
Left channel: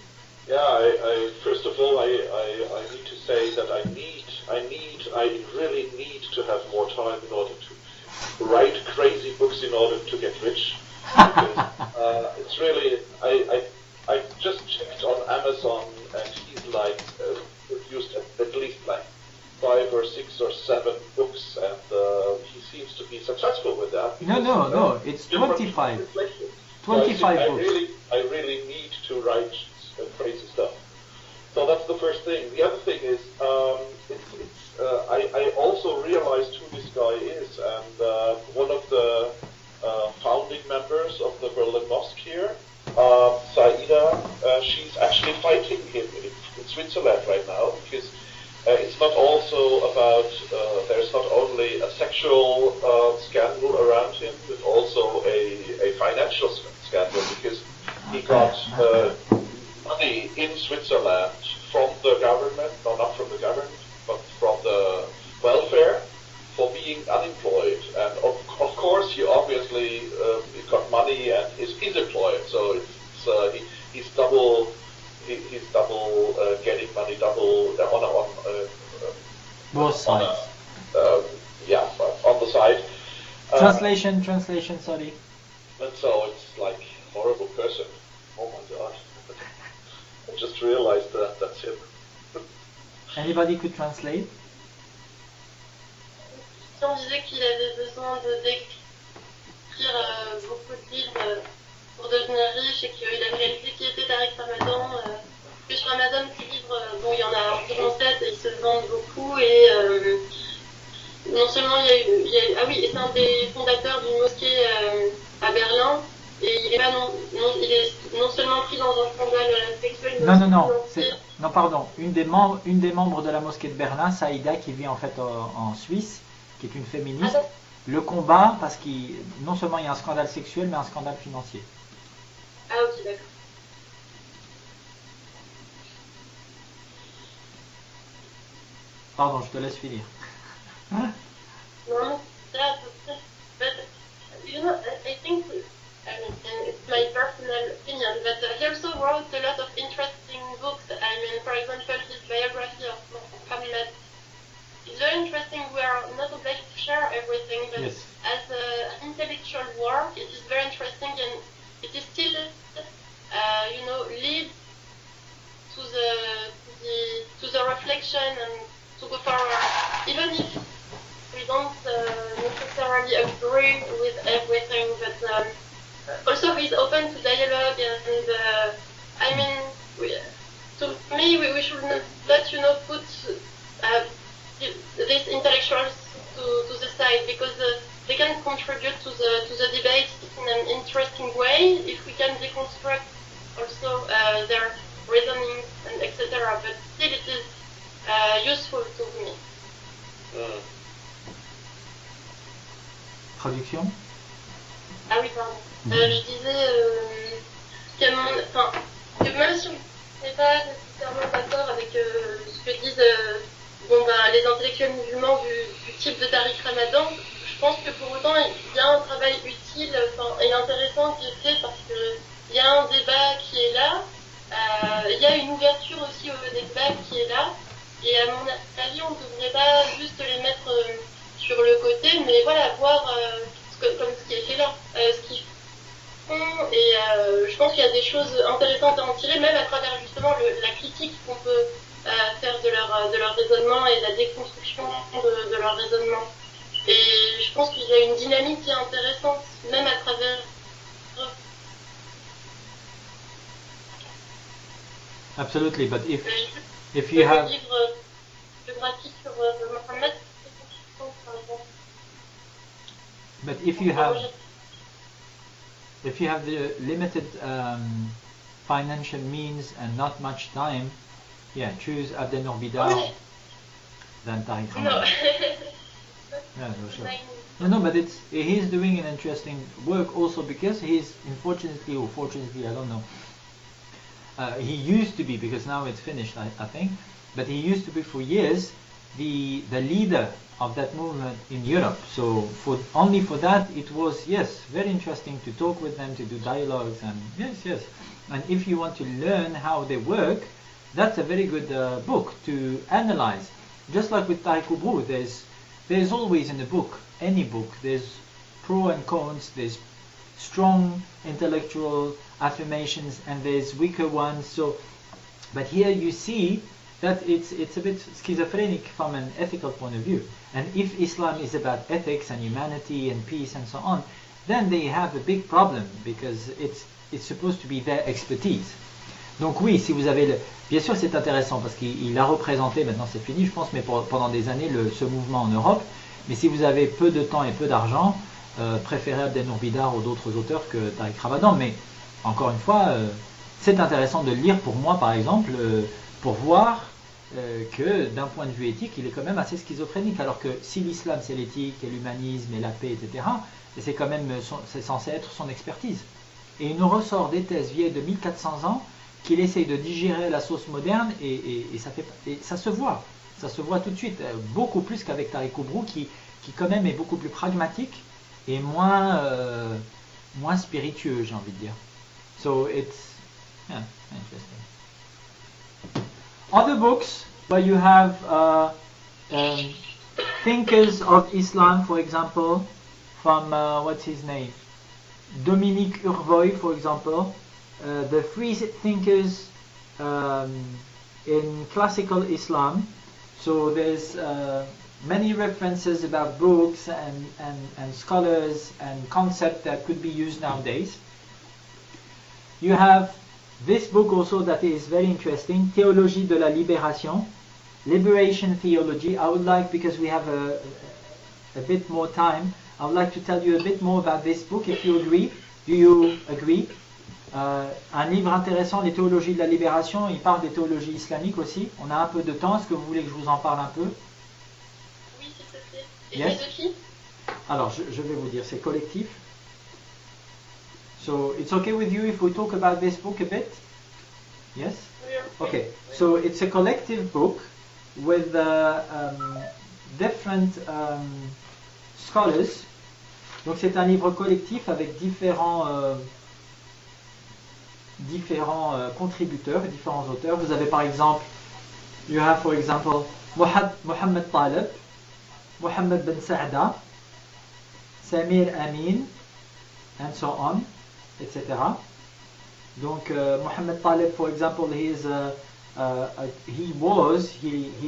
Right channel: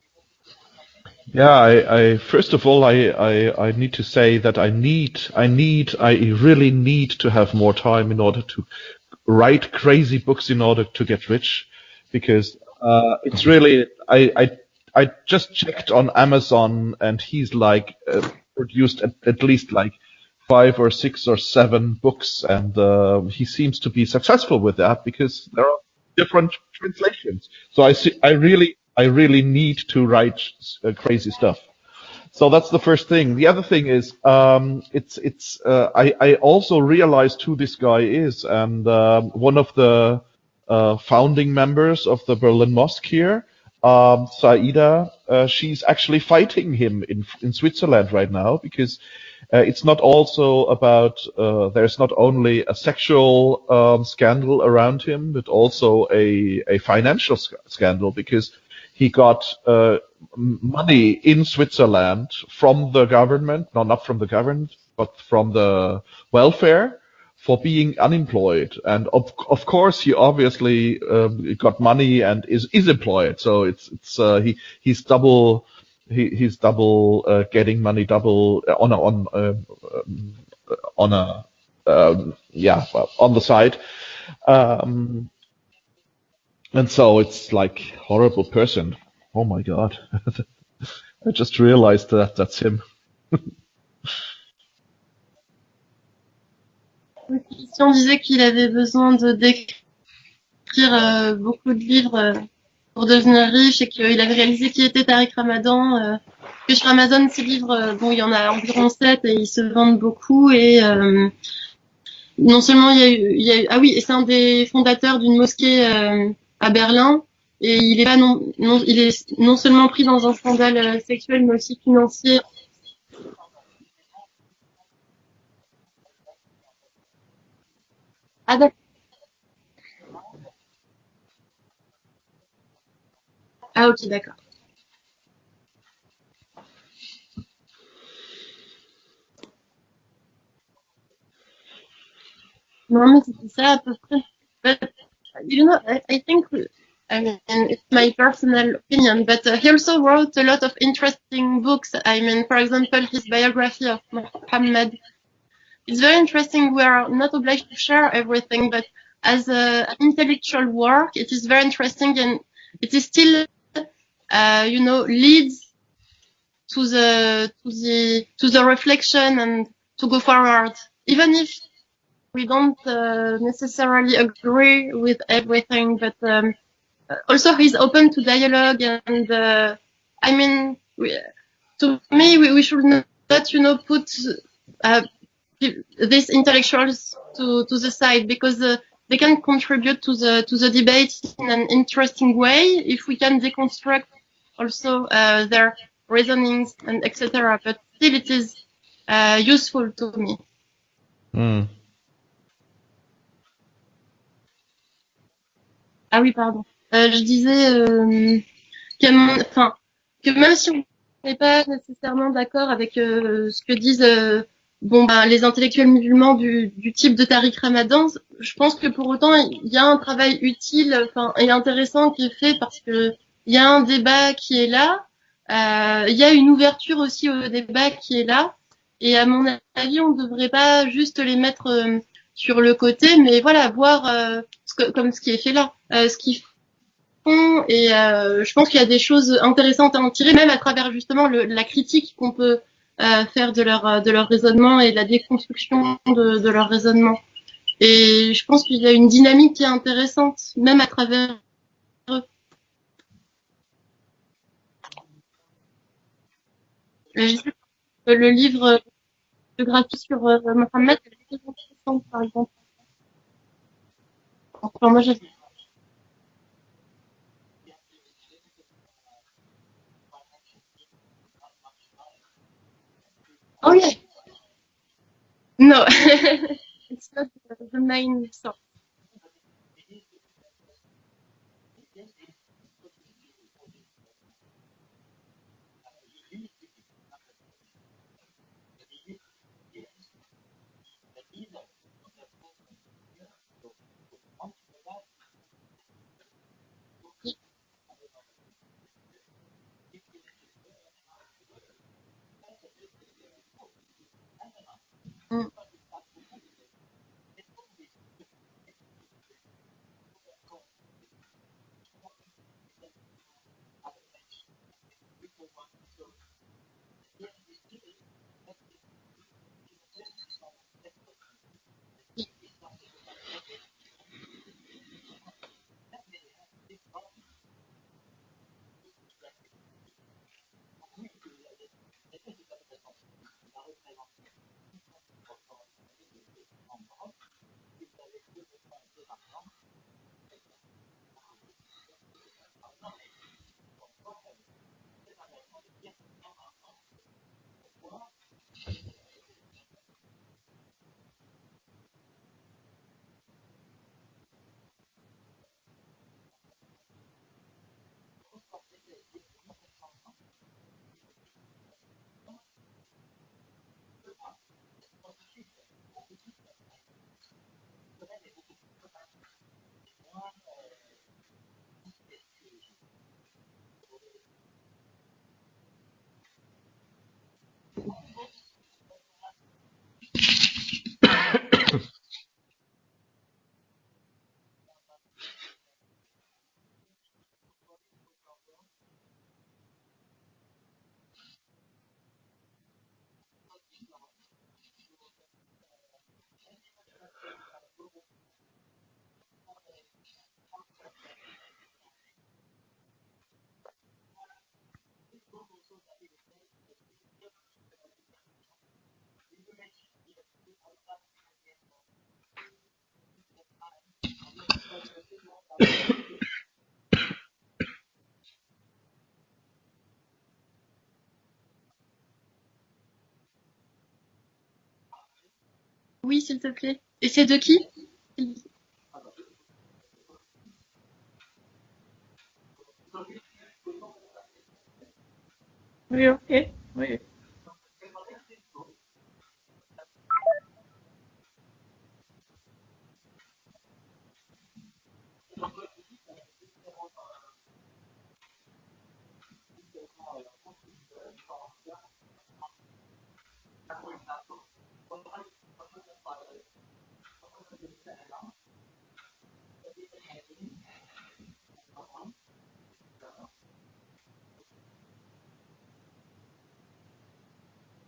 Yeah, I first of all, I need to say that I really need to have more time in order to write crazy books in order to get rich, because it's really, I just checked on Amazon and he's like produced at least like 5 or 6 or 7 books, and he seems to be successful with that because there are different. 25 books. So I really need to write crazy stuff. So that's the first thing. The other thing is, I also realized who this guy is, and one of the founding members of the Berlin Mosque here, Saida, she's actually fighting him in Switzerland right now, because it's not also about, there's not only a sexual scandal around him, it's also a financial scandal, because he got money in Switzerland from the government, no, not from the government, but from the welfare, for being unemployed. And of course he obviously got money and is employed, so he's double getting money, double on Both sides. on the side. Translation, sorry. And so it's like horrible person. Oh my god. I just realized that that's him. Anybody could translate? Si on disait qu'il avait besoin d'écrire beaucoup de livres pour devenir riche et qu'il avait réalisé qui était Tariq Ramadan, que sur Amazon, ces livres, bon, il y en a environ 7 et ils se vendent beaucoup, et non seulement il y a eu, ah oui, et c'est un des fondateurs d'une mosquée à Berlin, et il est pas il est non seulement pris dans un scandale sexuel, mais aussi financier. Une des membres de la mosquée de Berlin, Saïda, qui vit en fait en Suisse, qui est une féministe, le combat parce qu'il non seulement il y a un scandale sexuel, mais un scandale financier. Ah ok, d'accord. Pardon, je te laisse finir. Non, mais c'était ça à peu près. But, I think, it's my personal opinion, but he also wrote a lot of interesting books. I mean, for example, his biography of Muhammad. It's very interesting. We are not obliged to share everything, but as an intellectual work, it is very interesting, and it is still, leads to the reflection and to go forward, even if we don't necessarily agree with everything, but also he's open to dialogue, and I mean, to me, we should not, put these intellectuals to the side, because they can contribute to the debate in an interesting way if we can deconstruct also their reasonings and etc. But still, it is useful to me. Traduction. Ah oui, pardon. Je disais que même si on n'est pas nécessairement d'accord avec ce que disent les intellectuels musulmans du type de Tariq Ramadan, je pense que pour autant il y a un travail utile et intéressant qui est fait, parce qu'il y a un débat qui est là, il y a une ouverture aussi au débat qui est là. Et à mon avis, on ne devrait pas juste les mettre sur le côté, mais voilà, voir comme ce qui est fait là, ce qu'ils font. Et je pense qu'il y a des choses intéressantes à en tirer, même à travers justement la critique qu'on peut faire de leur raisonnement et la déconstruction de leur raisonnement. Et je pense qu'il y a une dynamique qui est intéressante, même à travers eux. Absolutely, but if you have... Le livre de graphique sur Mohammed, par exemple. But if you have... Enfin, moi, if you have the limited financial means and not much time, yeah, choose Abdel Nour Bidar Oh yeah. than Tariq Ramadan. No. No, but he's doing an interesting work also because he's, unfortunately or fortunately, I don't know, he used to be, because now it's finished, I think, but he used to be for years the leader of that movement in Europe. So only for that, it was, yes, very interesting to talk with them, to do dialogues, and yes. And if you want to learn how they work, that's a very good book to analyze. Just like with Tariq Oubrou, there's always in a book, any book, there's pro and cons, there's strong intellectual affirmations and there's weaker ones. So, but here you see that it's a bit schizophrenic from an ethical point of view. And if Islam is about ethics and humanity and peace and so on, then they have a big problem because it's supposed to be their expertise. Donc oui, si vous avez bien sûr c'est intéressant parce qu'il a représenté, maintenant c'est fini je pense, mais pendant des années ce mouvement en Europe. Mais si vous avez peu de temps et peu d'argent, préférez Abdel Nour Bidar ou d'autres auteurs que Tariq Ramadan. Mais encore une fois, c'est intéressant de le lire pour moi par exemple, pour voir que d'un point de vue éthique, il est quand même assez schizophrénique. Alors que si l'islam c'est l'éthique et l'humanisme et la paix, etc., c'est quand même c'est censé être son expertise. Et il nous ressort des thèses vieilles de 1400 ans qu'il essaye de digérer la sauce moderne et ça se voit. Ça se voit tout de suite, beaucoup plus qu'avec Tariq Oubrou qui quand même est beaucoup plus pragmatique et moins spiritueux, j'ai envie de dire. So it's interesting. Other books where you have thinkers of Islam, for example, from what's his name? Dominique Urvoy, for example, the free thinkers in classical Islam. So there's many references about books and scholars and concepts that could be used nowadays. You have this book also that is very interesting, Théologie de la Libération, Liberation Theology. I would like, because we have a bit more time, I would like to tell you a bit more about this book, if you agree. Do you agree? Un livre intéressant, les théologies de la libération, il parle des théologies islamiques aussi. On a un peu de temps, est-ce que vous voulez que je vous en parle un peu? Oui, s'il te plaît. Et c'est de qui? Alors, je vais vous dire, c'est collectif. So, it's okay with you if we talk about this book a bit? Yes? Okay, so it's a collective book with different scholars. Donc c'est un livre collectif avec différents contributeurs, différents auteurs. Vous avez par exemple, you have for example Mohammed Taleb, Mohammed Ben Saada, Samir Amin, and so on, etc. Donc Mohammed Taleb, for example, he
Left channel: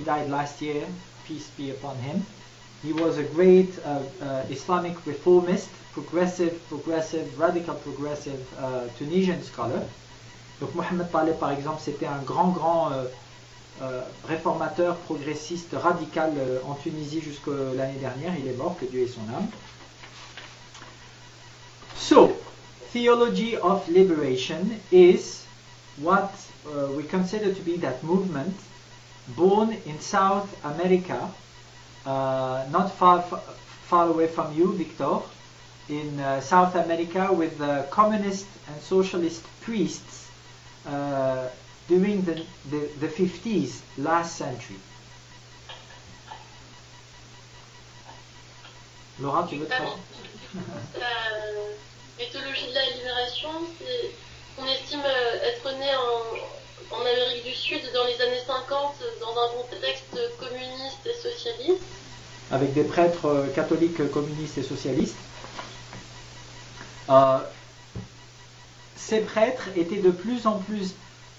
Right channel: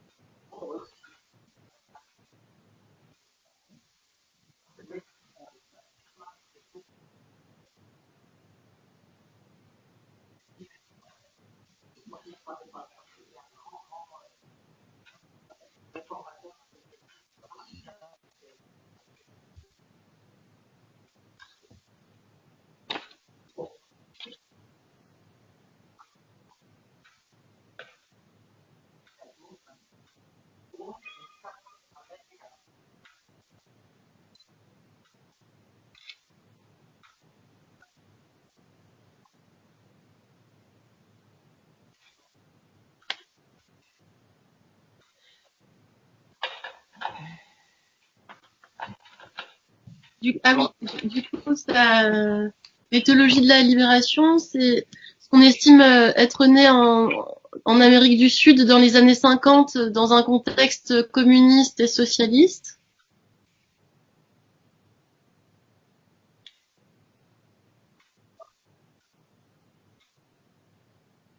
died last year, peace be upon him. He was a great Islamic reformist, progressive, radical progressive Tunisian scholar. Donc Mohammed Taleb, par exemple, c'était un grand réformateur, progressiste, radical en Tunisie jusqu'à l'année dernière. Il est mort, que Dieu ait son âme. So, Theology of Liberation is what we consider to be that movement born in South America, not far away from you, Victor, in South America, with communist and socialist priests during the 50s, last century. Laura, tu veux te l'éthologie de la libération, on estime être né en Amérique du Sud dans les années 50 dans un contexte communiste et socialiste. Avec des prêtres catholiques communistes et socialistes. Ces prêtres étaient de plus en plus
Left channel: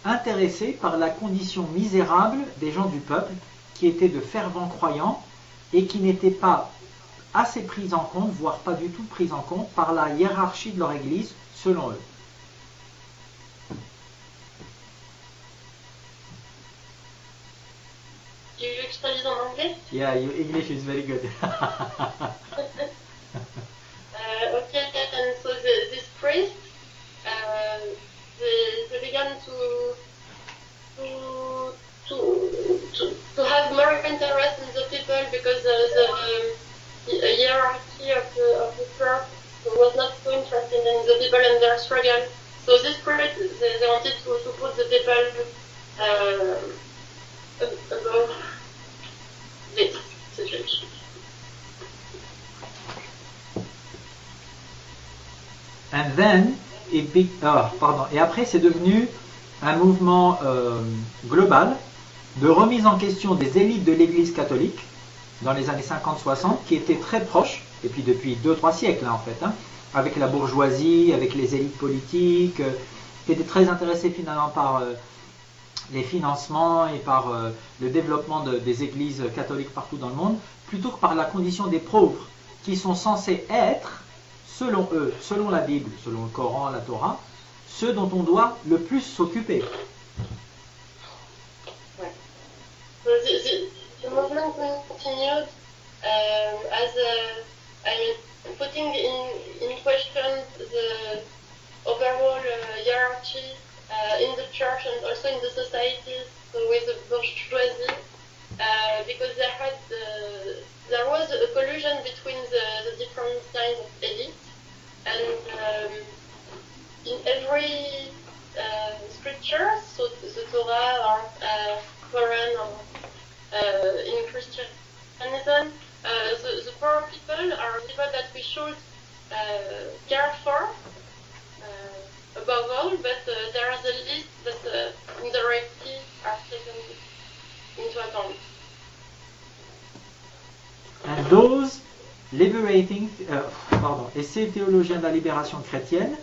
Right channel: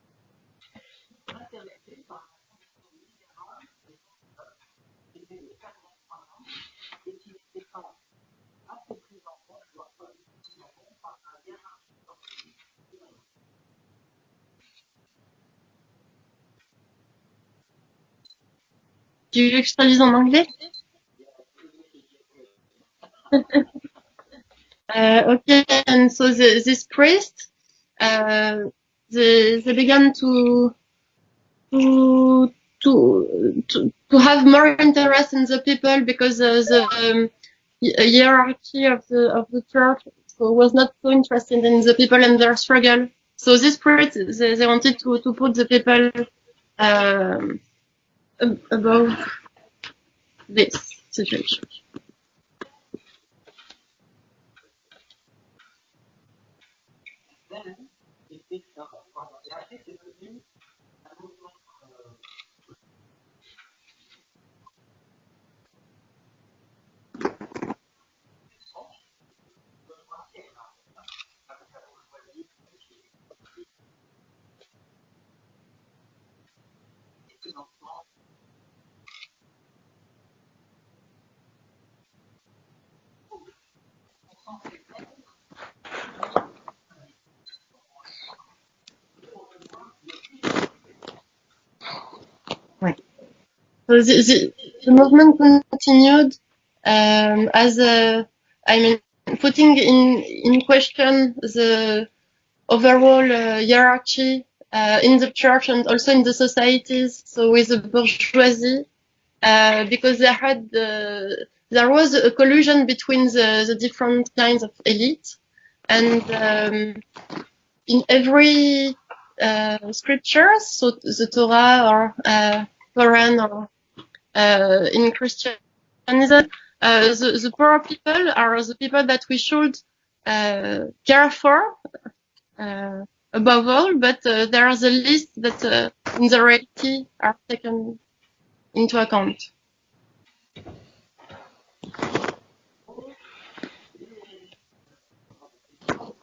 intéressés par la condition misérable des gens du peuple, qui étaient de fervents croyants et qui n'étaient pas assez pris en compte, voire pas du tout pris en compte, par la hiérarchie de leur église, selon eux. Tu veux que je traduise en anglais? English is very good. Okay, and so this priest, they began to have more interest in the people because the hierarchy of the church was not so interested in the people and their struggle. So this spirit, they wanted to put the people above this situation. And then, et après c'est devenu un mouvement global de remise en question des élites de l'Église catholique dans les années 50-60, qui étaient très proches, et puis depuis 2-3 siècles là, en fait, hein, avec la bourgeoisie, avec les élites politiques, qui étaient très intéressés finalement par les financements et par le développement des églises catholiques partout dans le monde, plutôt que par la condition des pauvres, qui sont censés être, selon eux, selon la Bible, selon le Coran, la Torah, ceux dont on doit le plus s'occuper. Right. So the movement continued as putting in question the overall hierarchy in the church and also in the societies. So with the bourgeoisie, because there was a collusion between the different kinds of elite, and in every scriptures, so the Torah or Quran or in Christian, and that the poor people are the people that we should care for above all, but there is a list that in the reality are taken into account. And those liberating, et ces théologiens de la libération chrétienne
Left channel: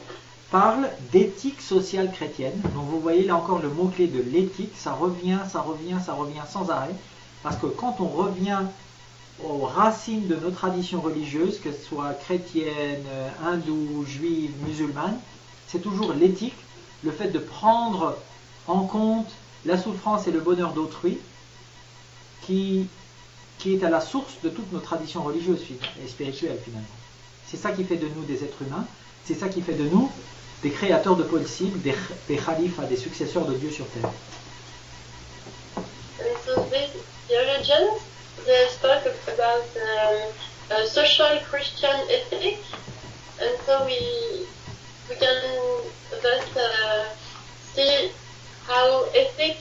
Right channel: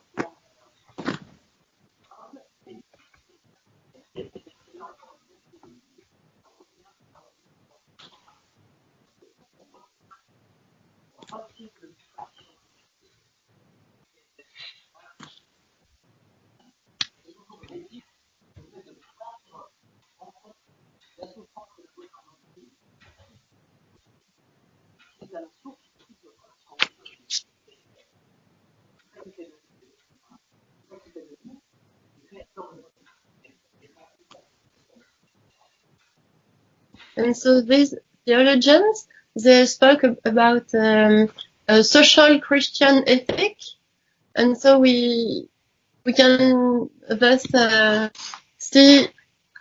parlent d'éthique sociale chrétienne. Donc vous voyez là encore le mot-clé de l'éthique, ça revient sans arrêt, parce que quand on revient aux racines de nos traditions religieuses, qu'elles soient chrétiennes, hindoues, juives, musulmanes, c'est toujours l'éthique, le fait de prendre en compte la souffrance et le bonheur d'autrui qui est à la source de toutes nos traditions religieuses et spirituelles finalement. C'est ça qui fait de nous des êtres humains, c'est ça qui fait de nous des créateurs de possibles, des khalifas, des successeurs de Dieu sur terre. And so these theologians, they spoke about a social Christian ethic, and so we can thus see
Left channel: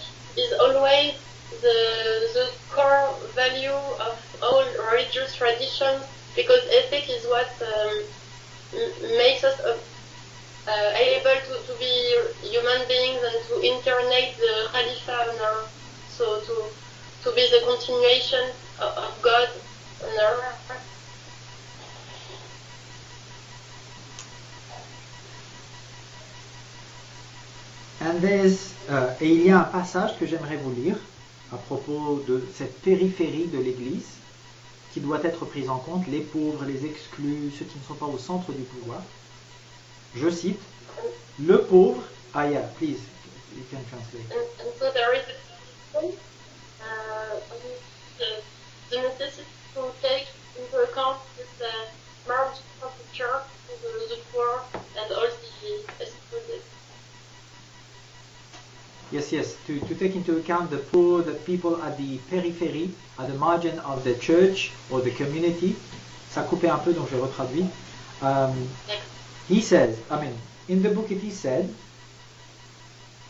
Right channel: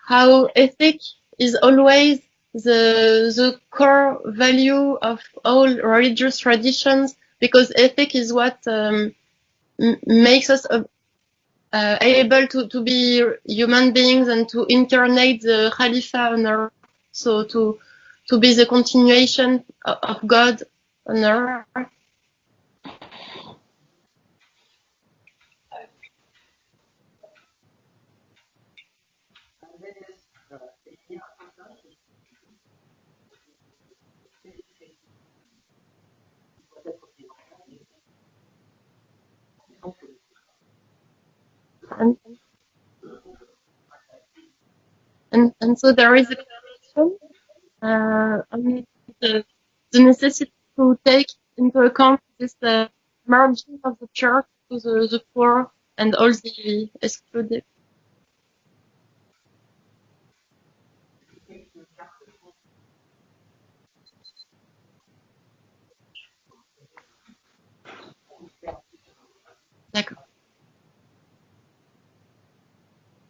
how ethic is always the core value of all religious traditions, because ethic is what makes us able to be human beings and to incarnate the Khalifa on earth, so to be the continuation of God on earth. And et il y a un passage que j'aimerais vous lire à propos de cette périphérie de l'Église qui doit être prise en compte, les pauvres, les exclus, ceux qui ne sont pas au centre du pouvoir. Je cite, le pauvre... Ah yeah, please, you can translate. And so there is the necessity to take into account this margin of the church to the poor and all the excluded. Yes, to take into account the poor, the people at the periphery, at the margin of the church or the community. Ça coupait un peu, donc je retraduis. He says, in the book it is said,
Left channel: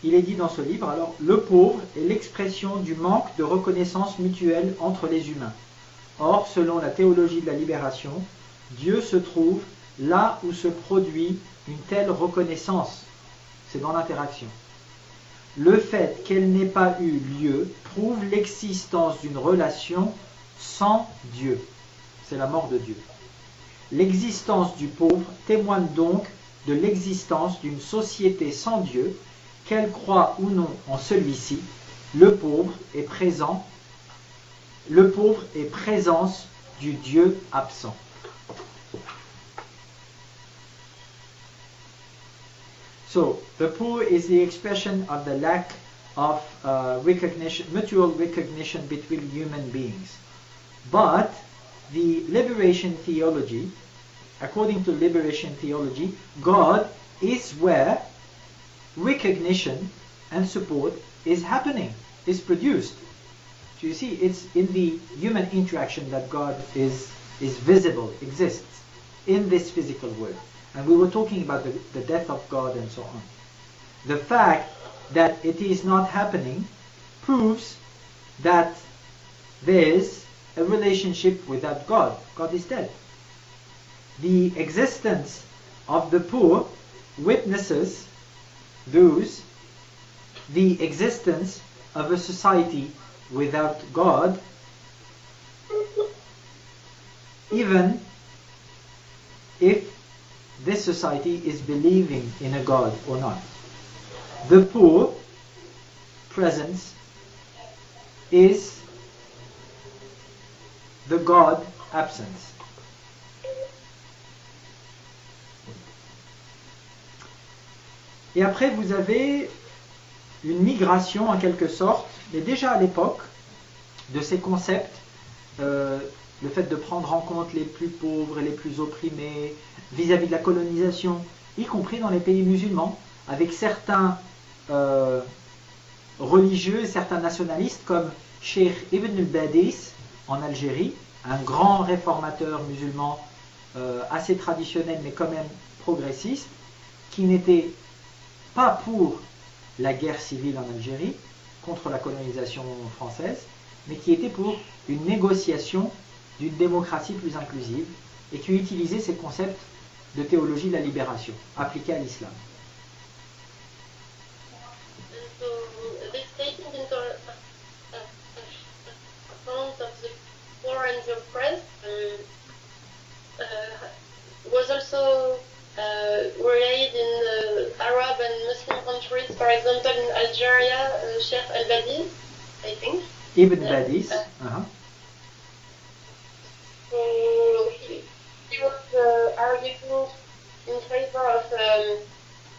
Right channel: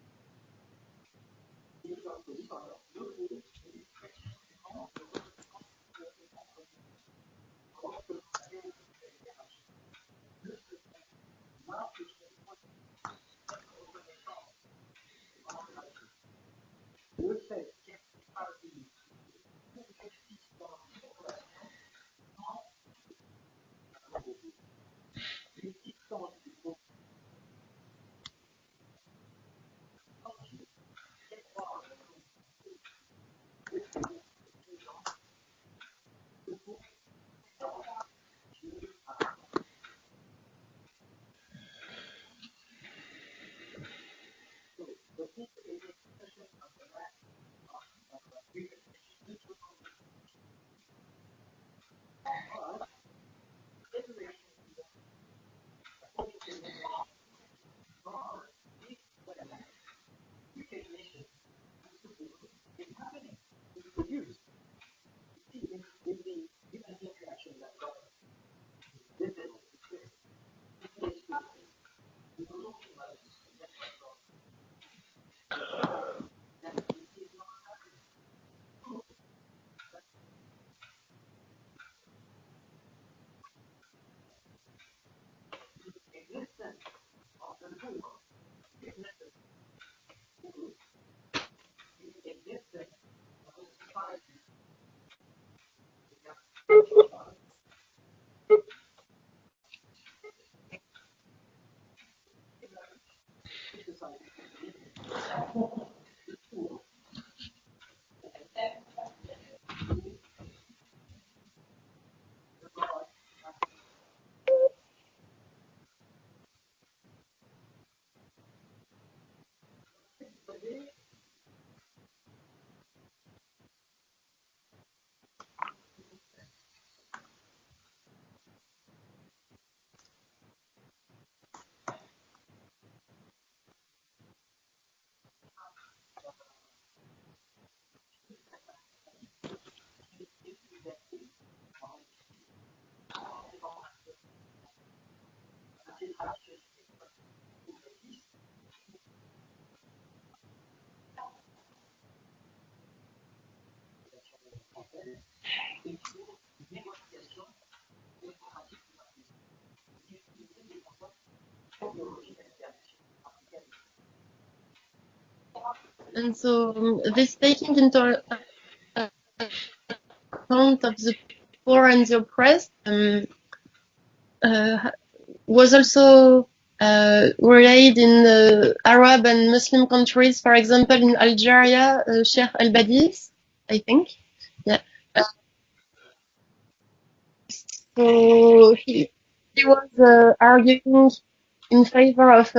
il est dit dans ce livre, alors, le pauvre est l'expression du manque de reconnaissance mutuelle entre les humains. Or, selon la théologie de la libération, Dieu se trouve là où se produit une telle reconnaissance. C'est dans l'interaction. Le fait qu'elle n'ait pas eu lieu prouve l'existence d'une relation sans Dieu. C'est la mort de Dieu. L'existence du pauvre témoigne donc de l'existence d'une société sans Dieu, qu'elle croit ou non en celui-ci. Le pauvre est présent. Le pauvre est présence du Dieu absent. So, the poor is the expression of the lack of mutual recognition between human beings. But the liberation theology according to liberation theology, God is where recognition and support is happening, is produced. So you see, it's in the human interaction that God is visible, exists in this physical world. And we were talking about the death of God and so on. The fact that it is not happening proves that there is a relationship without God. God is dead. The existence of the poor witnesses the existence of a society without God, even if this society is believing in a God or not. The poor presence is the God absence. Et après, vous avez une migration en quelque sorte, mais déjà à l'époque, de ces concepts, le fait de prendre en compte les plus pauvres et les plus opprimés vis-à-vis de la colonisation, y compris dans les pays musulmans, avec certains religieux et certains nationalistes comme Cheikh Ibn al-Badis en Algérie, un grand réformateur musulman assez traditionnel mais quand même progressiste, qui n'était pas pour la guerre civile en Algérie, contre la colonisation française, mais qui était pour une négociation d'une démocratie plus inclusive et qui utilisait ces concepts de théologie de la libération appliqués à l'islam. And so this taking into account of the poor and the oppressed was also relayed in Arab and Muslim countries, for example in Algeria, Sheikh al-Badis, Ibn I think. Badis, Yeah. So he was arguing in favor of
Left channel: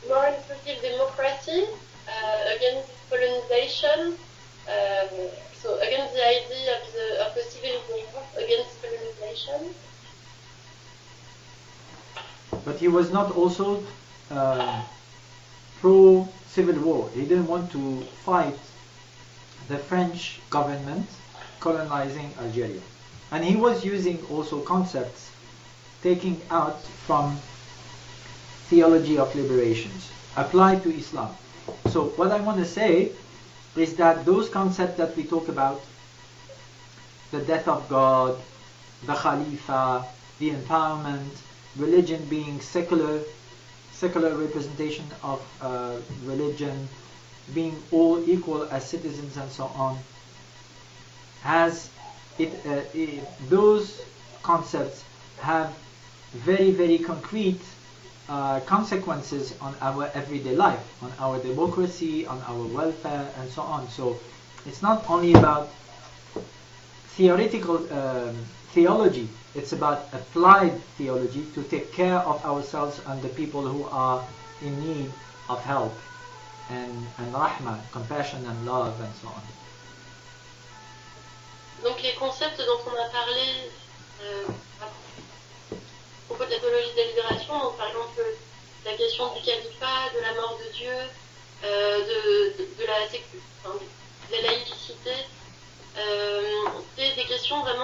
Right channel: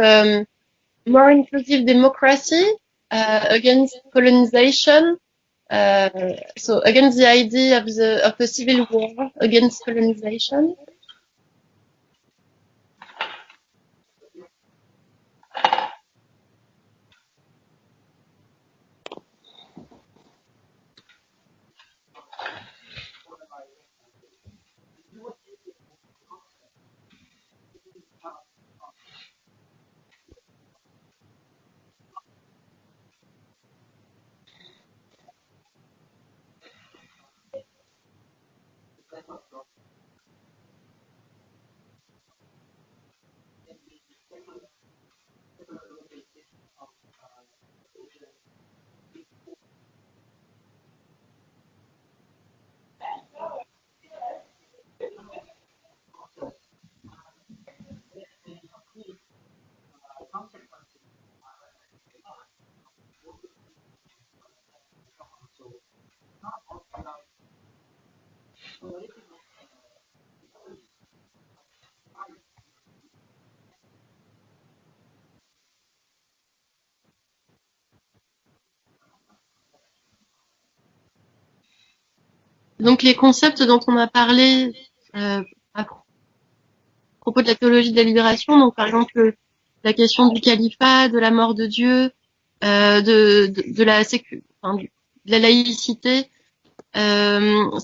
more inclusive democracy against colonization. So against the idea of a civil war against colonization. but he was not also pro-civil war. He didn't want to fight the French government colonizing Algeria. And he was using also concepts taking out from theology of liberations applied to Islam. So what I want to say is that those concepts that we talk about, the death of God, the Khalifa, the empowerment, religion being secular representation of religion, being all equal as citizens and so on, those concepts have very, very concrete consequences on our everyday life, on our democracy, on our welfare, and so on. So it's not only about theoretical theology, it's about applied theology to take care of ourselves and the people who are in need of help and rahmah, compassion and love and so on. Donc les concepts dont on a parlé à propos de la théologie de la libération, donc par exemple la question du califat, de la mort de Dieu, de la laïcité,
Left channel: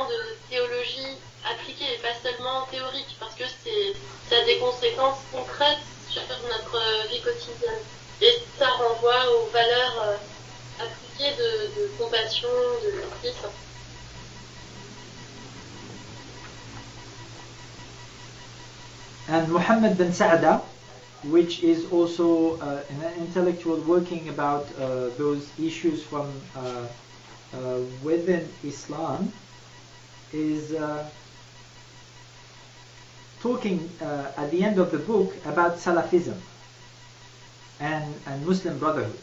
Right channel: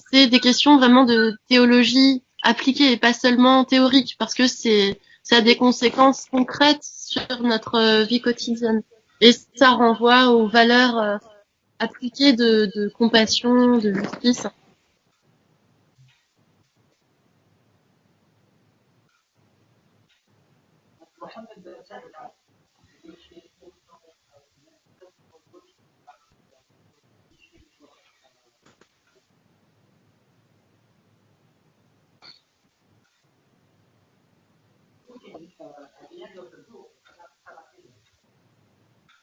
c'est des questions vraiment de théologie appliquée et pas seulement théorique, parce que ça a des conséquences concrètes sur notre vie quotidienne. Et ça renvoie aux valeurs appliquées de compassion, de justice. And Muhammad bin Sa'da, which is also an intellectual working about those issues from within Islam, is talking at the end of the book about Salafism and Muslim Brotherhood.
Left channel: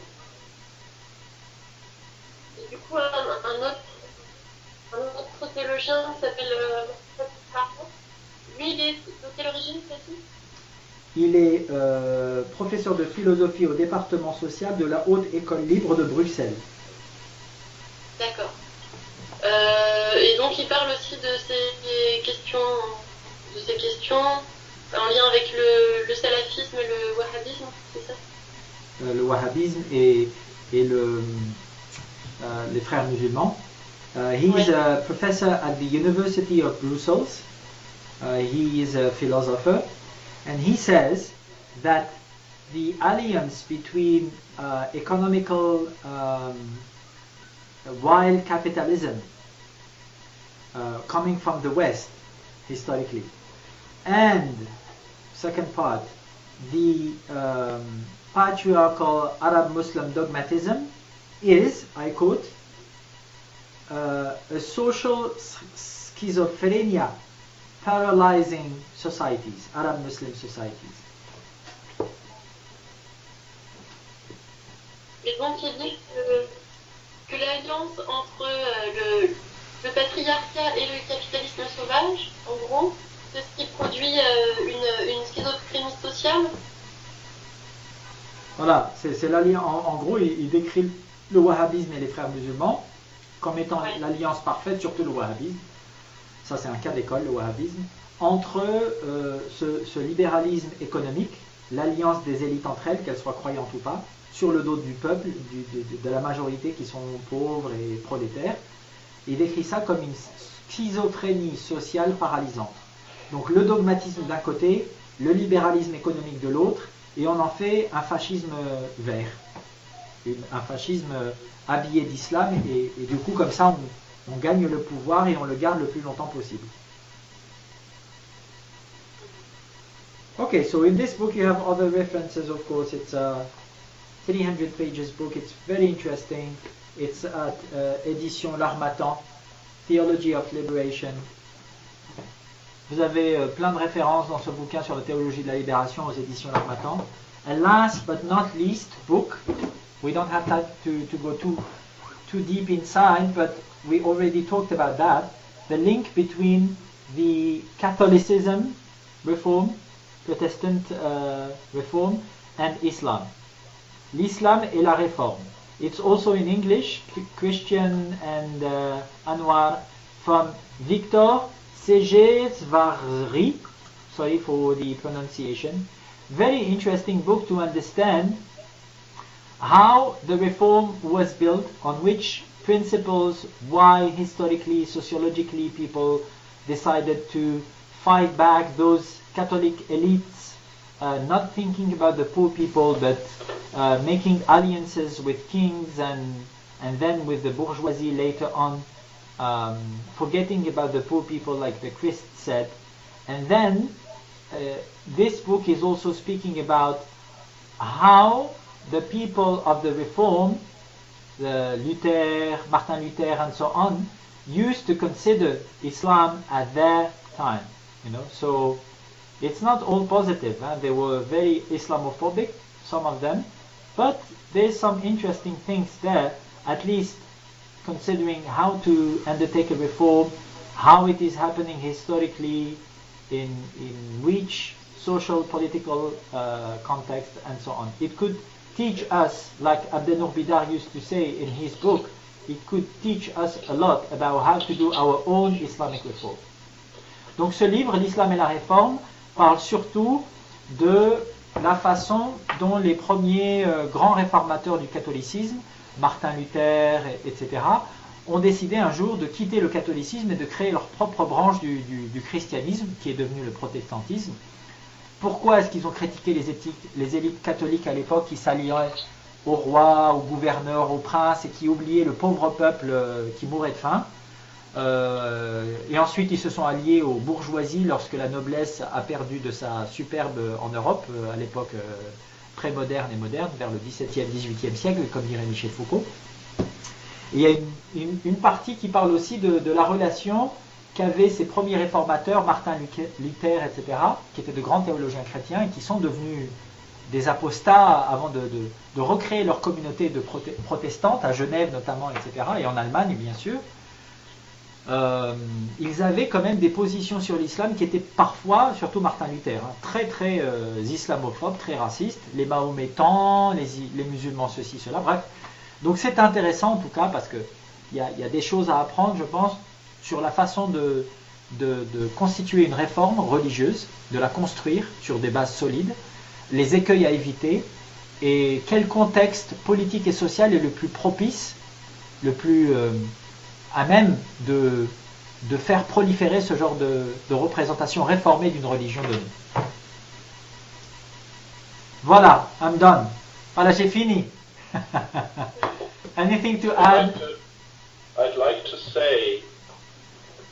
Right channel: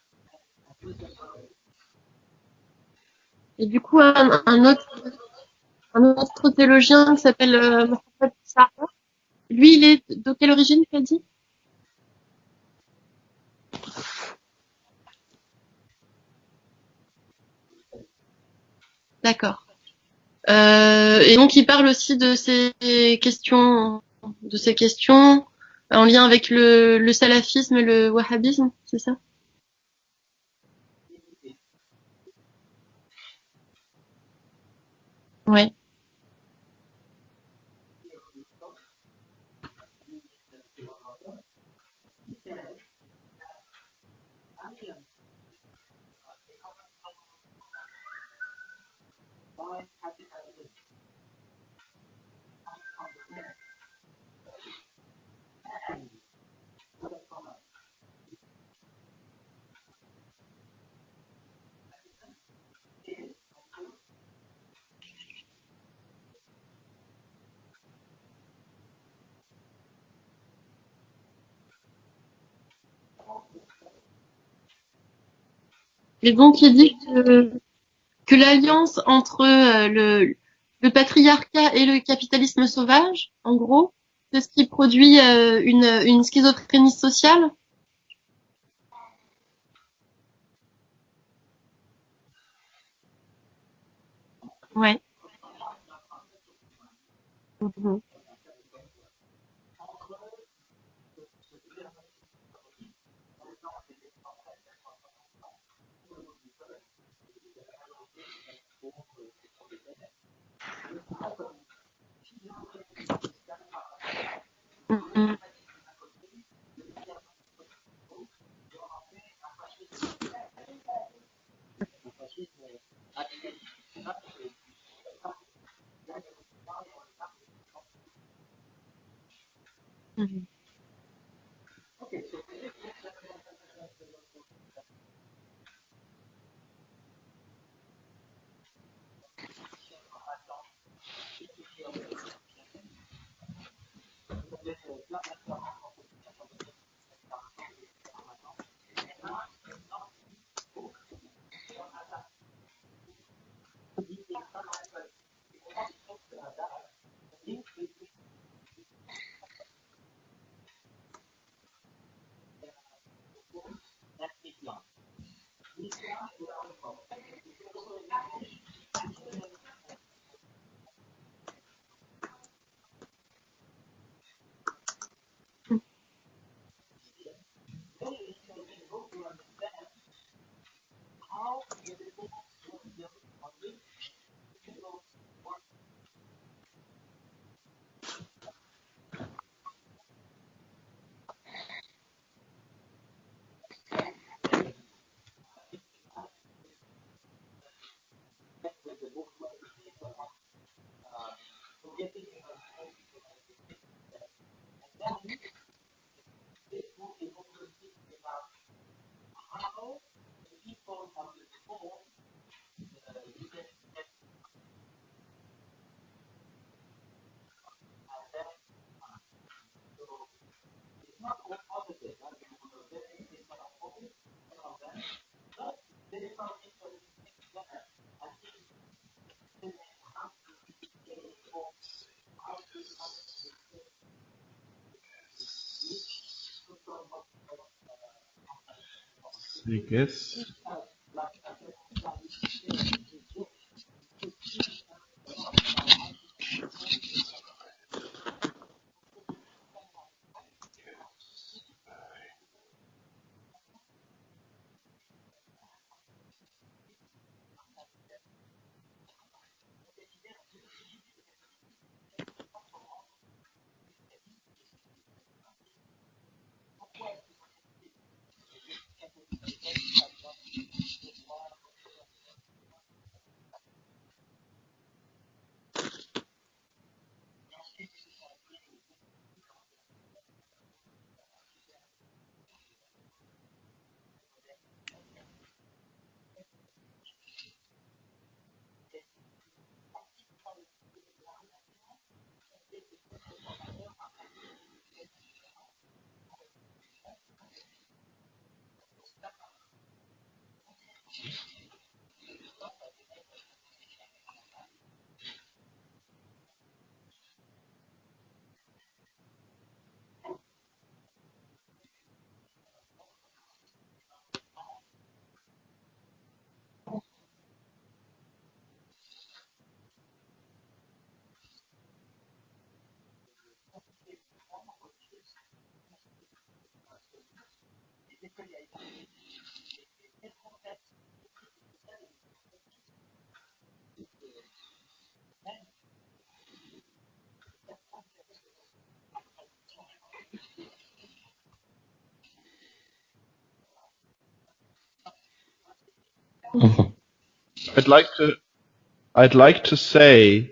Du coup, un autre théologien qui s'appelle Mohamed Sarr. Lui, il est de quelle origine, tu as dit? Il est professeur de philosophie au département social de la Haute École Libre de Bruxelles. D'accord. D'accord. Et donc il parle aussi de ces questions en lien avec le salafisme et le wahhabisme, c'est ça? Le wahhabisme et les frères musulmans. He's a professor Ouais. at the University of Brussels. He is a philosopher, and he says that the alliance between economical wild capitalism coming from the West historically, and second part, the patriarchal Arab-Muslim dogmatism is, I quote, a social schizophrenia paralyzing societies, Arab-Muslim societies. Et donc il dit que l'alliance entre le patriarcat et le capitalisme sauvage, en gros, c'est ce qui produit une schizophrénie sociale. Voilà, c'est l'alliance. En gros, il décrit le wahhabisme et les frères musulmans comme étant l'alliance parfaite, Ouais. surtout le wahhabisme. Ça, c'est un cas d'école, le wahhabisme. Entre ce libéralisme économique, l'alliance des élites entre elles, qu'elles soient croyantes ou pas, sur le dos du peuple, de la majorité qui sont pauvres et prolétaires. Il décrit ça comme une schizophrénie sociale paralysante. Donc le dogmatisme d'un côté, le libéralisme économique de l'autre, et on en fait un fascisme vert, un fascisme habillé d'islam, et du coup comme ça on gagne le pouvoir et on le garde le plus longtemps possible. Okay, so in this book you have other references, of course. It's a 300 pages book. It's very interesting. It's at édition L'Harmattan, Theology of Liberation. Vous avez plein de références dans ce bouquin sur la théologie de la libération aux éditions L'Harmattan. And last but not least book, we don't have time to go too deep inside, but we already talked about that, the link between the Catholicism reform, Protestant reform, and Islam. L'Islam et la réforme. It's also in English, Christian and Anwar, from Victor Segesvarri, sorry for the pronunciation. Very interesting book to understand how the reform was built, on which principles, why historically, sociologically people decided to fight back those Catholic elites, not thinking about the poor people, but making alliances with kings and then with the bourgeoisie later on, forgetting about the poor people like the Christ said. And then this book is also speaking about how the people of the Reform, Luther, Martin Luther and so on, used to consider Islam at their time. You know, so it's not all positive. They were very Islamophobic, some of them, but there's some interesting things there, at least considering how to undertake a reform, how it is happening historically, in which social, political context, and so on. It could teach us, like Abdelnour Bidar used to say in his book, it could teach us a lot about how to do our own Islamic reform. Donc ce livre, L'Islam et la Réforme, parle surtout de la façon dont les premiers grands réformateurs du catholicisme, Martin Luther, etc., ont décidé un jour de quitter le catholicisme et de créer leur propre branche du christianisme, qui est devenu le protestantisme. Pourquoi est-ce qu'ils ont critiqué les élites catholiques à l'époque qui s'alliaient au roi, au gouverneur, au prince et qui oubliaient le pauvre peuple qui mourait de faim? Et ensuite ils se sont alliés aux bourgeoisies lorsque la noblesse a perdu de sa superbe en Europe, à l'époque très moderne et moderne, vers le XVIIe, XVIIIe siècle, comme dirait Michel Foucault. Et il y a une partie qui parle aussi de la relation qu'avaient ces premiers réformateurs, Martin Luther, etc., qui étaient de grands théologiens chrétiens et qui sont devenus des apostats avant de recréer leur communauté de protestantes, à Genève notamment, etc., et en Allemagne bien sûr. Ils avaient quand même des positions sur l'islam qui étaient parfois, surtout Martin Luther, très très islamophobes, très racistes, les mahométans, les musulmans, ceci, cela, bref. Donc c'est intéressant en tout cas parce que il y a des choses à apprendre, je pense, sur la façon de constituer une réforme religieuse, de la construire sur des bases solides, les écueils à éviter, et quel contexte politique et social est le plus propice, le plus à même de faire proliférer ce genre de représentation réformée d'une religion donnée. Voilà, I'm done. Voilà, j'ai fini. Anything to add? I'd like to say,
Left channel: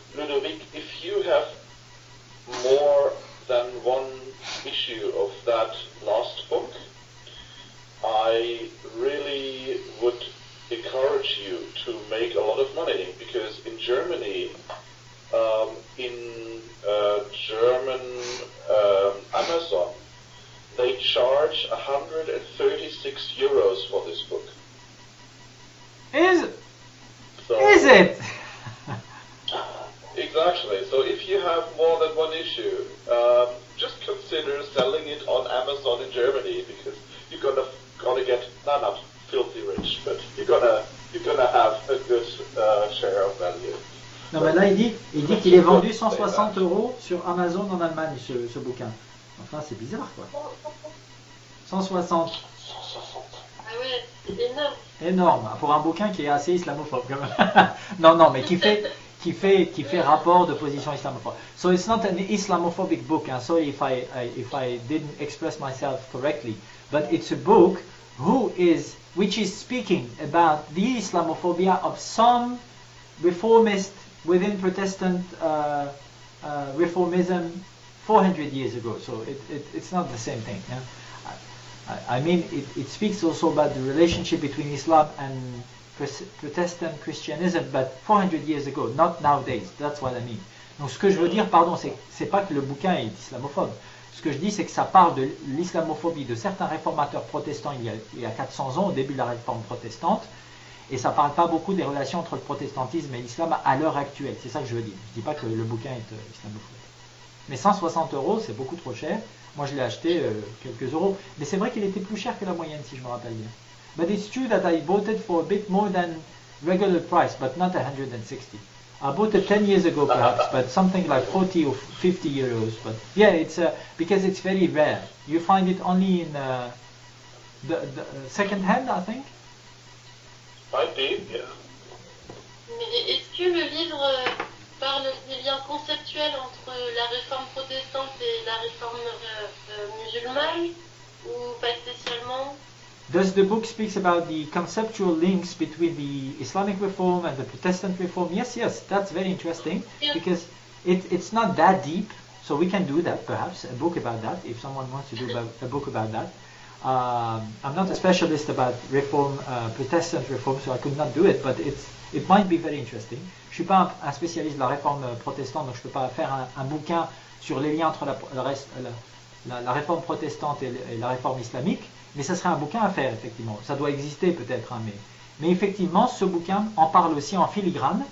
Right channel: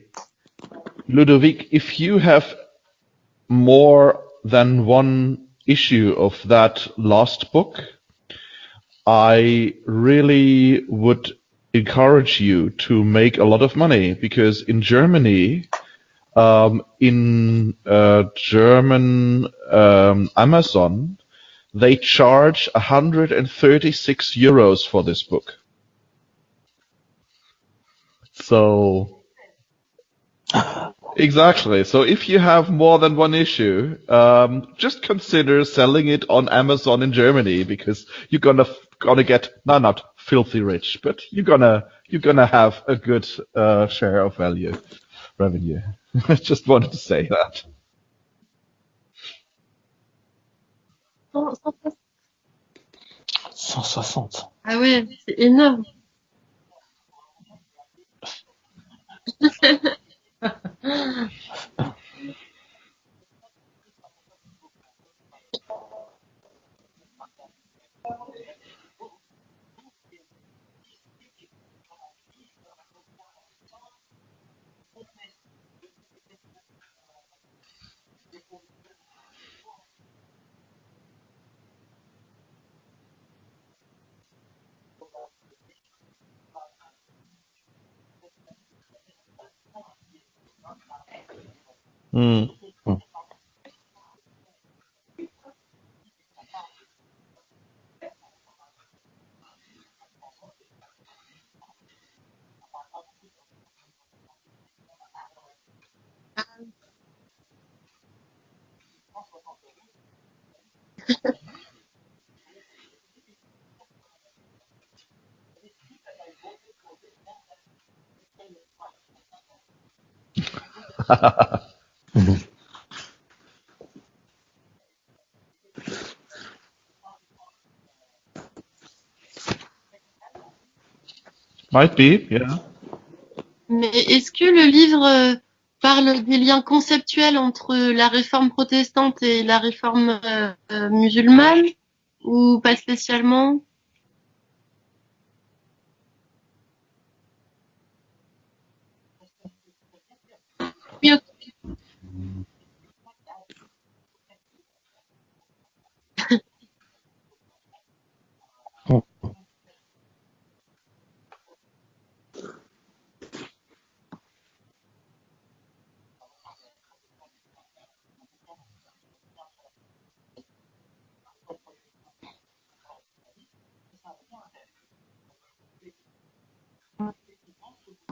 Ludovic, if you have more than one issue of that last book, I really would encourage you to make a lot of money, because in Germany, German Amazon, they charge 136 euros for this book. Is it? So exactly. So if you have more than one issue, just consider selling it on Amazon in Germany, because you're gonna get not filthy rich, but you're gonna have a good share of Non, mais là, value. il dit qu'il est vendu 160 Just euros wanted to say sur that. Amazon en Allemagne, ce bouquin. Enfin, c'est bizarre, quoi. 160. 160. Ah ouais, Énorme. c'est Pour un énorme. bouquin qui est assez islamophobe, quand même. non, mais qui fait rapport de position islamophobe. So it's not an Islamophobic book. I'm sorry if I didn't express myself correctly, but it's a book which is speaking about the Islamophobia of some reformist within Protestant reformism 400 years ago. So it's not the same thing. Yeah? I mean, it speaks also about the relationship between Islam and Protestant Christianism, but 400 years ago, not nowadays. That's what I mean. Donc ce que je veux dire, pardon, c'est pas que le bouquin est islamophobe. Ce que je dis, c'est que ça parle de l'islamophobie de certains réformateurs protestants il y a 400 ans, au début de la réforme protestante, et ça parle pas beaucoup des relations entre le protestantisme et l'islam à l'heure actuelle. C'est ça que je veux dire. Je dis pas que le bouquin est islamophobe. Mais 160 euros, c'est beaucoup trop cher. Moi, je l'ai acheté quelques euros. Mais c'est vrai qu'il était plus cher que la moyenne, si je me rappelle bien. But it's true that I bought it for a bit more than regular price, but not 160. I bought it 10 years ago, perhaps, but something like 40 or 50 euros. But yeah, it's because it's very rare. You find it only in the second hand, I think. Might be, yeah. Mais est-ce que le livre parle des liens conceptuels entre la réforme protestante et la réforme musulmane, ou pas Yes, the spécialement? book speaks about the conceptual links between the Islamic reform and the Protestant reform. Yes, that's very interesting because it's not that deep. So we can do that, perhaps, a book about that, if someone wants to do a book about that. I'm not a specialist about reform, Protestant reform, so I could not do it, but it might be very interesting. Je suis pas un spécialiste de la réforme protestante, donc je peux pas faire un bouquin sur les liens entre la réforme protestante et la réforme islamique, mais ça serait un bouquin à faire, effectivement. Ça doit exister peut-être, hein, mais effectivement, ce bouquin en parle aussi en filigrane,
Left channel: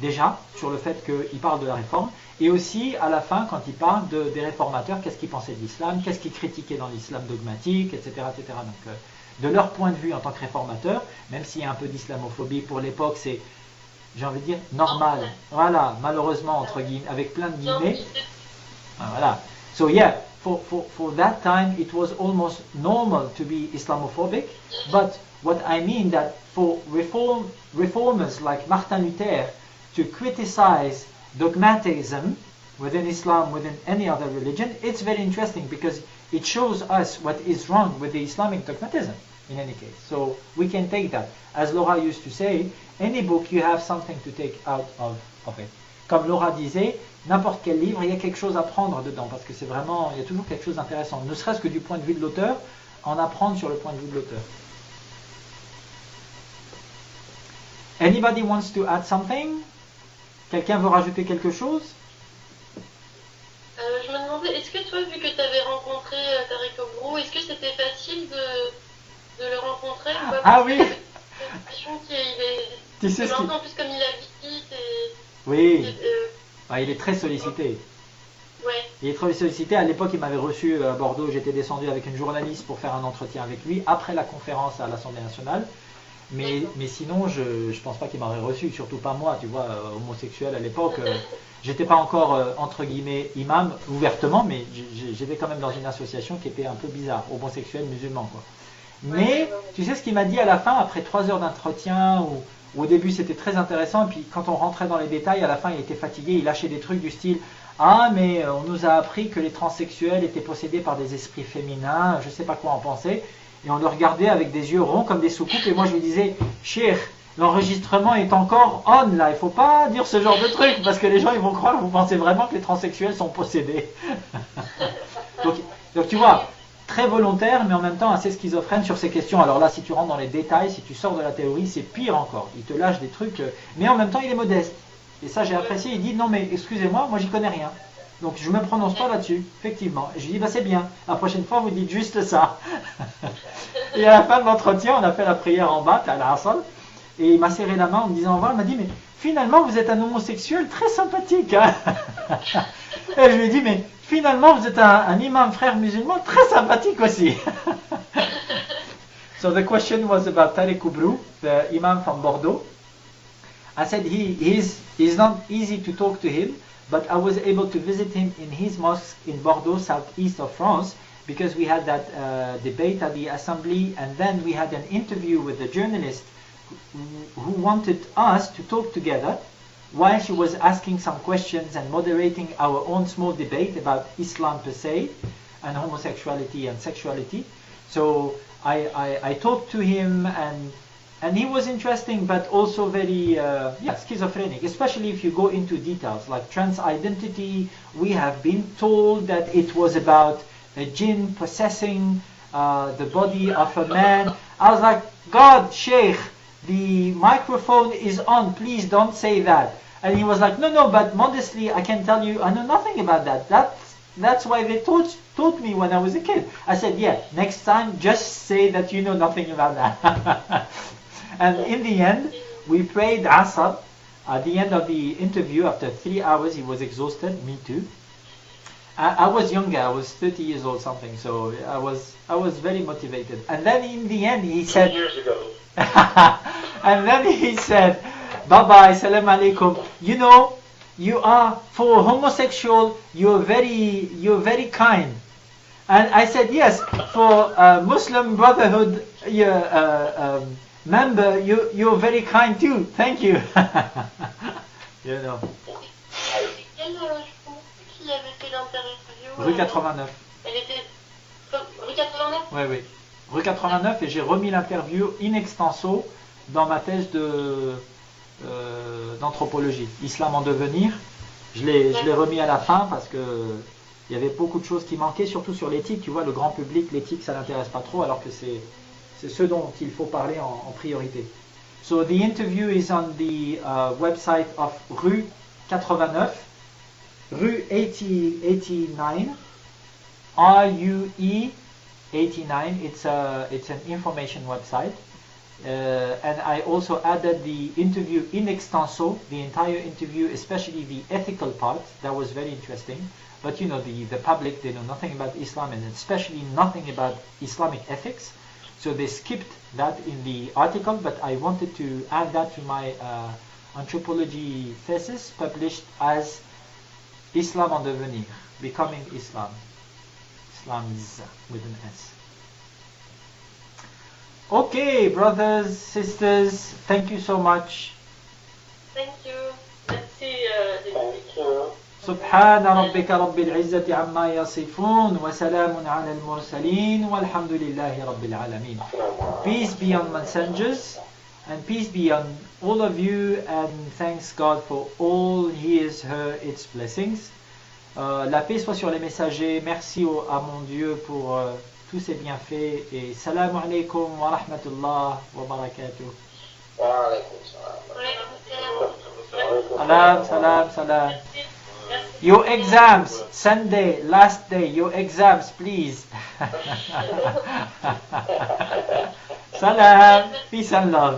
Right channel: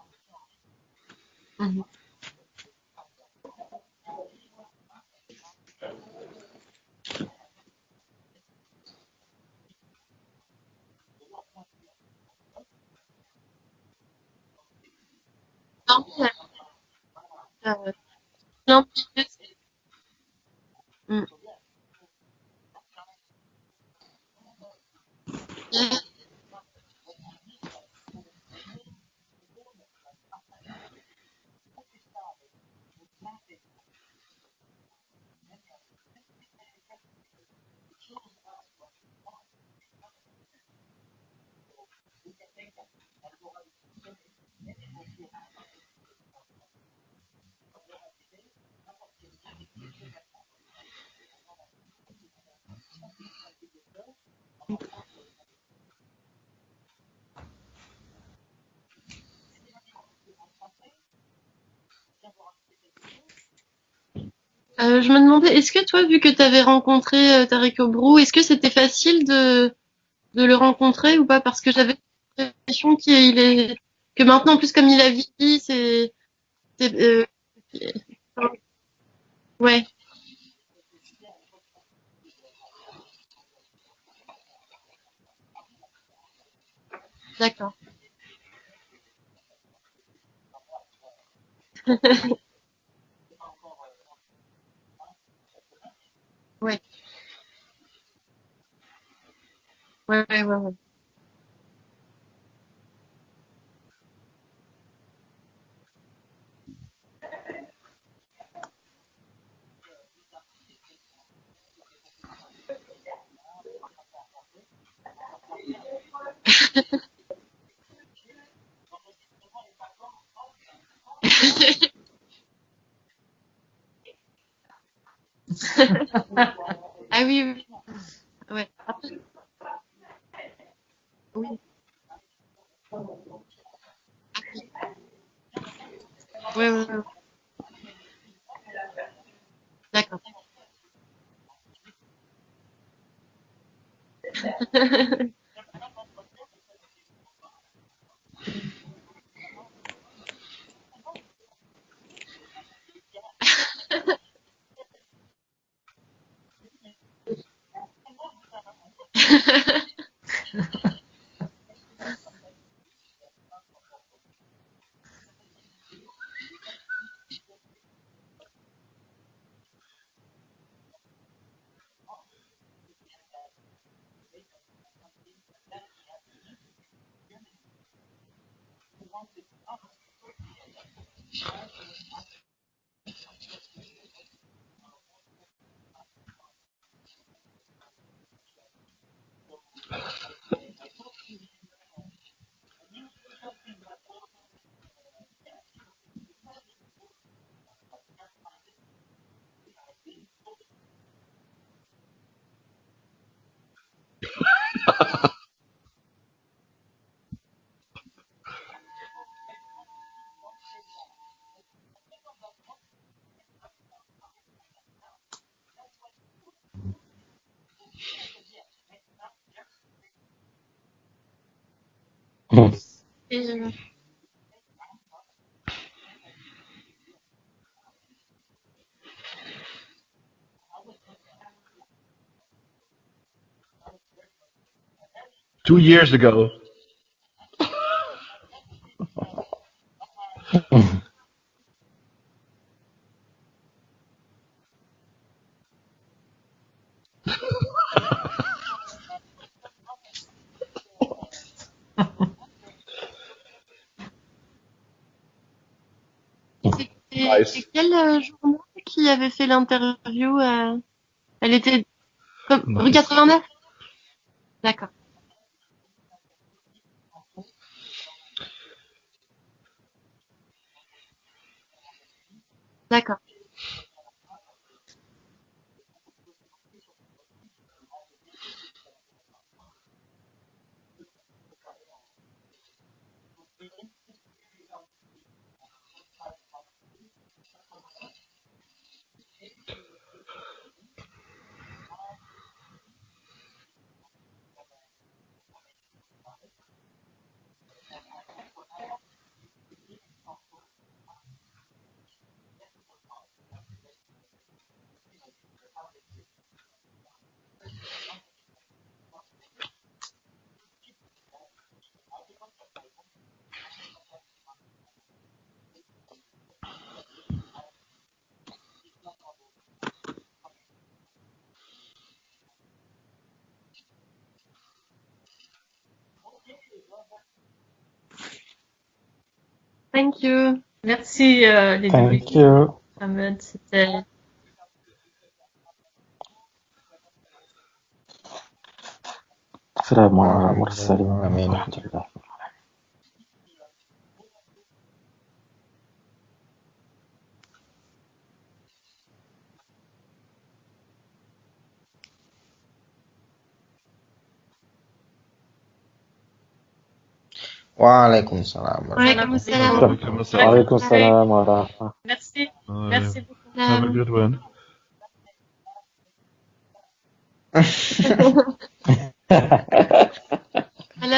déjà, sur le fait qu'il parle de la réforme, et aussi à la fin, quand il parle des réformateurs, qu'est-ce qu'ils pensaient de l'islam, qu'est-ce qu'ils critiquaient dans l'islam dogmatique, etc. etc. Donc, de leur point de vue en tant que réformateurs, même s'il y a un peu d'islamophobie pour l'époque, c'est, j'ai envie de dire, normal. Voilà, malheureusement, entre guillemets, avec plein de guillemets. Voilà. So yeah, for that time, it was almost normal to be Islamophobic, but what I mean that for reformers like Martin Luther to criticize dogmatism within Islam, within any other religion, it's very interesting because it shows us what is wrong with the Islamic dogmatism in any case. So we can take that. As Laura used to say, any book you have something to take out of it. Comme Laura disait, n'importe quel livre, il y a quelque chose à prendre dedans parce que c'est vraiment, il y a toujours quelque chose d'intéressant, ne serait-ce que du point de vue de l'auteur, en apprendre sur le point de vue de l'auteur. Anybody wants to add something? Quelqu'un veut rajouter quelque chose? Je me demandais, est-ce que toi, vu que tu avais rencontré Tarek Obrou, est-ce que c'était facile de le rencontrer ou pas? Parce que j'avais l'impression que maintenant, plus comme il a vieilli, oui. Il est très sollicité. Il est très sollicité. Ouais. À l'époque, il m'avait reçu à Bordeaux. J'étais descendu avec une journaliste pour faire un entretien avec lui après la conférence à l'Assemblée nationale. Mais sinon, je D'accord. pense pas qu'il m'aurait reçu, surtout pas moi, tu vois, homosexuel à l'époque. J'étais pas encore, entre guillemets, imam ouvertement, mais j'étais quand même dans une association qui était un Ouais. peu bizarre, homosexuel, musulman, quoi. Mais tu sais ce qu'il m'a dit à la fin, après 3 heures d'entretien, où au début c'était très intéressant, et puis quand on rentrait dans les détails, à la fin il était fatigué, il lâchait des trucs du style ah mais on nous a appris que les transsexuels étaient possédés par des esprits féminins, je sais pas quoi en penser, et on le regardait avec des yeux ronds comme des soucoupes, et moi je lui disais Cheikh, l'enregistrement est encore on là, il faut pas dire ce genre de truc, parce que les gens ils vont croire que vous pensez vraiment que les transsexuels sont possédés. Donc tu vois, très volontaire, mais en même temps assez schizophrène sur ces questions. Alors là, si tu rentres dans les détails, si tu sors de la théorie, c'est pire encore. Il te lâche des trucs, mais en même temps, il est modeste. Et ça, j'ai apprécié. Il dit non, mais excusez-moi, moi, j'y connais rien. Donc je me prononce pas là-dessus, effectivement. Je lui dis bah c'est bien. La prochaine fois, vous dites juste ça. Et à la fin de l'entretien, on a fait la prière en bas, à l'Asr, et il m'a serré la main en me disant au revoir. Il m'a dit mais finalement, vous êtes un homosexuel très sympathique. Hein. Et je lui ai dit, mais finalement, vous êtes un imam frère musulman très sympathique aussi. So the question was about Tariq Kubru, the imam from Bordeaux. I said he's not easy to talk to him, but I was able to visit him in his mosque in Bordeaux, southeast of France, because we had that debate at the assembly, and then we had an interview with the journalist who wanted us to talk together while she was asking some questions and moderating our own small debate about Islam per se and homosexuality and sexuality. So I talked to him, and he was interesting but also very schizophrenic, especially if you go into details like trans identity. We have been told that it was about a jinn possessing the body of a man. I was like, God, Sheikh, the microphone is on, please don't say that. And he was like, no, but modestly, I can tell you, I know nothing about that. That's why they taught me when I was a kid. I said, yeah, next time, just say that you know nothing about that. And in the end, we prayed Asr. At the end of the interview, after 3 hours, he was exhausted, me too. I was younger, I was 30 years old something, so I was very motivated. And then in the end, he said... 2 years ago. And then he said... Bye-bye, salam alaikum. You know, you are, for homosexual, you're very kind. And I said, yes, for Muslim Brotherhood member, you're very kind too. Thank you. You know. Et quelle qui avait fait Rue l'interview Elle était Oui. rue 89. Rue 89, et j'ai remis l'interview in extenso dans ma thèse d'anthropologie, Islam en devenir. Je l'ai remis à la fin parce que il y avait beaucoup de choses qui manquaient, surtout sur l'éthique. Tu vois, le grand public, l'éthique, ça l'intéresse pas trop, alors que c'est ce dont il faut parler en priorité. So the interview is on the website of Rue 89, Rue 89, RUE 89. It's an information website. And I also added the interview in extenso, the entire interview, especially the ethical part. That was very interesting. But you know, the public, they know nothing about Islam, and especially nothing about Islamic ethics. So they skipped that in the article, but I wanted to add that to my anthropology thesis, published as Islam en devenir, Becoming Islam. Islams with an S. Okay, brothers, sisters, thank you so much. Thank you. Merci les deux. سبحان ربك رب العزة عما يصفون وسلام على المرسلين والحمد لله رب العالمين. Peace be on messengers, and peace be on all of you, and thanks God for all His, her, its blessings. La paix soit sur les messagers. Merci à mon Dieu pour tous ses bienfaits, et salam alaikum wa rahmatullah wa barakatuh. Wa alaykum salam. Alaykum salam wa rahmatullah. Your exams, Sunday, last day, your exams, please. Salam, peace and love.